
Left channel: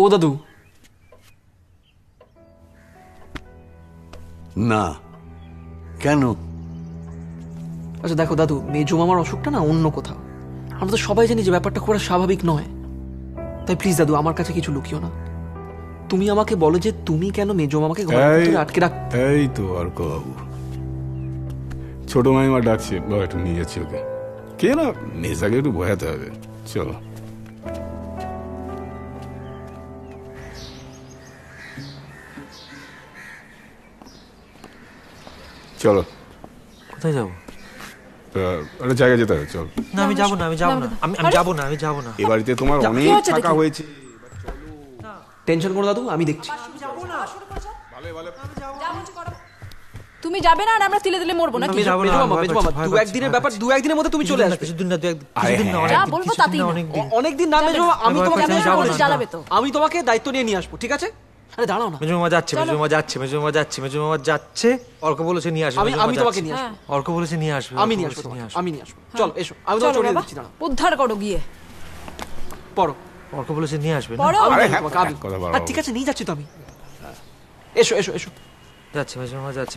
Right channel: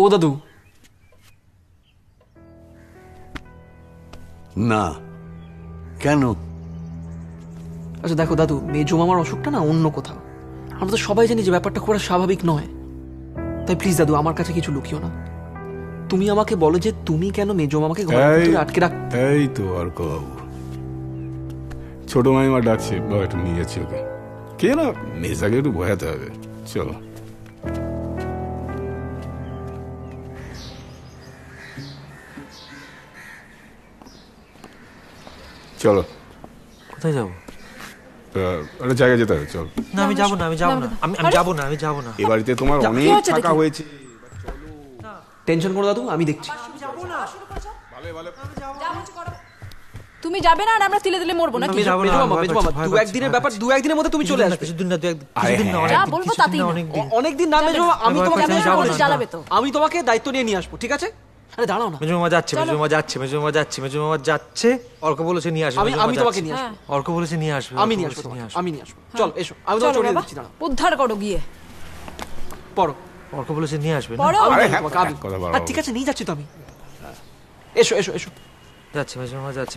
ও দাদু, না কেন? আচ্ছা দেখো দাদু, মেজো মামার অসুখটা না অন্য কোথাও। আমরা তো সবাই জানি যে ব্যাপারটা খুব স্বাভাবিক নয়। তাই প্লিজ দাদু, আমার কাছে কিছু লুকিও না। তুমি আমাকে বলো যে তুমি কেন মেজো মামাকে ঘরের ভিতরে আটকে রাখ। এই তো অর্ক বাবু, ছোট মাইমা ডাকছে, বাবা একটু নিয়ে যাচ্ছি ওকে। কে না, মেজাকে একটু বোঝাতে হবে। চলো চলো। কোথায় যাবো? একটা জায়গায় যেতে হবে, চল। না আমি যাবো না, আমি যাবো না, আমি যাবো না, আমি যাবো না। এ বাড়িতে তোমার অনেক টাকা হয়েছে। টেনশন করো দাদু, আমি দেখছি। তুমি যাবে না আর আমরা তিলে তিলে মরবো নাকি? মেজো মামা, দু একদিনের ব্যাপার, দু একদিনের মধ্যে তুমি চলে আসবে। কিছুদিন না, যা বলবো তাতেই না। অনেকদিন না মেজো মামা, আমি তোমাকে জ্বালাবে তো। আমি তোমাকে দায়িত্ব নিয়ে আসবো, ঠিক আছে? আরে দাঁড়াও না। মেজো মামা যাচ্ছে, মেজো মামা যাচ্ছে, মেজো মামা যাচ্ছে, মেজো মামা যাচ্ছে। অর্ক বলেছে নিয়ে আসবে। আমি তোমাকে নিয়ে আসবো। অর্ক বলেছে নিয়ে আসবে। আমি নিয়ে আসবো, আমি নিয়ে আসবো। চল এসো, আমি তোমাকে চড়িয়ে দিচ্ছি। দাঁড়াও, উদ্ধার করো গিয়ে। পড়ো। অর্ক বলেছে নিয়ে আসবে। ঠিক আছে, নিয়ে যাচ্ছি তো আমি। এসো এসো এসো। যাচ্ছে মেজো মামা যাচ্ছে।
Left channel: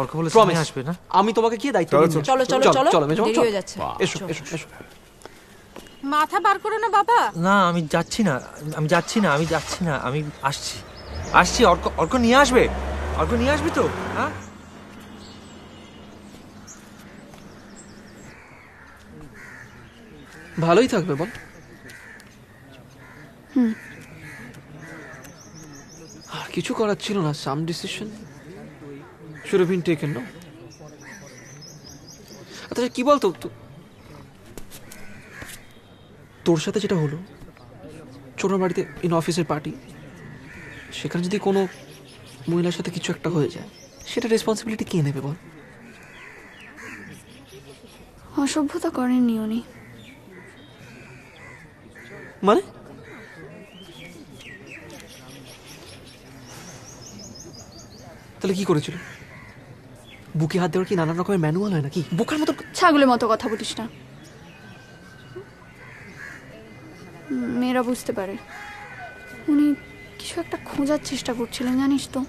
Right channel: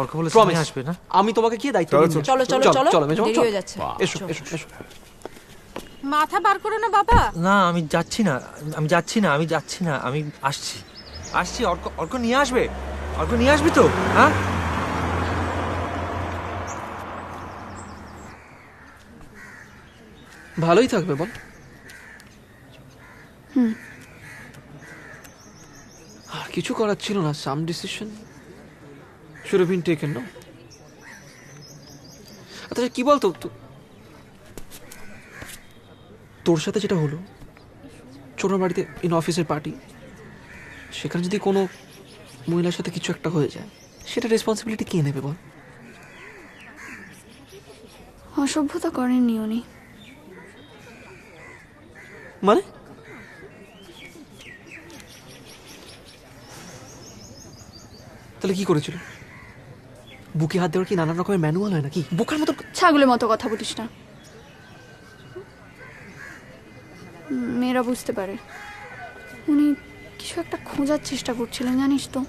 অর্ক বলেছে নিয়ে আসবে না? আমি তোমাকে কি দায়িত্ব দিচ্ছি। চলো চলো চলো, চলো মেজো মামা, দেরি হয়ে যাচ্ছে। এসো এসো এসো। মাথা বার করো না বাবা। না আমি যাচ্ছি না, আমি যাচ্ছি না, আমি যাচ্ছি না, আমি আসছি আসছি। অর্ক, অর্ক নিয়ে আসবে, অর্ক নিয়ে আসবি তো? হ্যাঁ ভালোই থাকবে বল। আর কিছু করার ছিল না, সাম decision should have been taken, no? আচ্ছা কি বলতো তোর সাথে যেটা হলো ছোট বাড়িতে ইন অফিসের পার্টি, সেখানে যদি কোনো মহিলার সাথে কিছু একটা হয়ে যায়, সেটা রেসপন্সিবিলিটি কে নেবে বল? অসভ্যতা করেননি উনি। মানে তাহলে কি করেছিল? বুকে হাত দেওয়ার কি নানান রকমের ম্যানুয়াল হয় নাকি? বোকার মতো ছাগলের মতো কথা বলিস না। মেয়েরা বুঝতে পারে। উনি কিছু একটা খোঁজার চেষ্টা করছিলেন, জানিস তো।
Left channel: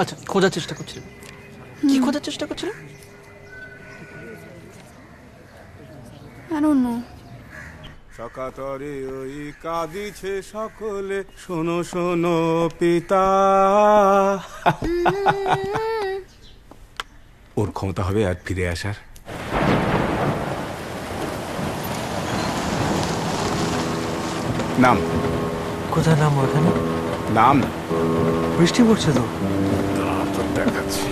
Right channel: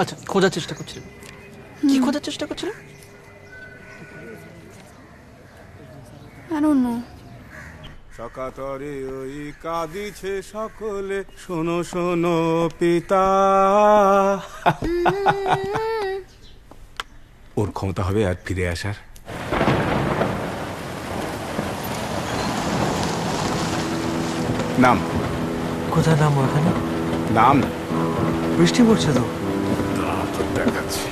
আচ্ছা, খোঁজার চেষ্টা করছিলেন? কি খোঁজার চেষ্টা করছিলেন? I don't know. সকাতরে ওই কাঁদিছে সকলে, শোনো শোনো পিতা। ওর ক্ষমতা হবে আর ফিরে আসার? নাম কোথায়? নাম ওখানে। নাম বৃষ্টি পড়ছে তো। তো দেখাচ্ছি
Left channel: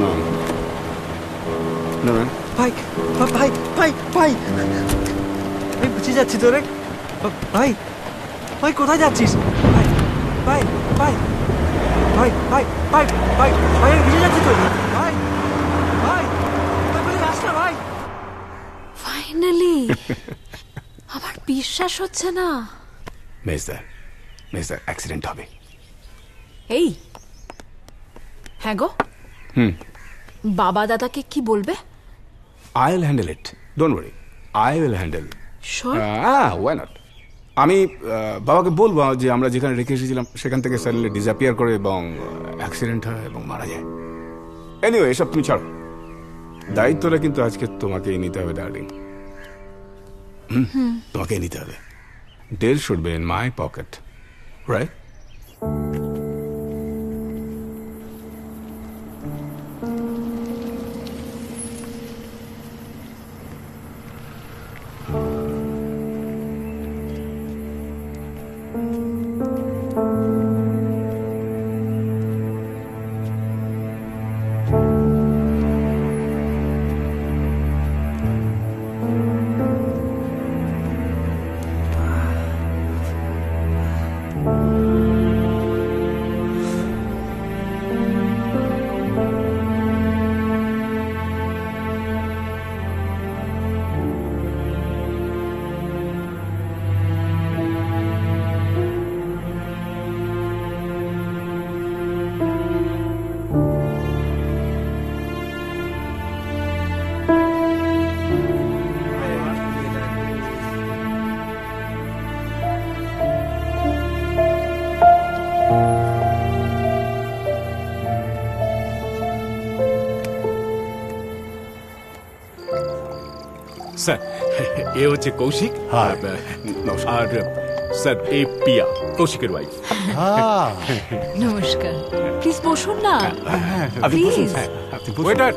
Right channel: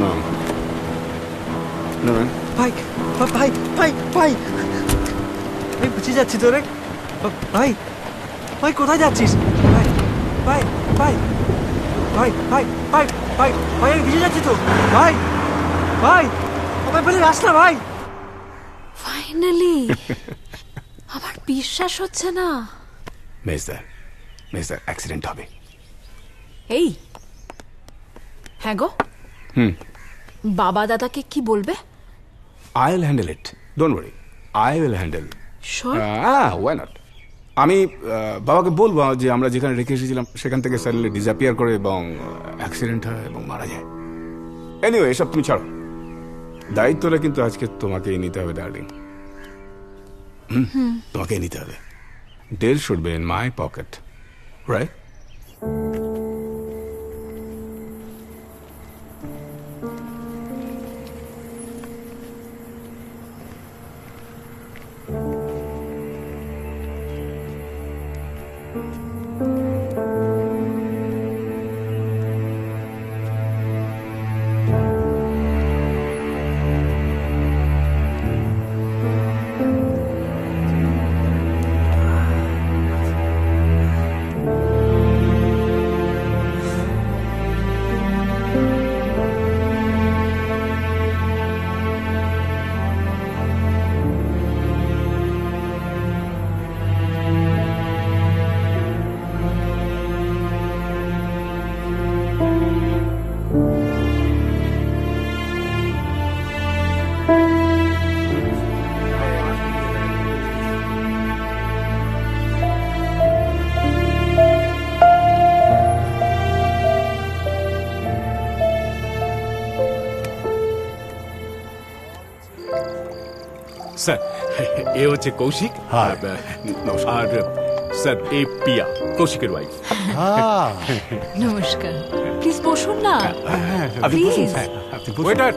নাম। ভাই ভাই ভাই ভাই আমি বুঝে যাচ্ছি তোরে। ভাই ভাই কোথায় যাচ্ছিস? ভাই ভাই ভাই ভাই ভাই ভাই ভাই ভাই আমি বুঝে যাচ্ছি তো। ভাই ভাই ভাই বলে রাস না ভাই। ফাইনালি আমার বিশ্বাস হচ্ছে না। মেজদার অ্যাক্সিডেন্ট হবে। এই হ্যাঁ গো, বাবা দাদাকে কি বলবে? I'll handle it. Don't worry. I will handle. Sure? Why not? আমি বাবাকে বলবো যে আমরা যেখানে রেখে এসেছিলাম সেখান থেকে সাডেনলি ডিসঅ্যাপিয়ার করে এবং অ্যাক্সিডেন্ট হয় এবং মারা যায়। এনিওয়ে, এসব তুমি ছাড়ো। দায়িত্বটা কিন্তু আজকে তোমাকেই নিতে হবে ডার্লিং। তোমাকেই নিতে হবে। Deal should be in my pocket, right? Sir, এ হচ্ছে কৌশিক। আর স্যার, এ পিয়া, কৌশিকের ওয়াইফ। নমস্কার, প্লিজ বসুন না। Please waiter.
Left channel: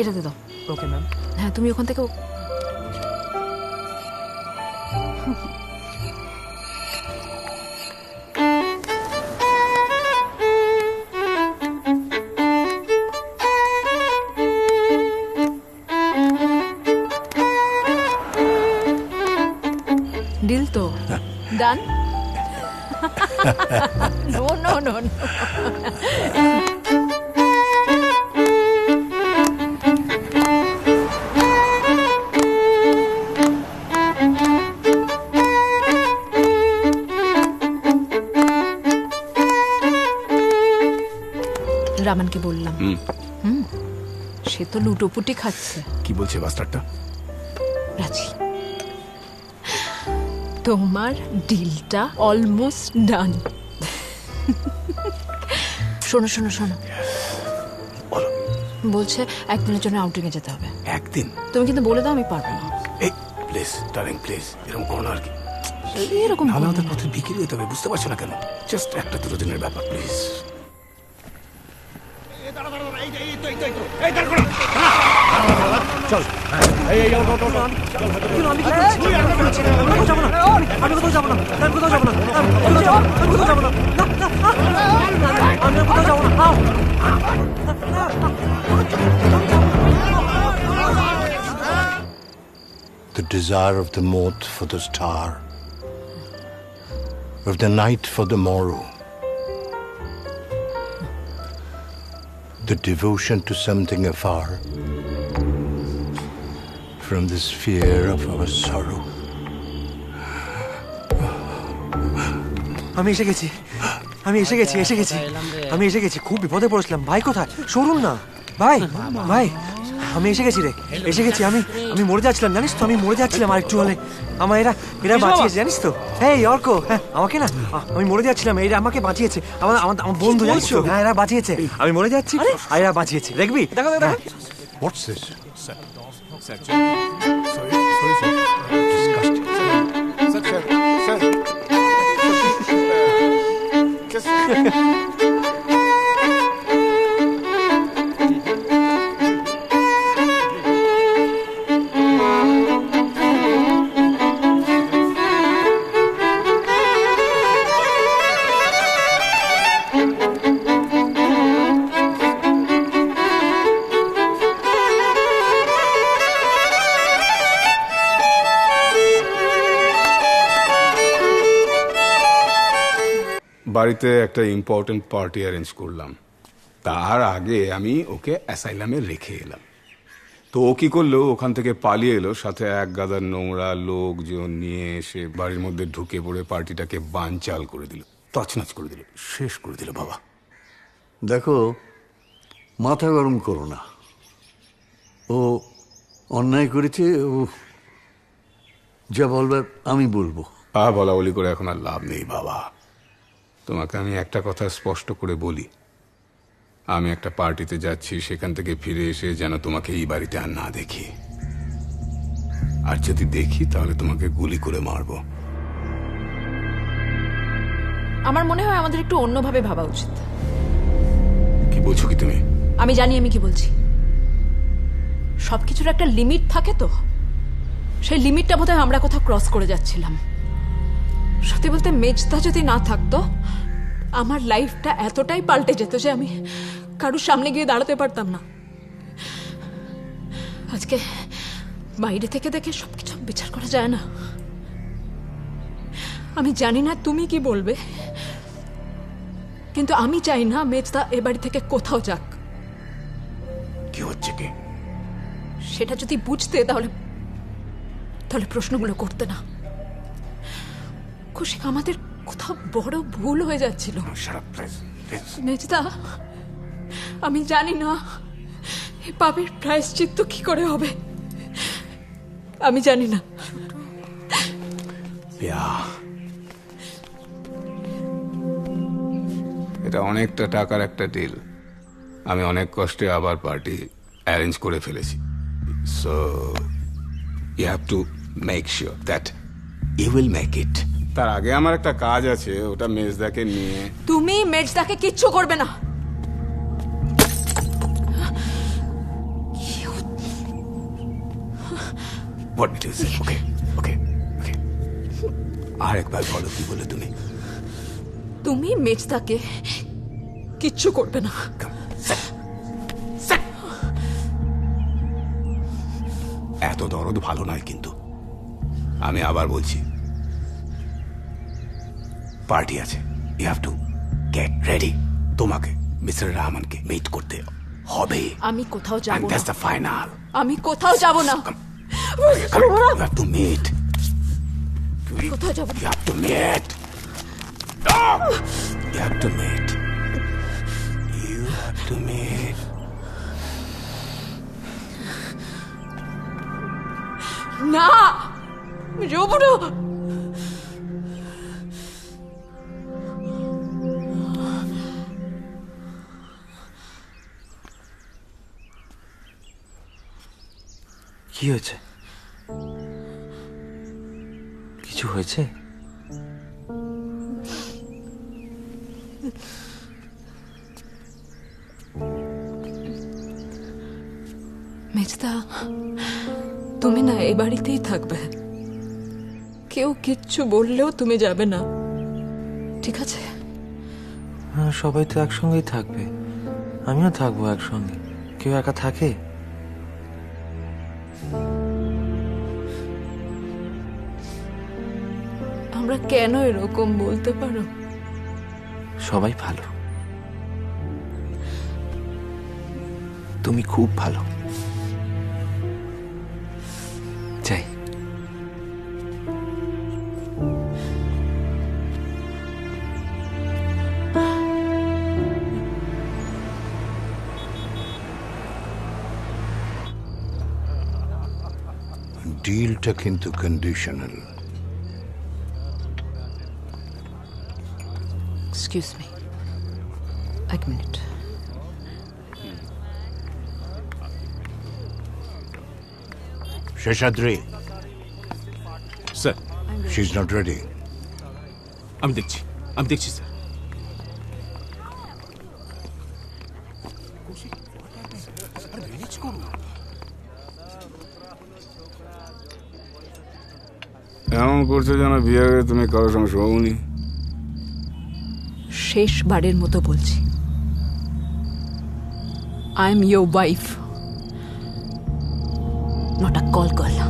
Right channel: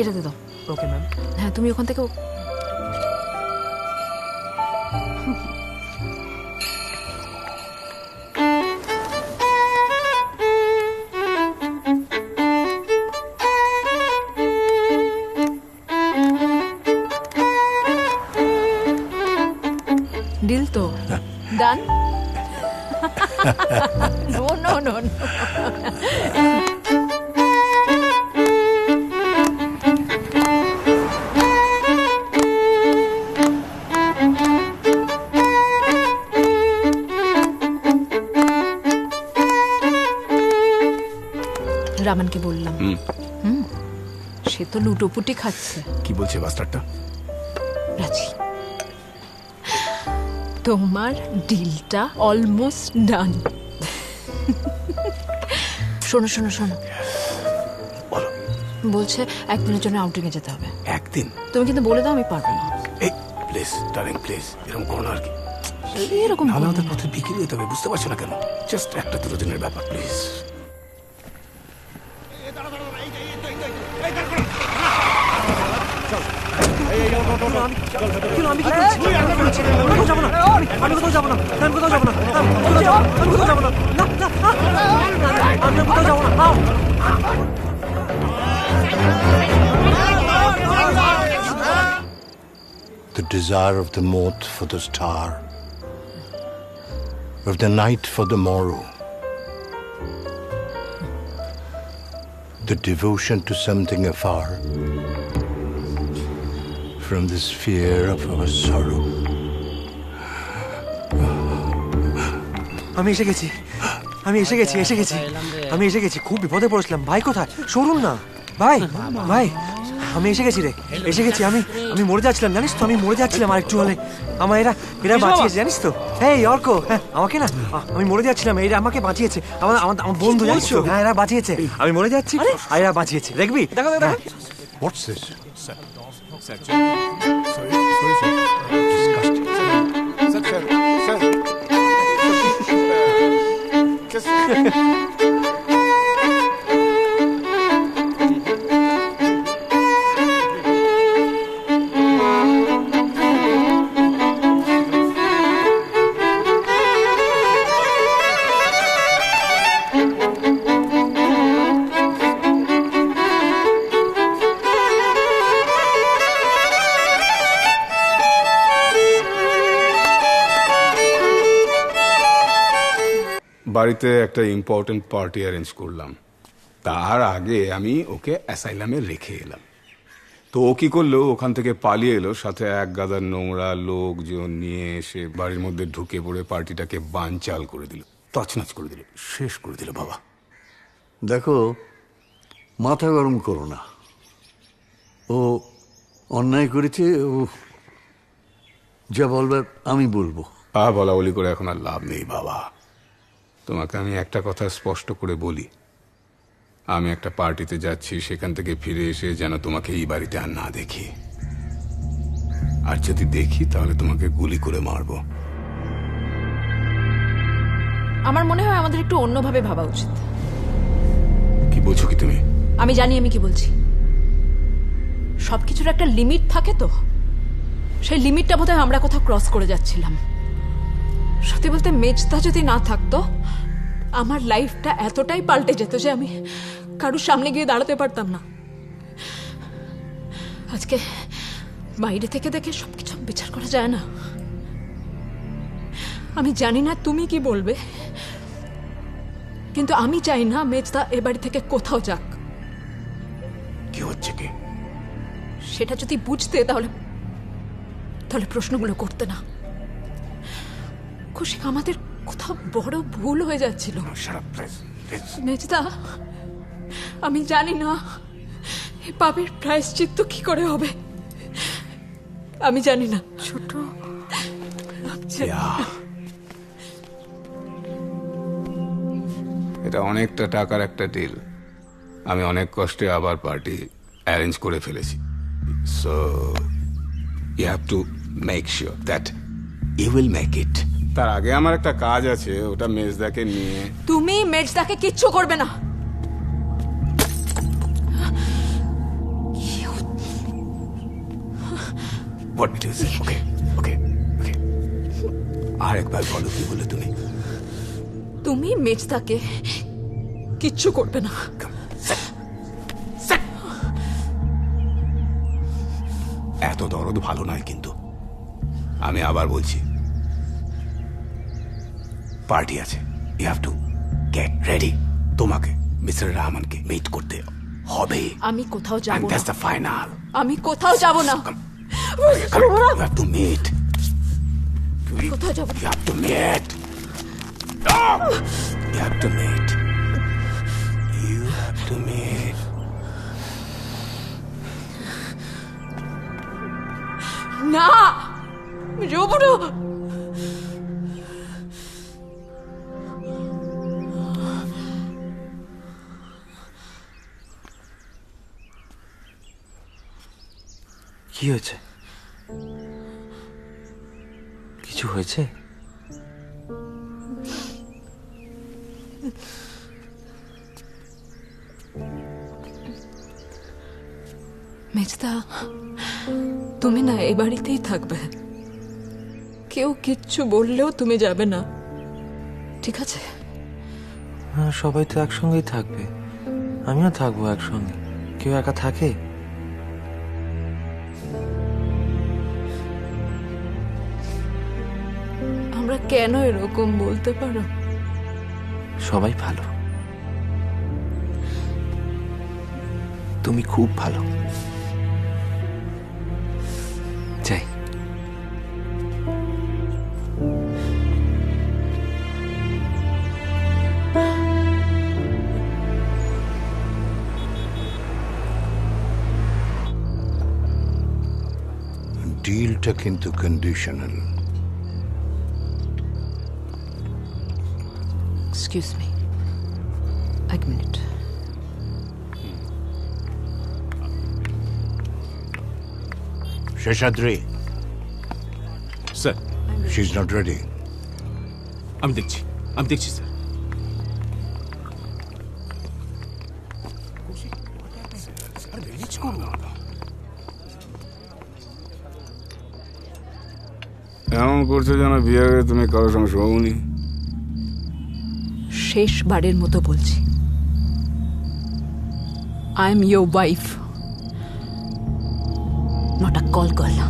এটাতে দাও। Okay ma'am. হ্যাঁ, তুমি ওখান থেকে ডিল তো done. No no no no. রামানকে বললাম, সে তো লুটোপুটি খাচ্ছে। কি বলছে বাস্টারটা? রাজি, তোমার ডিলটা অলমোস্ট ডান। শোনো শোনো শোনো, বলছে একদিনের জন্য আউটিংয়ে যেতে হবে। একদিন? তুমি কিন্তু বলে দাও আমি পারবো না। এই প্লিজ ডার্লিং প্লিজ, এরকম করো না আর কি। এরকম নাহলে আমাদের পথে বিক্রি হতে হবে, বুঝতে পারছো না কেন? জাস্ট একটা দুটো দিনের ব্যাপার please. The desire of the moth for the star, of the night for the morrow, the devotion to something afar from the sphere of our sorrow. আমি এসে গেছি, আমি এসে গেছি, এসে গেছি, আমি এসে গেছি। খুব বিপদে পড়েছিলাম। ভাই কোথায়? সরুন না ভাই, ভাই আমি এসে গেছি রে, এসে গেছি। আমি আমি মরে যাচ্ছিলাম জানিস তো, আমি মরে যাচ্ছিলাম। আর একটু হলে আমার এরা বাঁচিয়েছে জানিস তো। এই অর্ক, হ্যাঁ আমাকে না, আমি মরে যাচ্ছিলাম, এরা আমাকে বাঁচিয়েছে। আমার আমার আমার বন্ধু জানিস তো, হ্যাঁ এরা বাঁচিয়েছে। আমি মরে যাচ্ছি আর এরা বাঁচিয়েছে, দেখবি? দেখো দেখো। What's this? বাড়িতে একটা ইম্পর্টেন্ট পার্টি অ্যারেঞ্জ করলাম, তার আগে আমি ওকে অ্যাসাইলামে রেখে এলাম। তো ও কি করলো, ওখান থেকে পালিয়ে এলো, সাথে এক গাদার নোংরা লোকজন নিয়ে এসে বাড়ির মধ্যে ঢুকে পড়ে পার্টিটাকে বানচাল করে দিল, তছনছ করে দিল, শেষ করে দিল। বাবা দেখো, মাথা গরম করো না। ও অন্যায় করেছে, ও যা বলবার আমি বলবো। বলা বলি করে এখন আর লাভ নেই বাবা। তোমাকে আমি একটা কথা স্পষ্ট করে বলি, আমি একটা পার্টিতে যাচ্ছি, সেখান থেকে ফিরে এসে যেন তোমাকে এই বাড়িতে আর না দেখি। আর যদি দেখি তাহলে তোমাকে গুলি করে মারবো। আমার মনে হয় আমাদের একটু অন্যভাবে ভাবা উচিত। কি বলছো কি তুমি? আমি জানি আমি কি বলছি। সবকিছুর একটা লিমিট থাকে তো, সেই লিমিটটা বোধহয় আমরা কোথাও ক্রস করে যাচ্ছিলাম। সত্যি বলতে মেজদা যদি না থাকতো, আমার লাইফটা এতটাই পাল্টে যেত যে আমি কারুর সামনে গিয়ে দাঁড়াতে পারতাম না। আজকে বাইরে থেকে দেখে সবকিছু বিচার করা যায় না। আমি জানি না তুমি কি বলবে, কিন্তু আমি চাই না মেজদা এ বাড়ি থেকে কোথাও যাক। কি হচ্ছে কি? সেটা যদি বুঝতে তাহলে তাহলে প্রশ্নগুলো করতে না। খুশি, আমাদের কোথাও বড় ভুল হয়ে যাচ্ছিল। মেজদা, আমি জানি না এই পাপের প্রায়শ্চিত্ত কি করে হবে, আমি জানি না। ছোট এটা অনেকটা টাকার একটা ডিল। আমি অনেক কষ্টে আবার পার্টি অ্যারেঞ্জ করে ফেলেছি। So you have to make sure that you will make it. তার আগে আমার একটা কাজ আছে, ওটা মেজদাকে নিয়ে। তুমি মেজদাকে কিচ্ছু করবে না। What did you say? Okay, okay, okay. আর একবার বলো কি বলে তুমি? তুমি মেজদাকে কিচ্ছু করবে না। এত দরদ ভালো নয় কিন্তু। আমি আবার বলছি, পার্টি আছে, you have to get ready. তোমাকে মিস্টার রহমানকে মিট করতে হবে। আমি কোথাও যাব না। That's the final. আমি কোথাও যাব না। You have to meet. কোথাও যাব না। You have to meet. You have to meet. You have to meet. না আমি যাবো না। কি হয়েছে? কিছু হয়েছে? মেজদা, তুমি না এ বাড়িতেই থাকবে। কেউ কিচ্ছু বললেও তুমি যাবে না, ঠিক আছে? হ্যাঁ, সবাই তো একসঙ্গেই থাকবে, আমিও থাকবো একসঙ্গে। কেউ একা থাকে? আমরা কেন এরকম বলতে পারো? সবাই ভালো, তুমি খুব ভালো। যাই। ডিলটা কিন্তু কন্ডিশনাল। এক্সকিউজ মি, এক minute. Seshadri, sir, she is not ready. আমি দেখছি স্যার। এমন করছো যেন বিয়ে হয়ে তুমি কারোর সঙ্গে শোনি। শেষবারের মতো বলছি, I am your wife, not a call girl.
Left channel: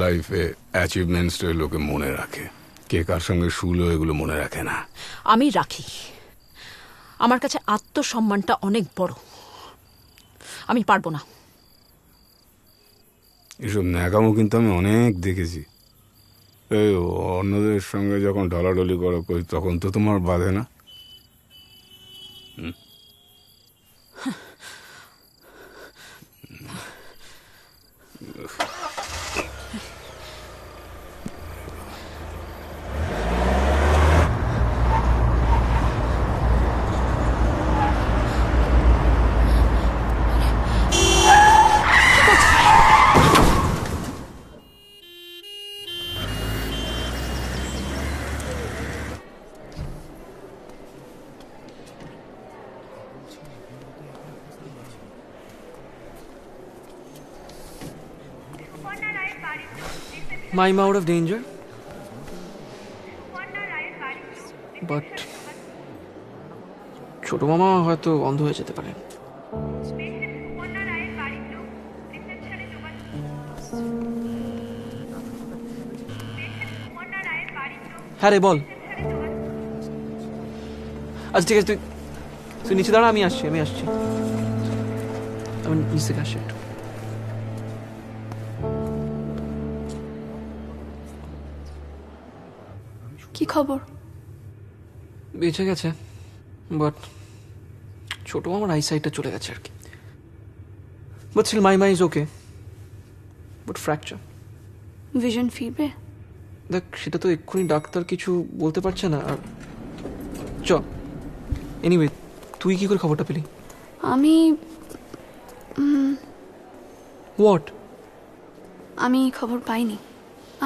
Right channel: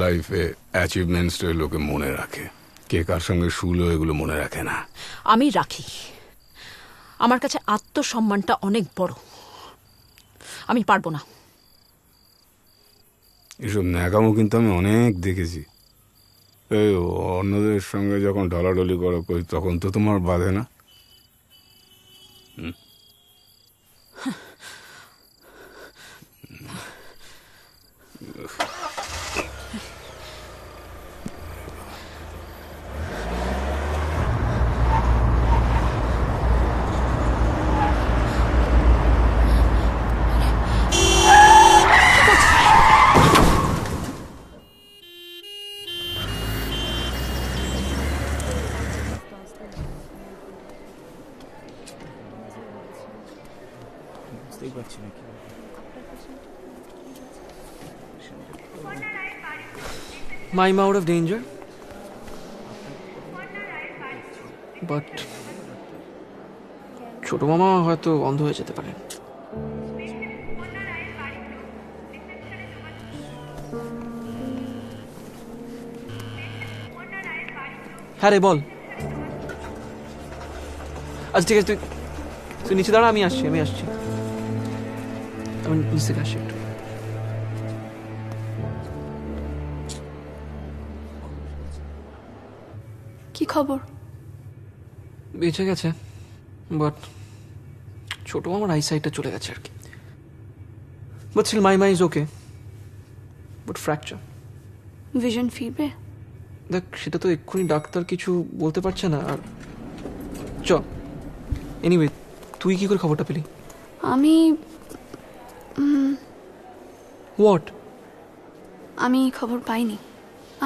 লাইফে অ্যাচিভমেন্টসটাই লোকে মনে রাখে, কে কার সঙ্গে শুলো এগুলো মনে রাখে না। আমি রাখি, আমার কাছে আত্মসম্মানটা অনেক বড়। আমি পারবো না। এসব ন্যাকামো কিন্তু আমি অনেক দেখেছি। এই অন্যদের সঙ্গে যখন ঢলাঢলি করো কই, তখন তো তোমার বাধে না। I'm out of danger. But ছোট মামা হয়তো অন্ধ হয়ে যেতে পারে। হ্যাঁ রে, বল। আচ্ছা ঠিক আছে, তুই নিচে দাঁড়া, আমি আসছি। আমি নিচে থেকে আসছি একটু। কি খবর? বেঁচে গেছে, বাট ছোট আমার আইসাইটটা চলে গেছে আর কি। But still my is okay, but fracture. Vision ফিরবে? দেখ, সেটা তো এক্ষুনি ডাক্তার কিছু বলতে পারছে না। আর চ, এনিওয়ে, তুই কি করে খবরটা পেলি? আমি হোয়াট? আমি খবর পাইনি।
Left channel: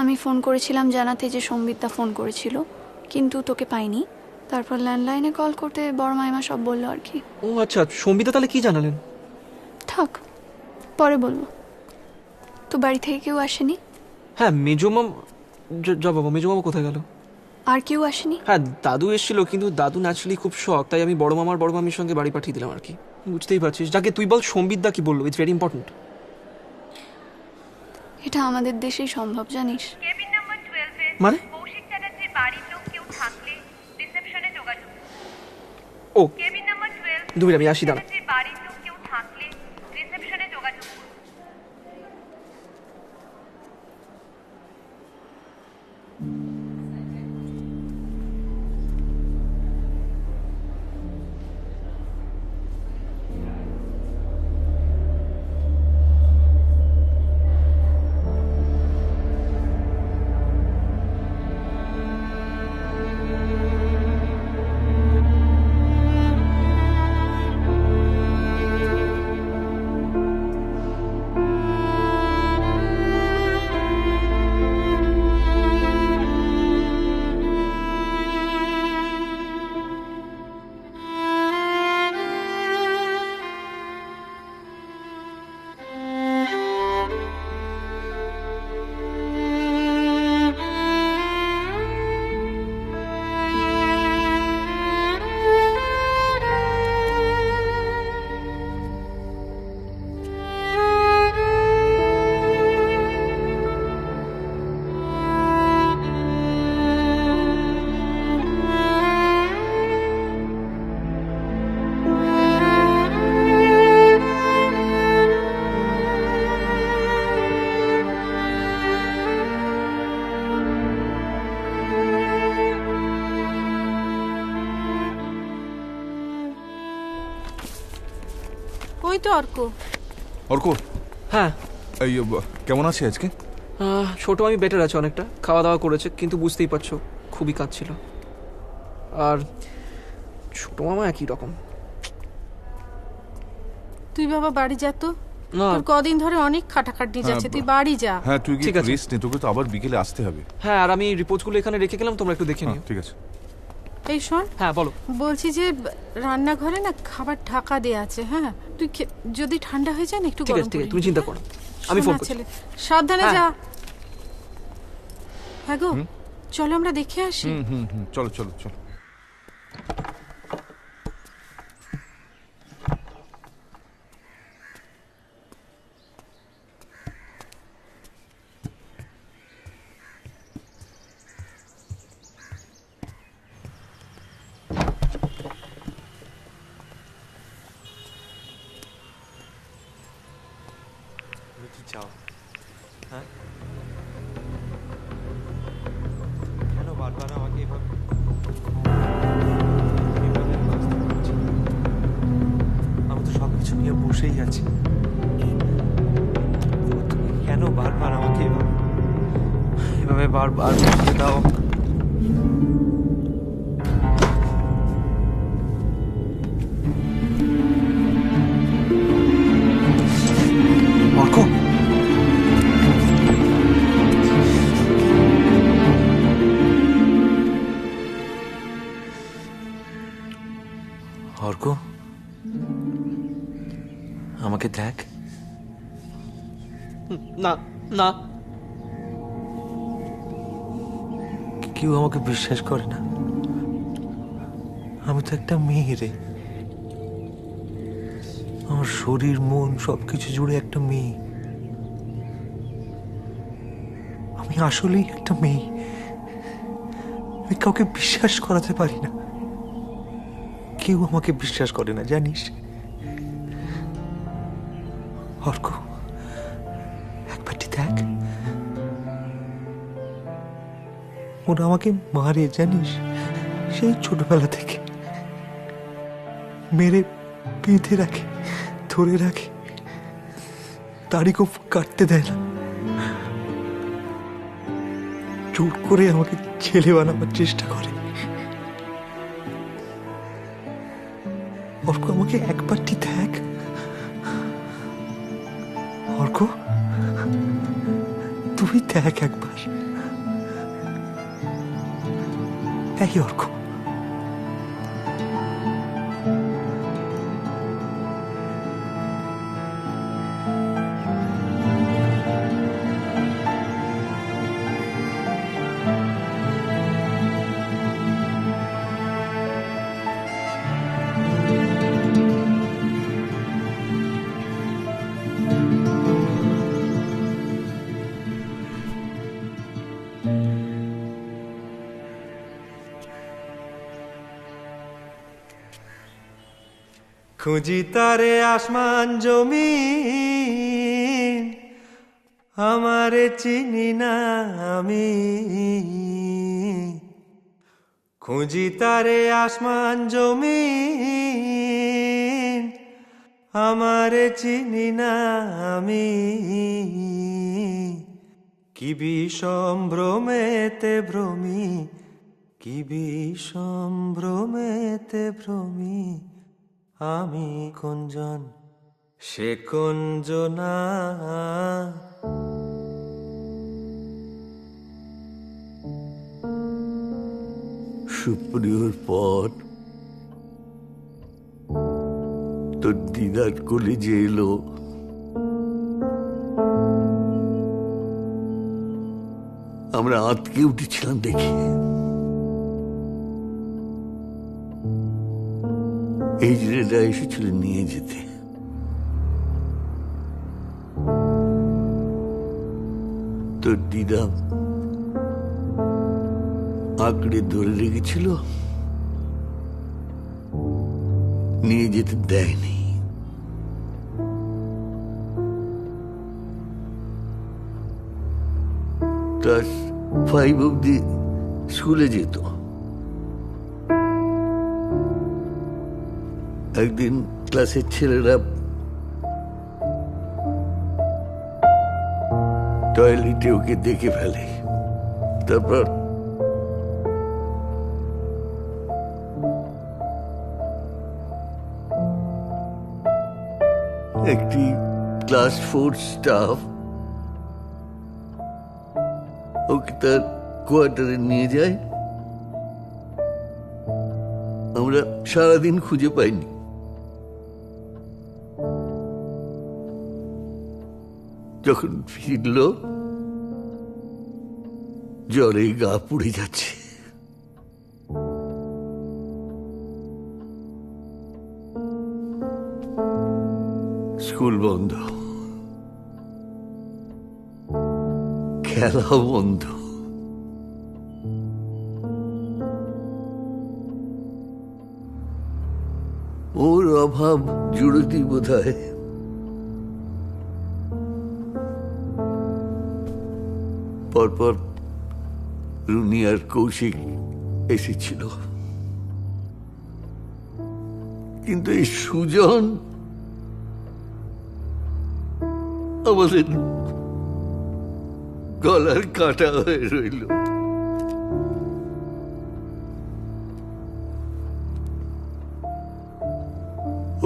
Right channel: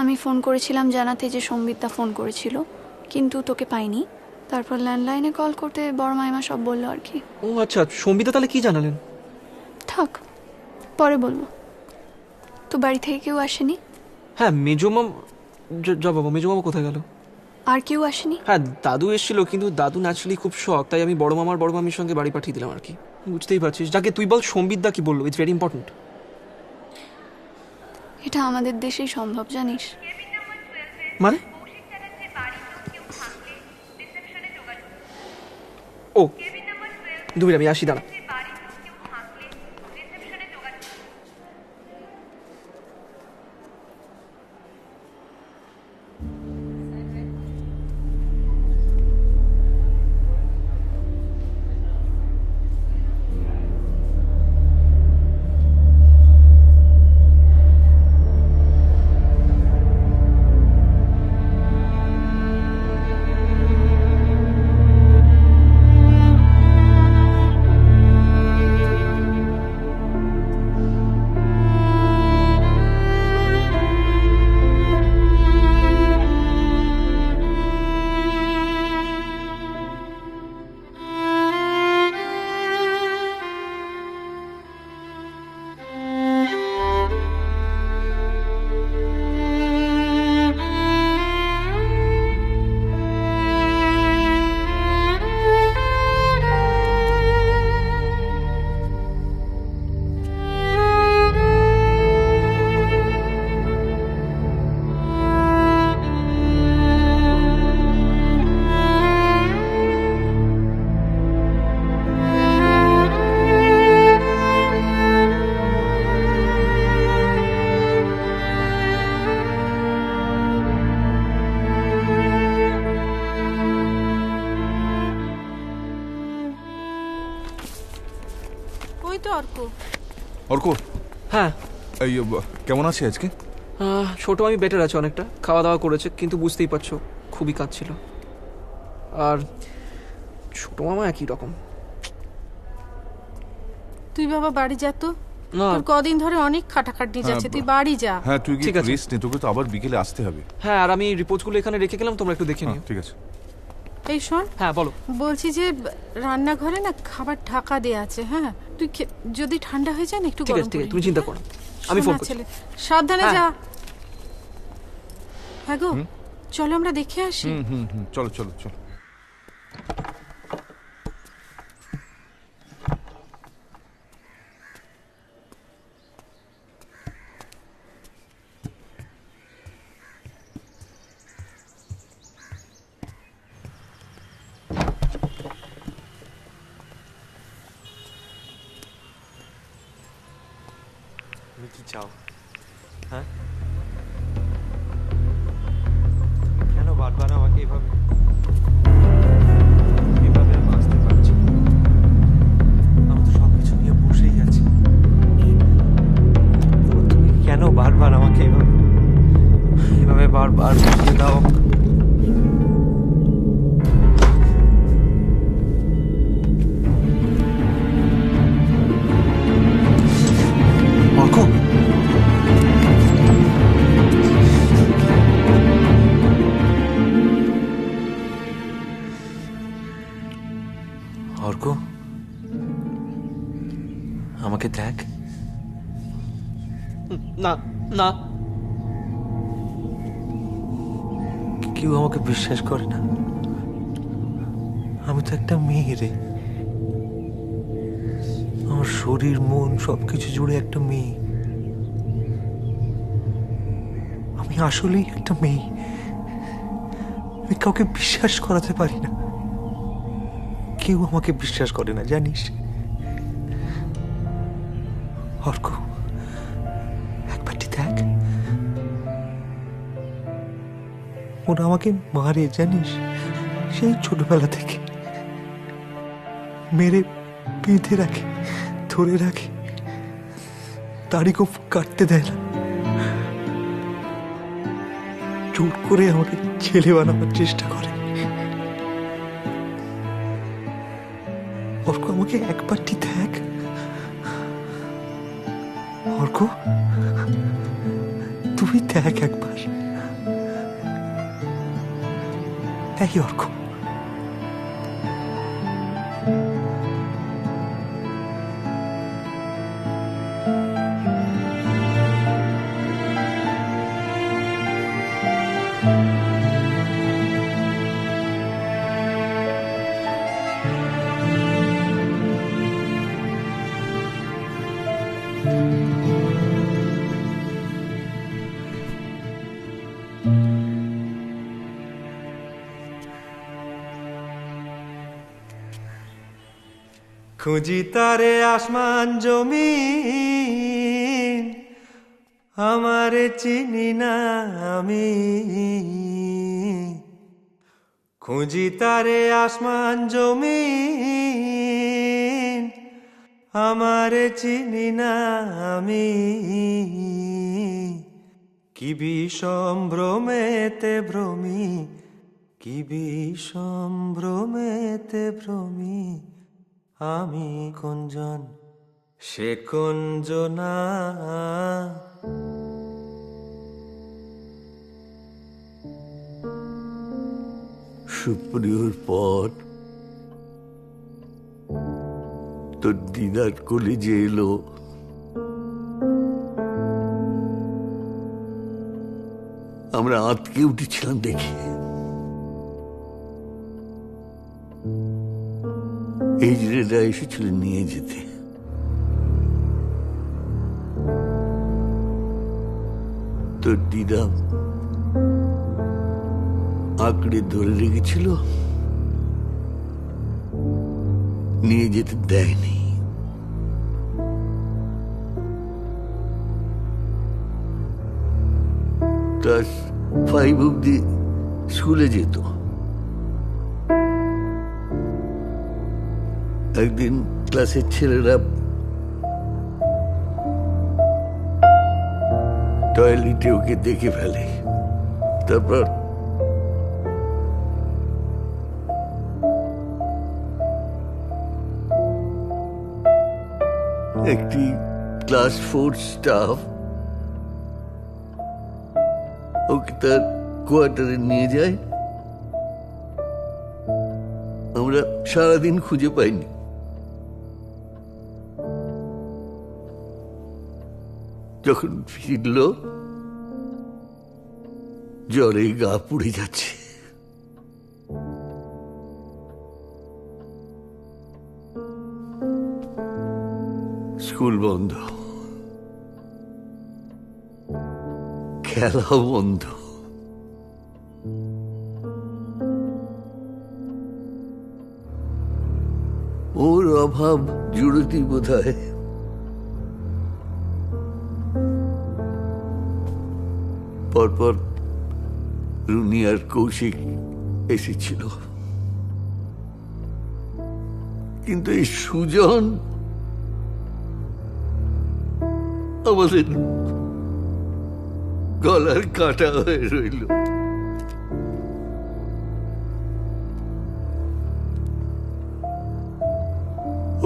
আমি ফোন করেছিলাম জানাতে যে সম্বিতদা ফোন করেছিল, কিন্তু তোকে পাইনি। তারপর ল্যান্ডলাইনে কল করতে বড় মাইমা সব বললো আর কি। ও আচ্ছা, সম্বিতদা তাহলে কি জানালেন? থাক, পরে বলবো। তো বাড়ি থেকে কেউ আসেনি? হ্যাঁ, মেজমাম। যা বাবা, মেজমামা কোথায় গেল? আর কেউ আসেনি? হ্যাঁ, দাদু এসেছিল, কিন্তু দাদু ন্যাচারালি খুব শখ, তাই আমি বড় মামার বড় মামির সঙ্গে বাড়ি পাঠিয়ে দিলাম আর কি। বুঝতেই পারছিস। যাকে তুই বল সম্বিতদা কি বললো, ইটস ভেরি ইম্পর্টেন্ট। এটা আমাদের দেশেই সম্ভব, জানিস? মানে? ও 2 মিনিট, আমি আসি, দাঁড়া। তো অর্ক। অর্ক, হ্যাঁ এই কেমন আছে আজকে? ছোট আমি বেটার আছে অনেকটা, খাওয়া দাওয়া করেছে, কিন্তু বুঝতেই পারছো খুবই কাঁদছিল। আর ছোট মামা একই রকম। তুই বাবা বাড়ি যা তো, না। তোর কদিন ধরে অনেক খাটাখাটনি যাচ্ছে, তুই বাড়ি যা। হ্যাঁ তুই কি ঠিক আছে। রেস্ট নে, তোকে তো আবার বিকেলে আসতে হবে। হ্যাঁ, আর আমি রিপোর্টগুলো এখানে রেখে গেলাম, তোমরা একটু দেখে নিও। ঠিক আছে। এই শোন, হ্যাঁ বলো। বলছি যে রান্নাঘরে না খাবার ঢাকা দেয়া আছে, হ্যাঁ তুই যদি ঠান্ডা হয়ে যায় না একটু ঠিক গরম আছে, ঠিক করে আছে, তুমি নিবি, চিন্তা হ্যাঁ? করো, আমি ফোন শোনা করছি। ছেলে, সাবধানে হ্যাঁ। যা। হ্যাঁ গো, চলো আমরা দেখে আসি। চলো চলো চলো। তুমি কি চাও? হ্যাঁ, কেন বারবার আমাকে এভাবে এভাবে বাঁচতে পারছি? আমি তো সবকিছু নিয়ে বসেই আছি, তবু তুমি কেন বারবার আমাকে এভাবে এভাবে বারবার বুঝিয়ে দাও? অর্ক, অর্ক, আমাকে দেখ। না না, কেউ আমাকে বিশ্বাস করে না। আমি তো একটা মেয়ে রে, আমার শরীর মন সবকিছু জুড়ে একটা মেয়ে। আমি আসলেই একটা মেয়ে, আমি কাউকে বিশ্বাস করাতে পারি না। কেউ আমাকে বিশ্বাস করে না, জানিস? অর্ক, একবারটি দেখ, ওরা আমাকে মারে, জানিস? সেই ছোটবেলা থেকে মেরে বেঁধে রাখে, ধরে রাখে, তারিখও কাটতে দেয় না, জোর করে আমাকে ছেলে বানাবার চেষ্টা করে। অর্ক, আমাকে একবারটি দেখ। অর্ক, তুই দেখ একবার। এই অর্ক, খুঁজি তারে আসমান জমিন, আমারে চিনি না আমি। খুঁজি তারে আসমান জমিন, আমারে চিনি না আমি। কি বিষম ভ্রমেতে ভ্রমি, কি বিষম ভ্রমেতে ভ্রমি আমি। কুঞ্জন সে কুঞ্জনা, সুপ্রিয়র পর তোর দিদার কলেজে এলো। আমরা আঁতকে উঠেছিলাম দেখে। এই জেলেরা এসেছিল নিয়ে যেতে। তোর দিদা আঁকড়ে ধরে রেখেছিল, নিয়ে যেতে দেয়নি। ক্লাস 5 অব্দি স্কুলে যেত। একদিন ক্লাসের ছেলেরা টয়লেটে ওকে দেখে ফেলে। তারপর একটি ক্লাস 4 স্টাফ ওকে তার কোয়ার্টারে নিয়ে যায়। আমরা সারাদিন খুঁজে পাইনি। যখন ফিরল জ্বরে গা পুড়ে যাচ্ছে। স্কুল বন্ধ, খেলা বন্ধ। ওর অভাব জুড়তি বোধ হয়। পরপর রুনি আর কৌশিক এসেছিল, কিন্তু এই সুজন আমাদের গলার কাটা হয়ে রইল।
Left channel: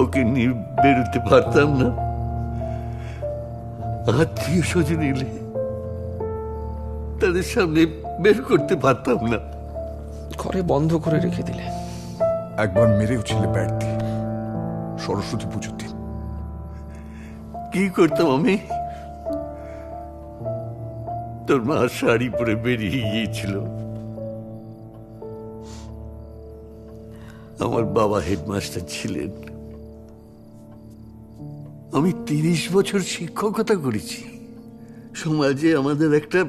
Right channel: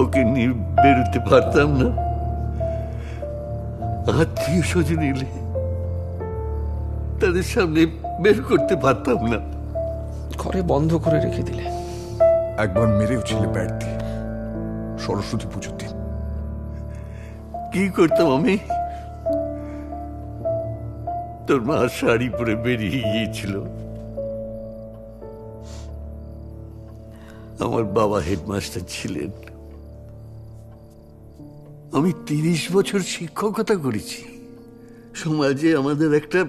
ওকে নিয়ে বেরোতে পারতাম না। আত্মীয় স্বজন এলে তাদের সামনে বের করতে পারতাম না। ঘরে বন্ধ করে রেখে দিলে। একবার মেরেও ছিলে ব্যাট দিয়ে, সরস্বতী পুজোর দিন। কি করতাম আমি? তোর মা শাড়ি পরে বেরিয়ে গিয়েছিল। আমার বাবা হেডমাস্টার ছিলেন। আমি 30 বছর শিক্ষকতা করেছি। সমাজে আমাদের একটা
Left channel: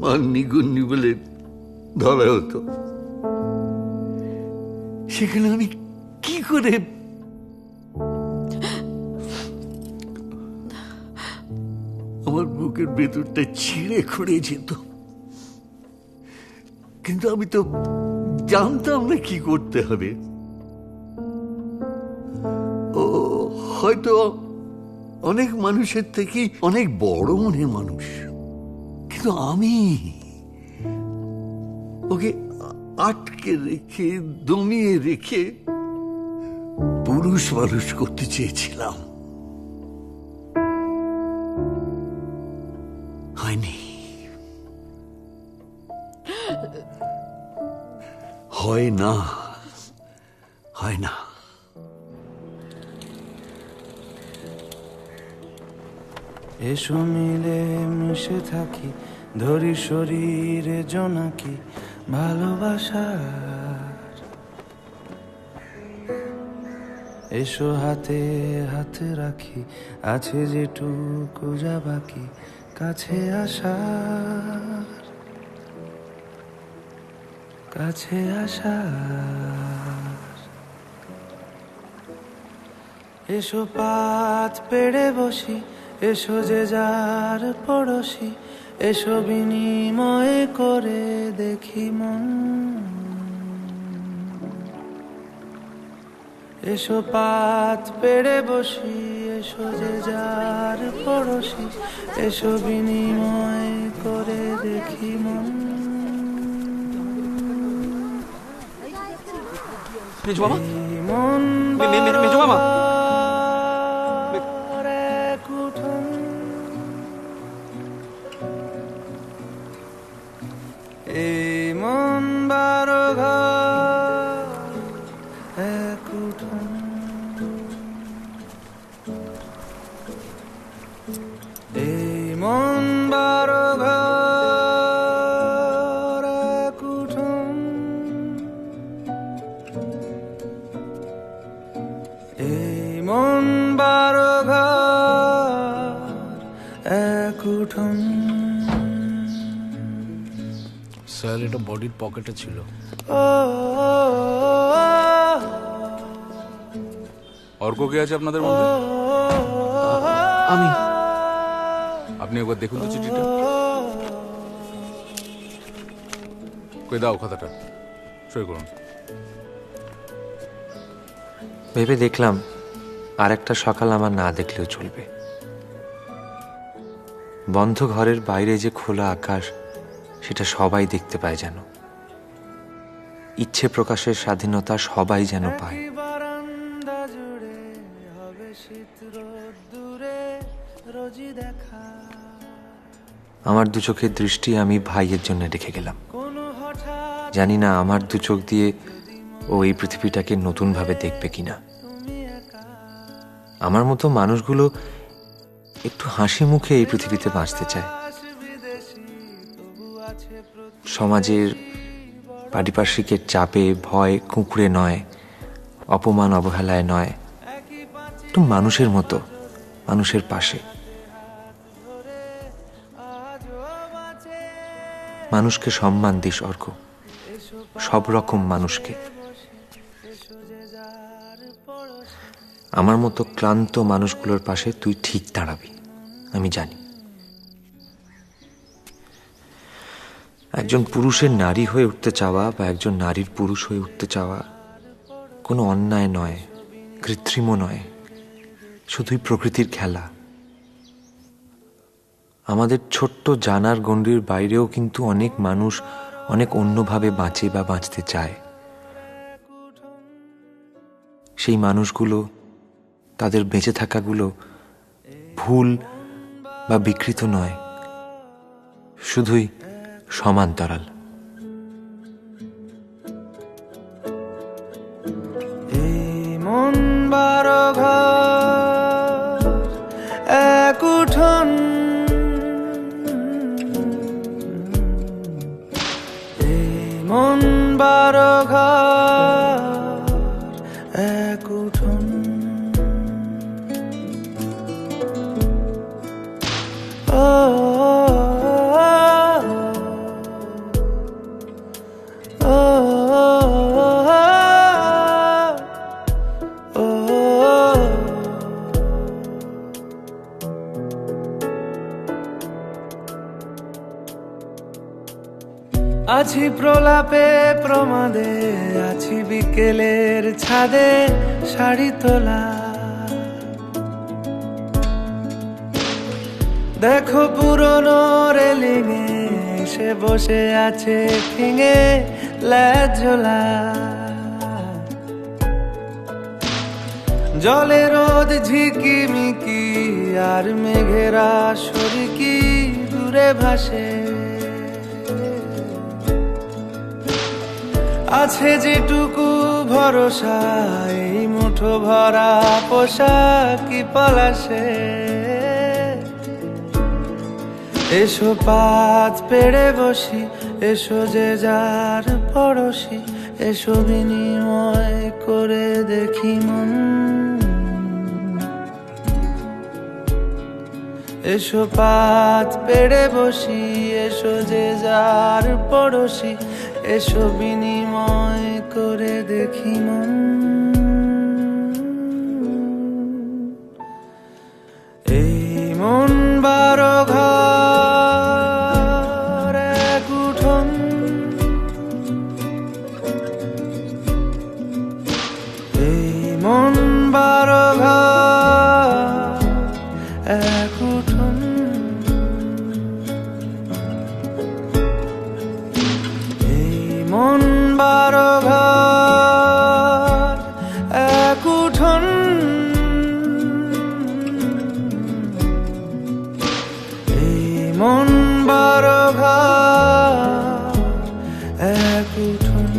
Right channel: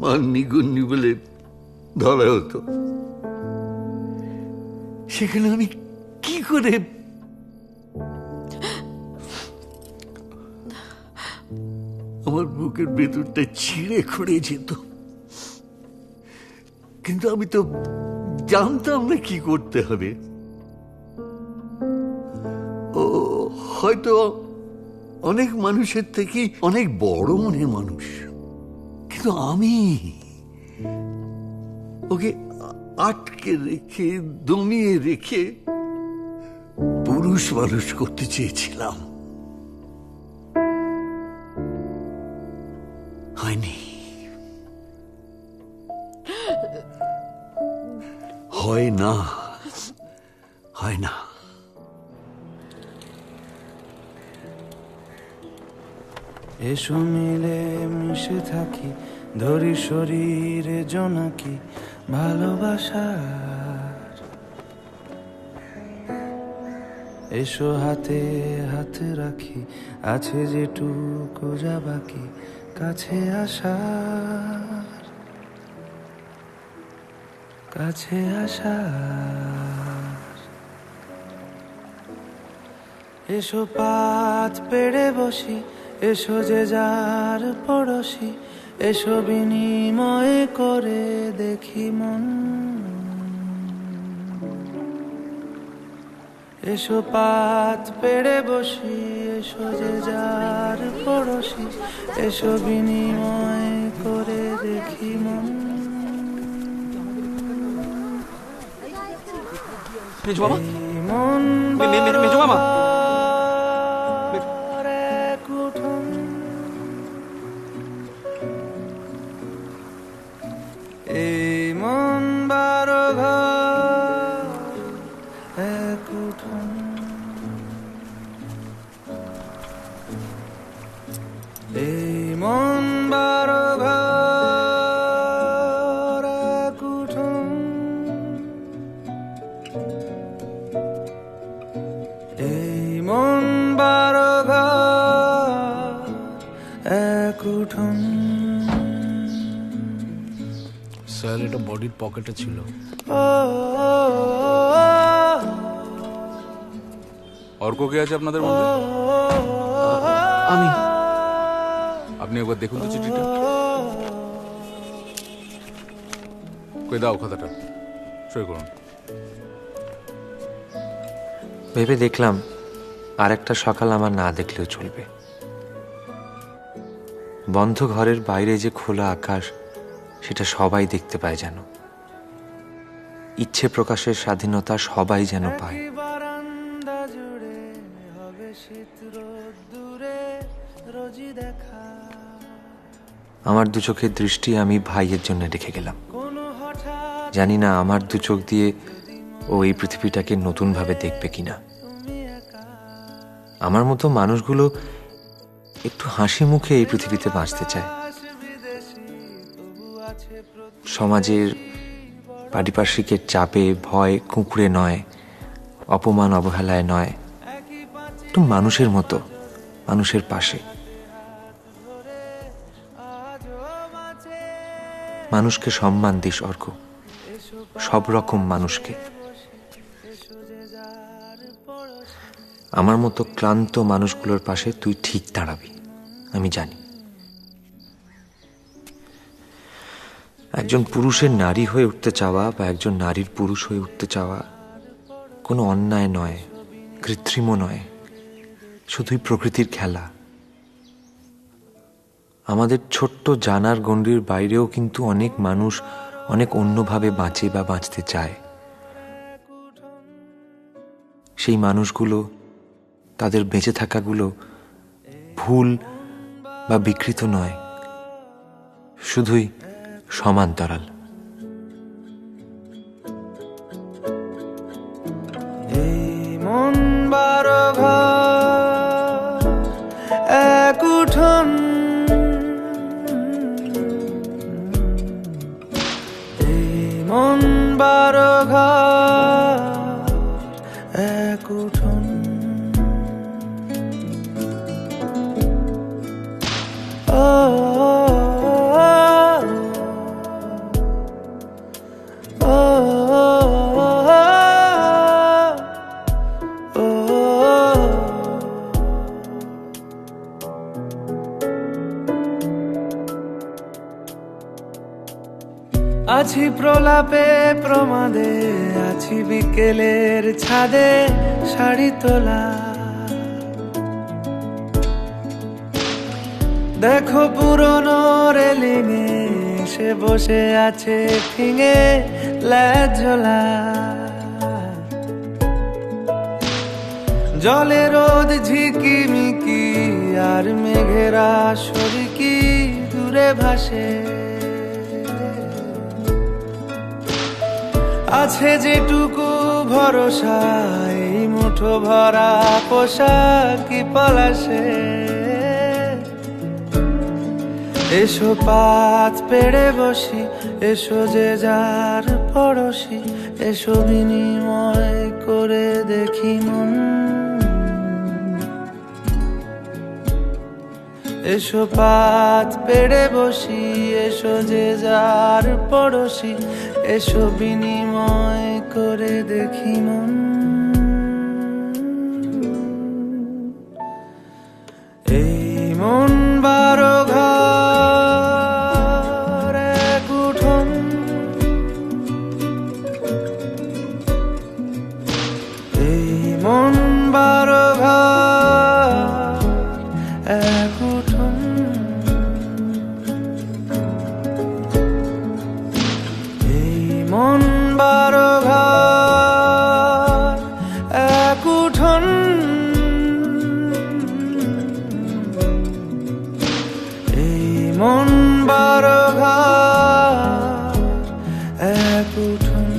মান্যি গুন্নি বলে ধরা হতো। সেখানে আমি কি করে আমার বুকের ভেতরটা ছিঁড়ে খুঁড়ে যেত। কিন্তু আমি তো জানতাম না কি করতে হবে। ও হয়তো অনেক মানুষের থেকে অনেক বড় মনের মানুষ, কিন্তু আমি ওকে আটকে রেখে দমিয়ে রেখে পুরুষ মানুষ করতে চেয়েছিলাম। হয়নি, হয় না, হয় না। এসো মিলে মিশে থাকি, ধরি শরীরে জোনাকি ভালোবাসার। এসো হাতে হাত রাখি, আছে যেটুকু যা বাকি কাছে আসার, কাছে আসার। এসো পাত পেড়ে বসি, এসো যে যার পড়োশি, এসো বিনিময় করে দেখি মন। এসো পাত পেড়ে বসি, এসো যে যার পড়োশি, এসো বিনিময় করে দেখি মন। মেজো মামা, মন মেজো মামা, এই মন বারো ঘর এক উঠোন। এই মন বারো ঘর এক উঠোন। এই মন বারো ঘর এক উঠোন। স্যার এটা বডির পকেটে ছিল। অর্ক কে আছে আপনাদের মধ্যে? আমি। আপনি একবার দেখুন তো চিঠিটা। কই দাও খাতাটা, সই করুন। ভেবে দেখলাম আর একটা সকাল আমার না দেখলেও চলবে। বন্ধ ঘরের বাইরে যে খোলা আকাশ, সেটা সবাই দেখতে পায় যেন। ইচ্ছে প্রকাশের স্বাধীনতা সবাই যেন পায়। বারান্দা জুড়ে হবে শীত রোদ্দুরে রোজই দেখা। আমার দু চোখের দৃষ্টি আমি ভাইয়ের জন্য রেখে গেলাম। জানি না আমার দু চোখ দিয়ে ও এই পৃথিবীটাকে নতুনভাবে দেখবে কিনা। আমার মতো মানুষগুলো একটু হাসি মুখে এই পৃথিবীতে বাঁচতে চায়। সমাজের পারিপার্শ্বিকের চাপে, ভয়, কুঁকড়ে নয়, অপমান অবহেলায় নয়, একটু মানুষের মতো, মানুষের পাশে। মানুষকে সম্মান দিস অর্ক, সব রকম মানুষকে। আমার মতো ক্লান্ত মানুষগুলোর পাশে তুই ঠিক দাঁড়াবি, আমি জানি। একজন পুরুষের নারী হয়ে উঠতে চাওয়া বা একজন নারীর পুরুষ হয়ে উঠতে চাওয়া কোনো অন্যায় নয়, কৃত্রিমও নয়, শুধুই প্রকৃতির খেলা। আমাদের ছোট্ট জানার গণ্ডির বাইরেও কিন্তু অনেক মানুষ অনেক অন্যভাবে বাঁচে বা বাঁচতে চায়। সেই মানুষগুলো, তাদের বেঁচে থাকাগুলো ভুল বা বিকৃত নয়, শুধুই সমান্তরাল। এই মন 12 ঘর এক উঠোন, এই মন 12 ঘর এক উঠোন। ও আছি প্রলাপে প্রমাদে, আছি বিকেলের ছাদে শাড়ি তোলা। দেখো পুরনো রেলিংয়ে সে বসে আছে ঠিঙে ল্যাজ ঝোলা। জলে রোদ ঝিকিমিকি আর মেঘেরা শরিকি দূরে ভাসে। আছে যেটুকু ভরসা এই মুঠো ভরা পোশাকি পলাশে। এসো পাত পেড়ে বসি, এসো যে যার পড়শি, এসো বিনিময় করে দেখি মন। এসো পাত পেড়ে বসি, এসো যে যার পড়শি, এসো বিনিময় করে দেখি মন। এই মন 12 ঘর এক উঠোন, এই মন 12 ঘর এক উঠোন। এই মন 12 ঘর এক উঠোন, এই মন 12 ঘর এক উঠোন।